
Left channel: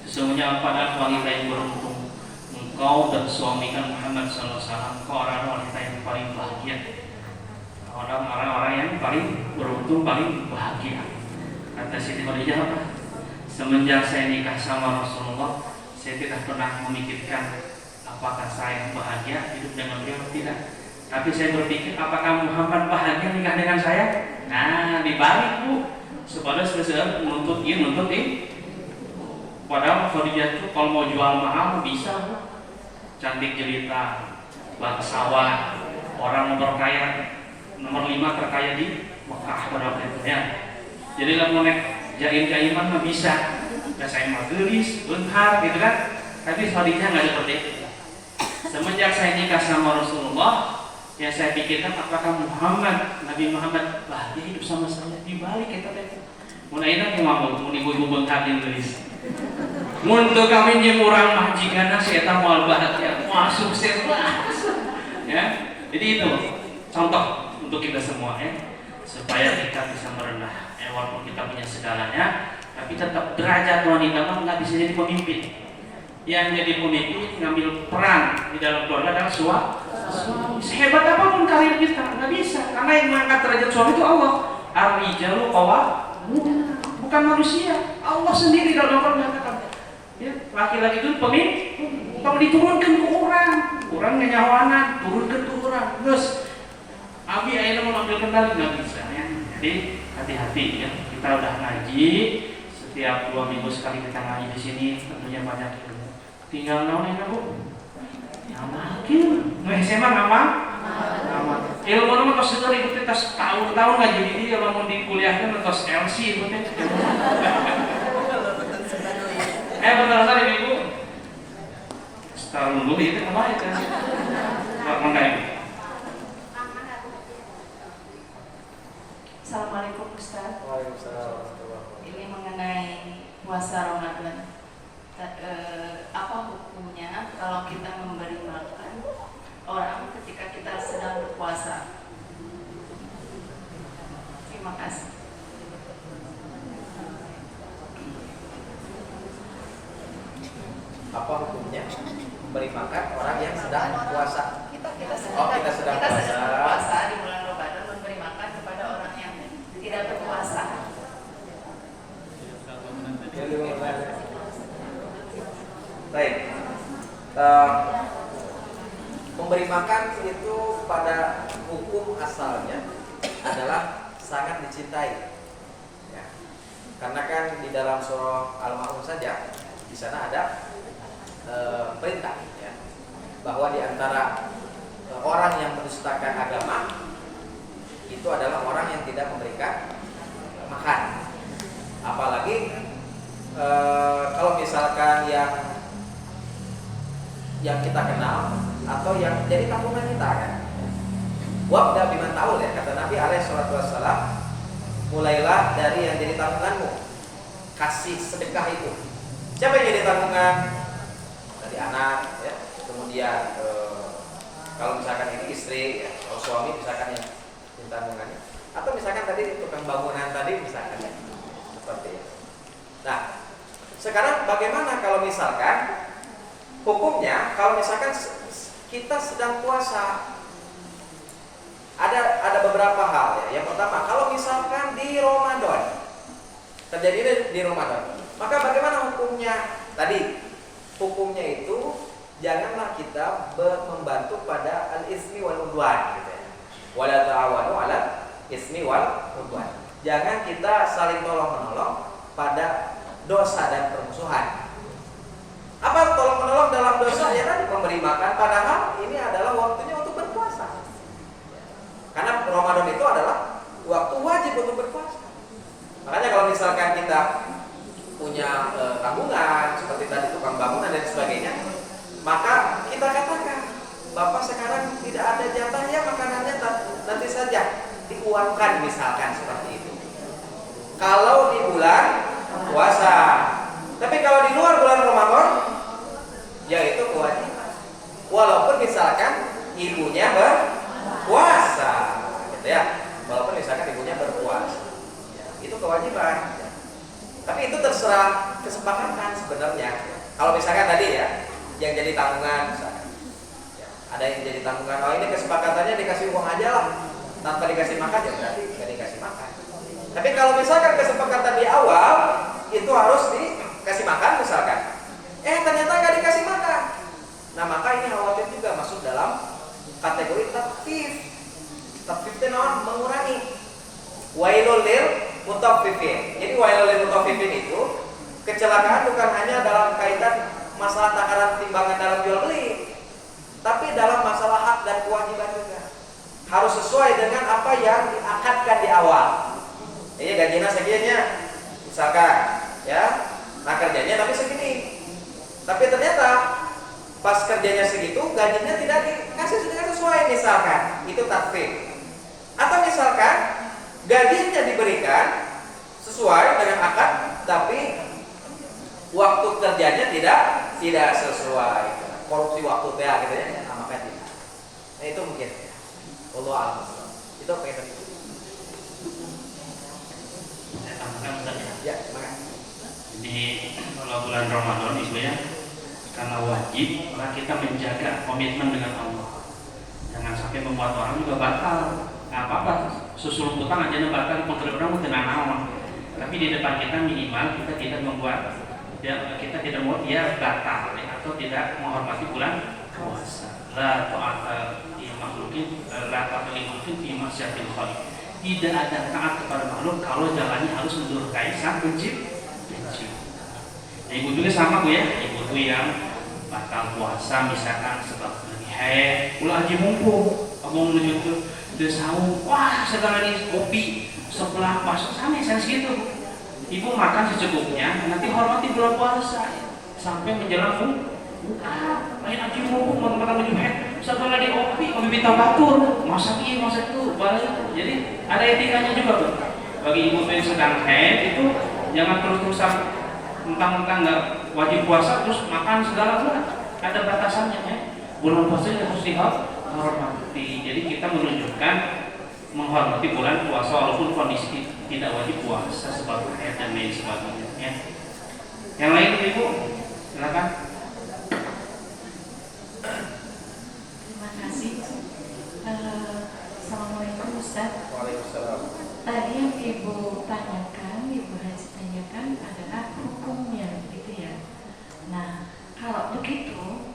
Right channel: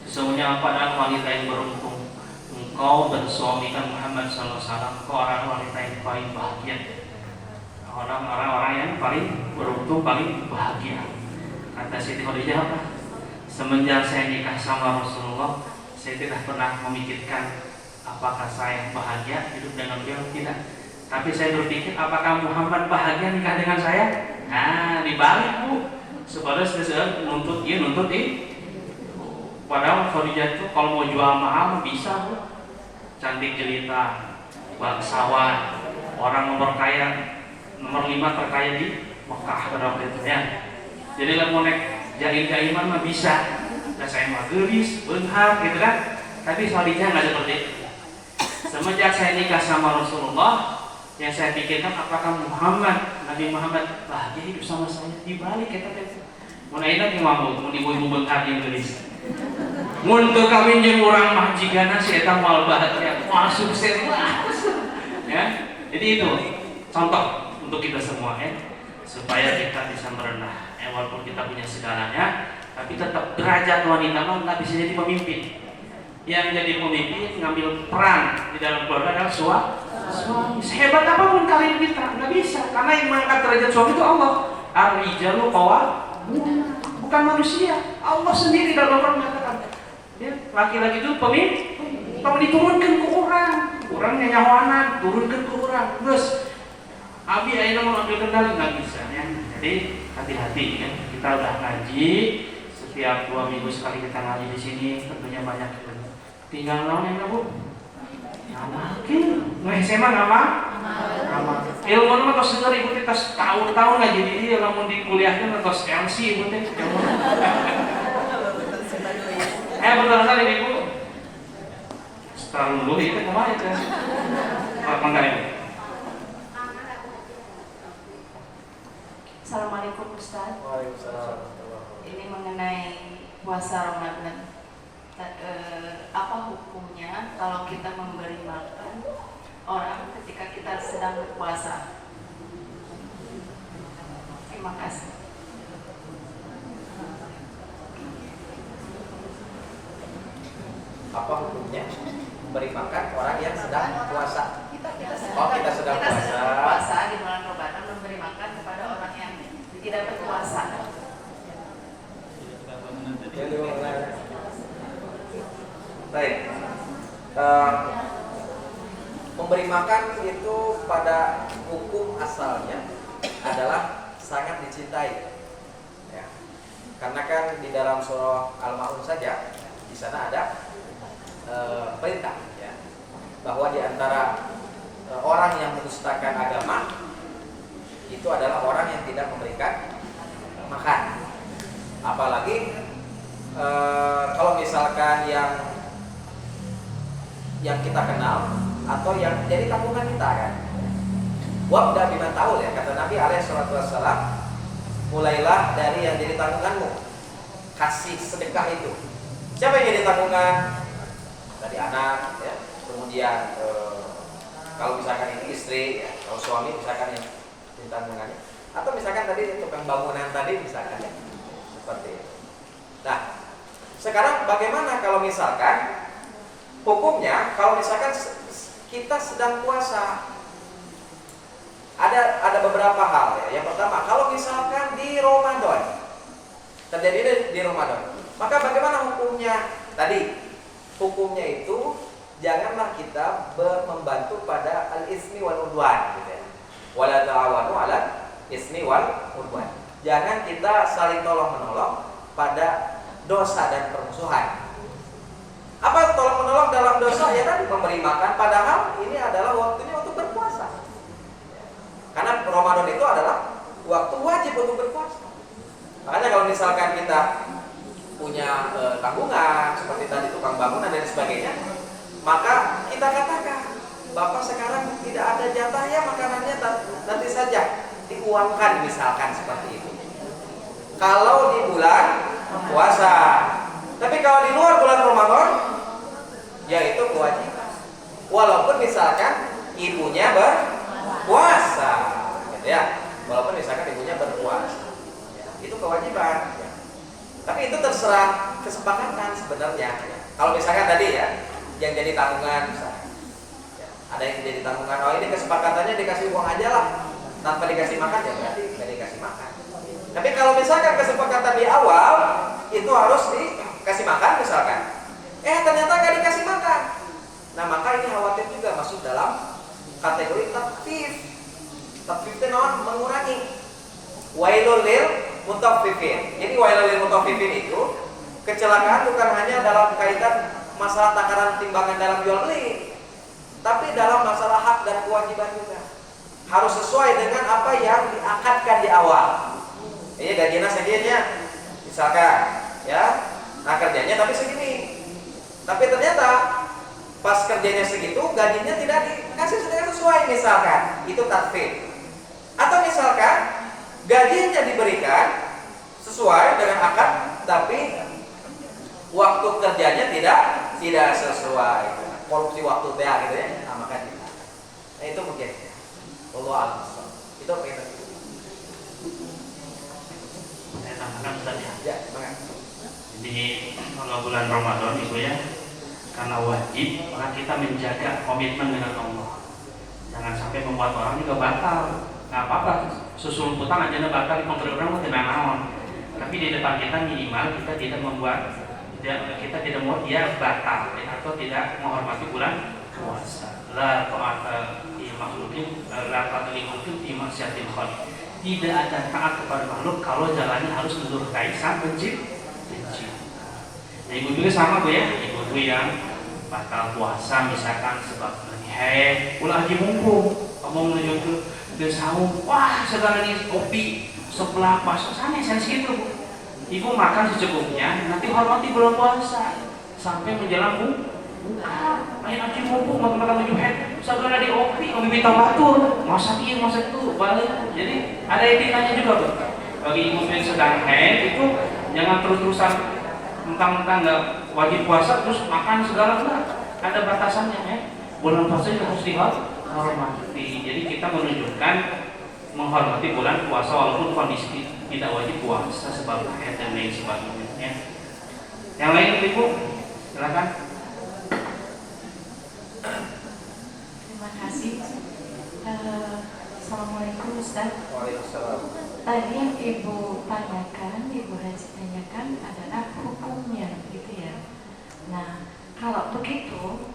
sesungguhnya pada wanita yang beruntung, engkau bersuamikan Muhammad SAW, engkau orang wanita yang paling bahagia, orang-orang yang paling beruntung, paling bahagia. Kata Siti Khadijah apa? Semenjak saya nikah sama Rasulullah, saya tidak pernah memikirkan apakah saya bahagia hidup dengan beliau, tidak. Tapi saya berpikir apakah Muhammad bahagia nikah dengan saya? Nah, dibalik bu, sebadas besar nuntut ini. Padahal Khadijah itu kalau mau jual mahal bisa bu, cantik jelita, bangsawan, orang nomor 5 terkaya di Mekah pada waktu itu ya. Jadi kalau naik jaim-jaiman mah bisa, nah saya mah gelis, benghar gitu kan. Tapi Khadijah nggak seperti itu. Semenjak saya nikah sama Rasulullah, yang saya pikirkan apakah Nabi Muhammad bahagia hidup sama saya. Dibalik kata dia. Mun ayeuna teh mah mun ibu-ibu benghar jeung gelis. Mun teu kawin jeung urang mah jigana si eta moal bahagia, moal sukses lah. Ya. Jadi itu contoh untuk kita semua ya, supaya kita bisa merendah. Walaupun kita punya segalanya, tapi tetap derajat wanita mah nggak bisa jadi pemimpin. Yang jadi pemimpin ngambil peran di dalam keluarga adalah suami. Sehebat apapun karir kita nggak bisa, karena yang mengangkat derajat suami itu Allah. Ar-rijalu qawwamuna, bukan manusia. Allah sendiri dalam Al-Qur'an menyatakan, ya, laki-laki itu pemimpin, tolong diturunkan ke orang nyanyawanan, turunkan ke orang. Terus, abi ayeuna mau ambil kendali nggak bisa ya. Jadi hati-hati ya. Kita udah ngaji, setiap 2 minggu sekali kita ngaji di sini, tentunya banyak ilmu. Tinggal naon ya bu? Namakin, SMA nama? Ilmu nama tos dengar ibu kita tahun-tahun ngaji ini, kalau mau di kuliahnya tos LC ibu teh. Betul sekali ibu. Setahun dulu itu apa itu? Apa ibu? Assalamualaikum Ustaz. Waalaikumsalam. Ini mengenai puasa Ramadan. Apa hukumnya kalau kita memberi makan orang ketika kita sedang berpuasa? Terima kasih. Apa hukumnya memberi makan orang yang sedang puasa? Kita sedang puasa di bulan Ramadan, memberi makan kepada orang yang tidak berpuasa. Baik. Memberi makan itu pada hukum asalnya adalah sangat dicintai. Ya. Karena kan di dalam surah Al-Ma'un saja di sana ada perintah ya, bahwa di antara orang yang mendustakan agama itu adalah orang yang tidak memberikan makan. Apalagi kalau misalkan yang kita kenal atau yang jadi tanggungan kita kan. Wabda biman taul ya, kata Nabi alaihi salatu wassalam, mulailah dari yang jadi tanggunganmu. Kasih sedekah itu. Siapa yang jadi tanggungan? Tadi anak ya, kemudian kalau misalkan ini istri ya, kalau suami misalkan yang jadi tanggungannya, atau misalkan tadi tukang bangunan tadi misalkan ya, seperti itu. Nah, sekarang bagaimana kalau misalkan hukumnya kalau misalkan kita sedang puasa? Ada beberapa hal ya. Yang pertama, kalau misalkan di Ramadan terjadi di Ramadan, maka bagaimana hukumnya? Tadi hukumnya itu janganlah kita membantu pada al-ismi wal udwan gitu ya. Wala ta'awanu 'ala ismi wal udwan. Jangan kita saling tolong-menolong pada dosa dan permusuhan. Apa tolong-menolong dalam dosa? Ya tadi memberi makan, padahal ini adalah waktunya untuk berpuasa. Karena Ramadan itu adalah waktu wajib untuk berpuasa. Makanya kalau misalkan kita punya tanggungan seperti tadi tukang bangunan dan sebagainya, maka kita katakan, Bapak sekarang tidak ada jatah ya, makanannya nanti saja diuangkan misalkan seperti itu. Kalau di bulan puasa, Tapi kalau di luar bulan Ramadan, yaitu kewajiban. Walaupun misalkan ibunya berpuasa, gitu ya. Walaupun misalkan ibunya berpuasa, ya, itu kewajiban. Ya. Tapi itu terserah kesepakatan sebenarnya. Ya. Kalau misalkan tadi ya, yang jadi tanggungan, misalkan, ya, ada yang jadi tanggungan. Oh ini kesepakatannya dikasih uang aja lah, tanpa dikasih makan ya berarti nggak dikasih makan. Tapi kalau misalkan kesepakatan di awal itu harus dikasih makan misalkan, ternyata nggak dikasih makan. Nah maka ini khawatir juga masuk dalam kategori tatfif. Tatfif itu mengurangi. Wailul lil mutaffifin. Jadi wailul lil mutaffifin itu kecelakaan bukan hanya dalam kaitan masalah takaran timbangan dalam jual beli, tapi dalam masalah hak dan kewajiban juga. Harus sesuai dengan apa yang diakadkan di awal. Ini gajinya segini, misalkan, ya, nah kerjanya tapi segini. Tapi ternyata pas kerjanya segitu, gajinya tidak dikasih sesuai misalkan, itu tatfif. Atau misalkan gajinya diberikan sesuai dengan akad, tapi waktu kerjanya tidak sesuai, korupsi waktu gitu ya, nah maka tidak. Nah itu mungkin ya. Allah a'lam. Itu apa yang tadi? Saya tambahkan Ustaz ya. Ya, semangat. Jadi kalau bulan Ramadan itu ya, karena wajib, maka kita menjaga komitmen dengan Allah. Jangan sampai membuat orang juga batal. Nggak apa-apa, susul utang aja batal di pemberi orang mau tenang awam. Tapi di depan kita minimal kita tidak membuat, kita tidak membuat dia batal atau tidak menghormati bulan puasa. La ta'ata li makhluqin, la ta'ata li makhluqin fi maksiatil khaliq. Tidak ada taat kepada makhluk kalau jalannya harus mendurhakai sang pencipta. Ya, ibu juga sama Bu ya, ibu tuh yang batal puasa misalkan sebab lagi haid, ulah haji mumpung, kamu menuju ke udah sahur, wah segala ini kopi sebelah puasa sana gitu. Ibu makan secukupnya, nanti hormati bulan puasa sampai menjelang buka. Lain haji mumpung mau menuju haid, segala di kopi, kamu minta batur, masak ini masak itu, balik. Jadi ada etikanya juga Bu. Bagi ibu yang sedang haid itu jangan terus-terusan mentang-mentang nggak wajib puasa terus makan segala, enggak, ada batasannya ya. Bulan puasa harus dihormati. Jadi kita menunjukkan menghormati bulan puasa walaupun kondisi tidak wajib puasa sebab haid dan lain sebagainya ya. Yang lain Ibu silakan. Terima kasih. Assalamualaikum Ustaz. Waalaikumsalam. Tadi yang Ibu tanyakan, Ibu Haji tanyakan adalah hukumnya, gitu ya. Nah, kalau begitu,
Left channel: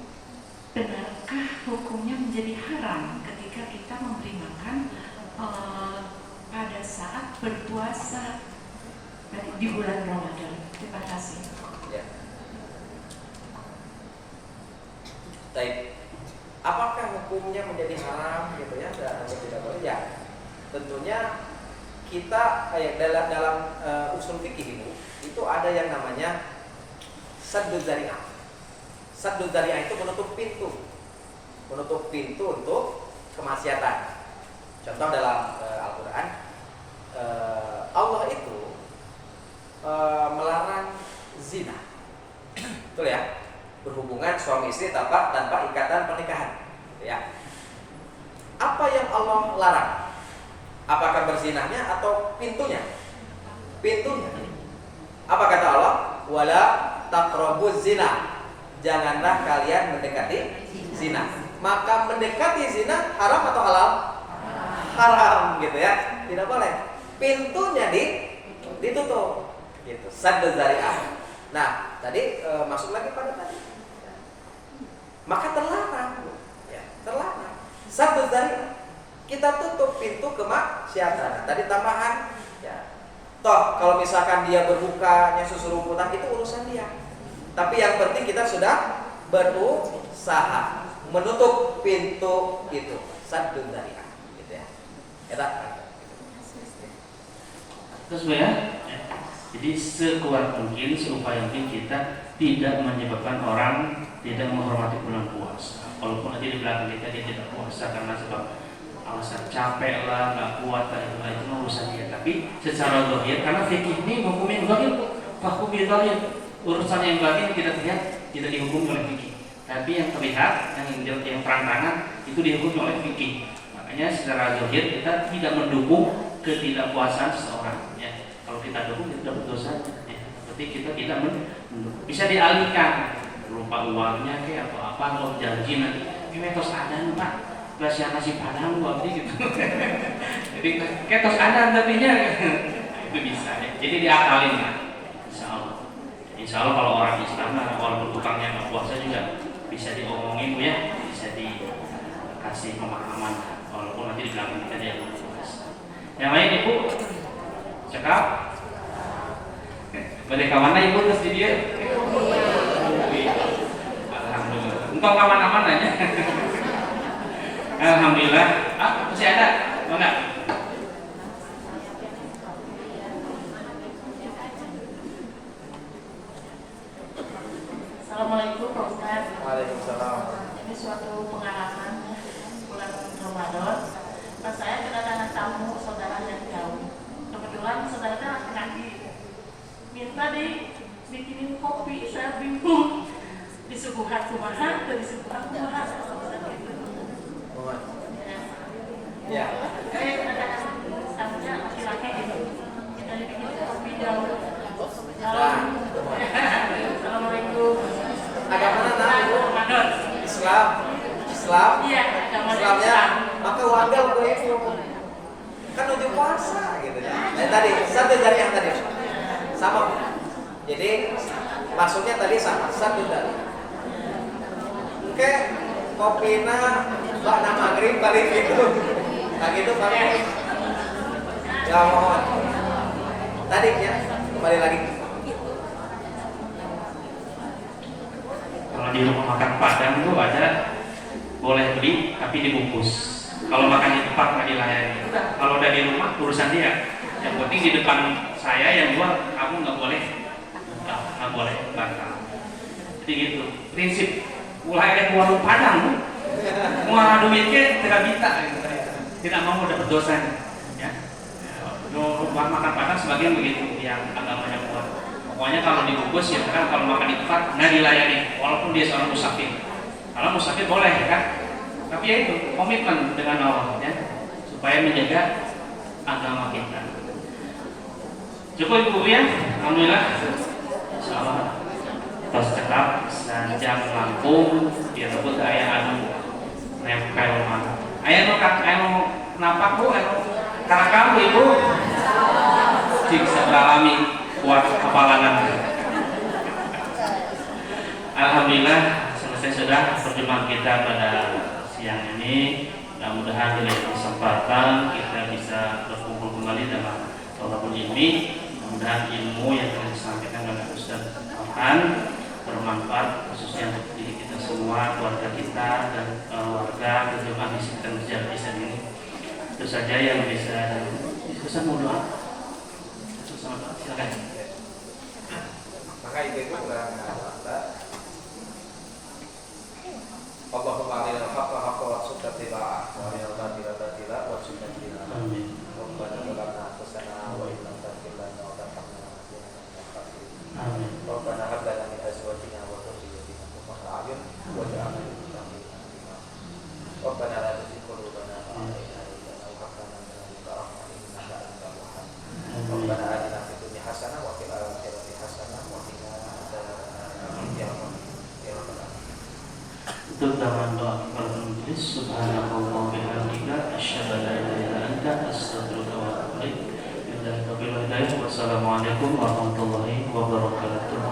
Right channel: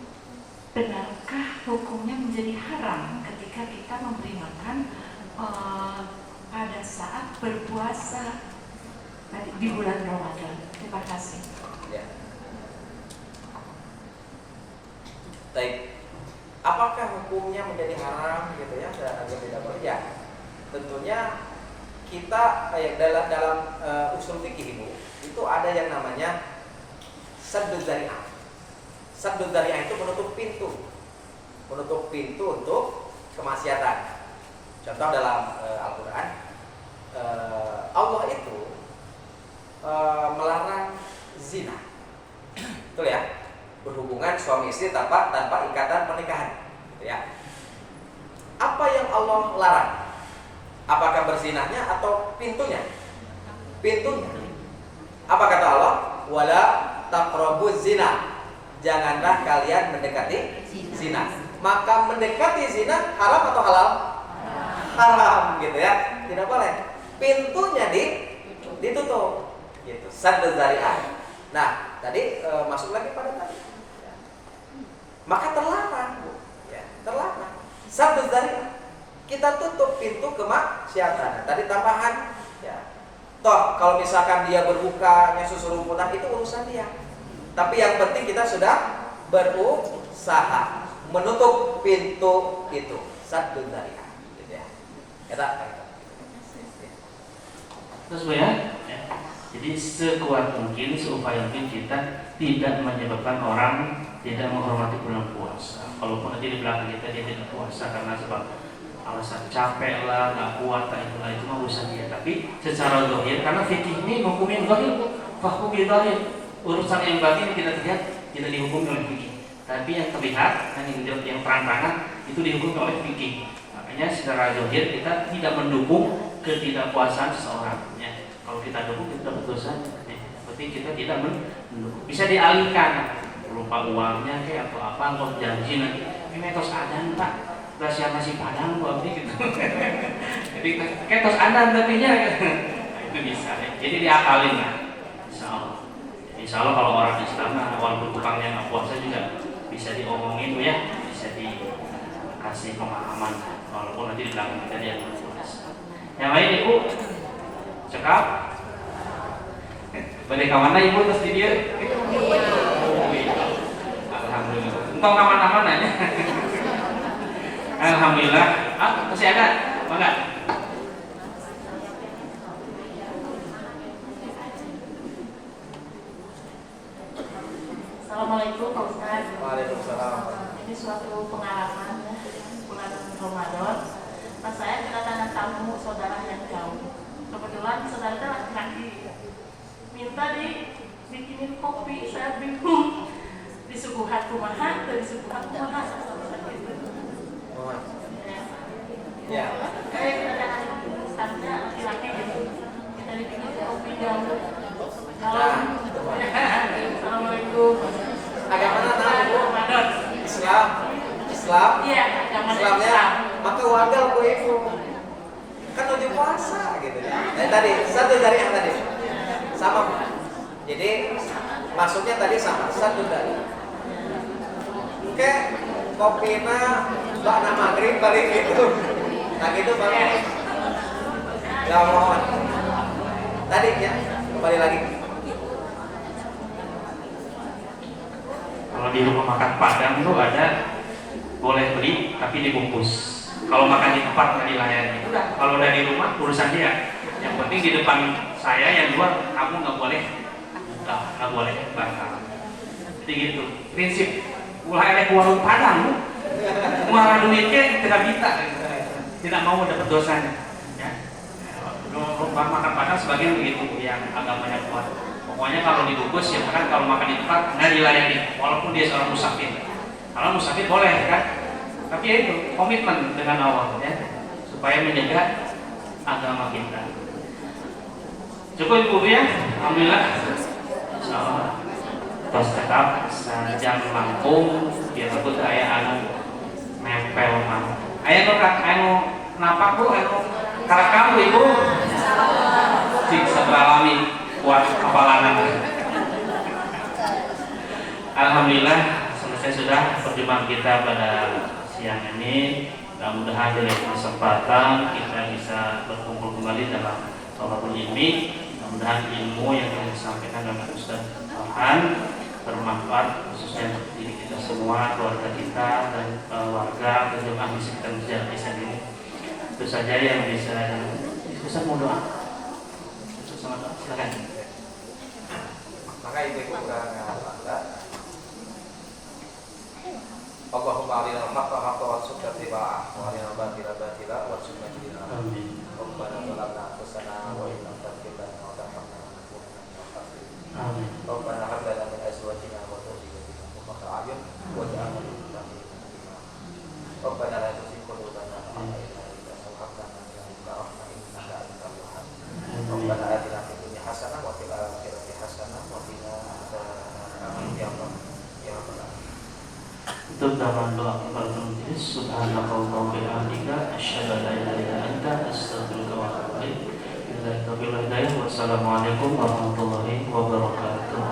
benarkah hukumnya menjadi haram ketika kita memberi makan pada saat berpuasa di bulan Ramadan? Terima kasih. Ya. Baik. Apakah hukumnya menjadi haram gitu ya dan tidak boleh? Ya. Tentunya kita dalam usul fikih itu ada yang namanya sadduz dzari'ah. Sadduz dzari'ah itu menutup pintu untuk kemaksiatan. Contoh dalam Al-Quran, Allah itu melarang zina, betul ya? Berhubungan suami istri tanpa ikatan pernikahan, gitu ya. Apa yang Allah larang? Apakah berzinahnya atau pintunya? Pintunya. Apa kata Allah? Wala taqrabuz zina. Janganlah kalian mendekati zina. Maka mendekati zina haram atau halal? Haram, gitu ya. Tidak boleh. Pintunya ditutup. Gitu. Sadduz dzari'ah. Nah, tadi masuk lagi pada tadi. Maka terlarang, ya, terlarang. Sadduz dzari'ah. Kita tutup pintu kemaksiatan. Tadi tambahan, ya. Toh kalau misalkan dia berbukanya susu rumputan itu urusan dia. Tapi yang penting kita sudah berusaha menutup pintu itu. Sadduz dzari'ah, gitu ya. Terus Bu ya. Jadi sekuat mungkin, seupaya mungkin kita tidak menyebabkan orang tidak menghormati bulan puasa. Kalaupun nanti di belakang kita dia tidak puasa karena sebab alasan capek lah, nggak kuat lah, itu mah urusan dia. Tapi secara zahir, karena fikih ini hukum yang zahir, hukum yang zahir. urusan yang batin tidak terlihat tidak dihukum oleh fikih. Tapi yang terlihat, yang terang-terangan itu dihukum oleh fikih. Makanya secara zahir kita tidak mendukung ketidakpuasan seseorang. Ya. Kalau kita dukung kita dapat dosa. Ya. Berarti kita tidak mendukung. Bisa dialihkan berupa uangnya kayak atau apa, kalau janji nanti ini tos adan pak, belas nasi padang lu abdi gitu. Jadi kayak tos adan tapinya itu bisa. Ya. Jadi diakalin lah. Insya Allah kalau orang Islam walaupun tukangnya nggak puasa juga bisa diomongin ya, bisa dikasih pemahaman walaupun nanti di belakang kita dia puasa. Yang lain ibu cekap pada kawan ibu terus di dia. Alhamdulillah. Engkau kaman-kaman aja. Alhamdulillah. Masih ada? Mana? Assalamualaikum Pak Ustaz. Waalaikumsalam. Ini suatu pengalaman ya, bulan Ramadan. Pas saya kedatangan tamu saudara yang jauh. Kebetulan saudaranya laki-laki. Minta dibikinin kopi, saya bingung. Disuguhan kumaha, disuguhan kumaha. Ya. Saya kedatangan tamunya laki-laki gitu. Minta dibikinin kopi jauh. Nah, Assalamualaikum. agama mana ibu? Ramadan. Islam. Islam. Iya, agama Islamnya. Islam. Maka wagal ku ibu. Kan ujuk puasa gitu ya. Tadi satu dari yang tadi sama Bu. Jadi maksudnya tadi sama satu dari. Oke, kopina bakna maghrib balik itu. Nah gitu baru. Ya mohon. Tadi ya kembali lagi. Kalau di rumah makan Padang itu ada boleh beli tapi dibungkus. Kalau makan di tempat nggak dilayani. Kalau udah di rumah urusan dia. Yang penting di depan saya yang luar kamu nggak boleh batal. Jadi gitu. Prinsip mulai ada ke warung Padang, mau duitnya tidak bisa, tidak mau dapat dosa. Ya. Rumah makan Padang sebagian begitu yang agamanya kuat. Pokoknya kalau dibungkus ya kan kalau makan di tempat nggak dilayani walaupun dia seorang musafir. Kalau musafir boleh kan, tapi ya itu komitmen dengan Allah ya supaya menjaga agama kita. Cukup ibu ya, alhamdulillah. Insyaallah tos cekap sajam Lampung biar rebut aya anu nempel mah. Aya nu anu napak bu anu karakam ibu. Cik sabalami kuat kepalanan. Alhamdulillah selesai sudah perjumpaan kita pada siang ini. Mudah-mudahan dari kesempatan kita bisa berkumpul kembali dalam thalabul ilmi. Mudah-mudahan ilmu yang telah disampaikan oleh Ustaz Farhan bermanfaat khususnya untuk diri kita semua, keluarga kita dan warga berjemaah di sekitar masjid Al-Ihsan ini. Itu saja yang bisa. Ustaz mau doa? Silakan. Maka itu udah nggak. Allahumma arinal haqqa haqqan warzuqna ittiba'ah wa arinal batila batila warzuqna ijtinabah. Amin. Rabbana zalamna anfusana wa in lam taghfir lana wa tarhamna lanakunanna minal khasirin. Amin. Rabbana hab lana min azwajina wa dhurriyyatina qurrata a'yun waj'alna lil muttaqina imama. Rabbana la tuzigh qulubana ba'da idh hadaytana wa hab lana min ladunka rahmatan innaka antal wahhab. Rabbana atina fid dunya hasanah wa fil akhirati hasanah wa qina adzabannar. Ya Allah. Ya Rabbal alamin. Untuk dalam doa kepada majelis subhanallah wa bihamdika asyhadu an la ilaha illa anta astaghfiruka wa atubu ilaik. Billahi taufiq wal hidayah. Wassalamualaikum warahmatullahi wabarakatuh.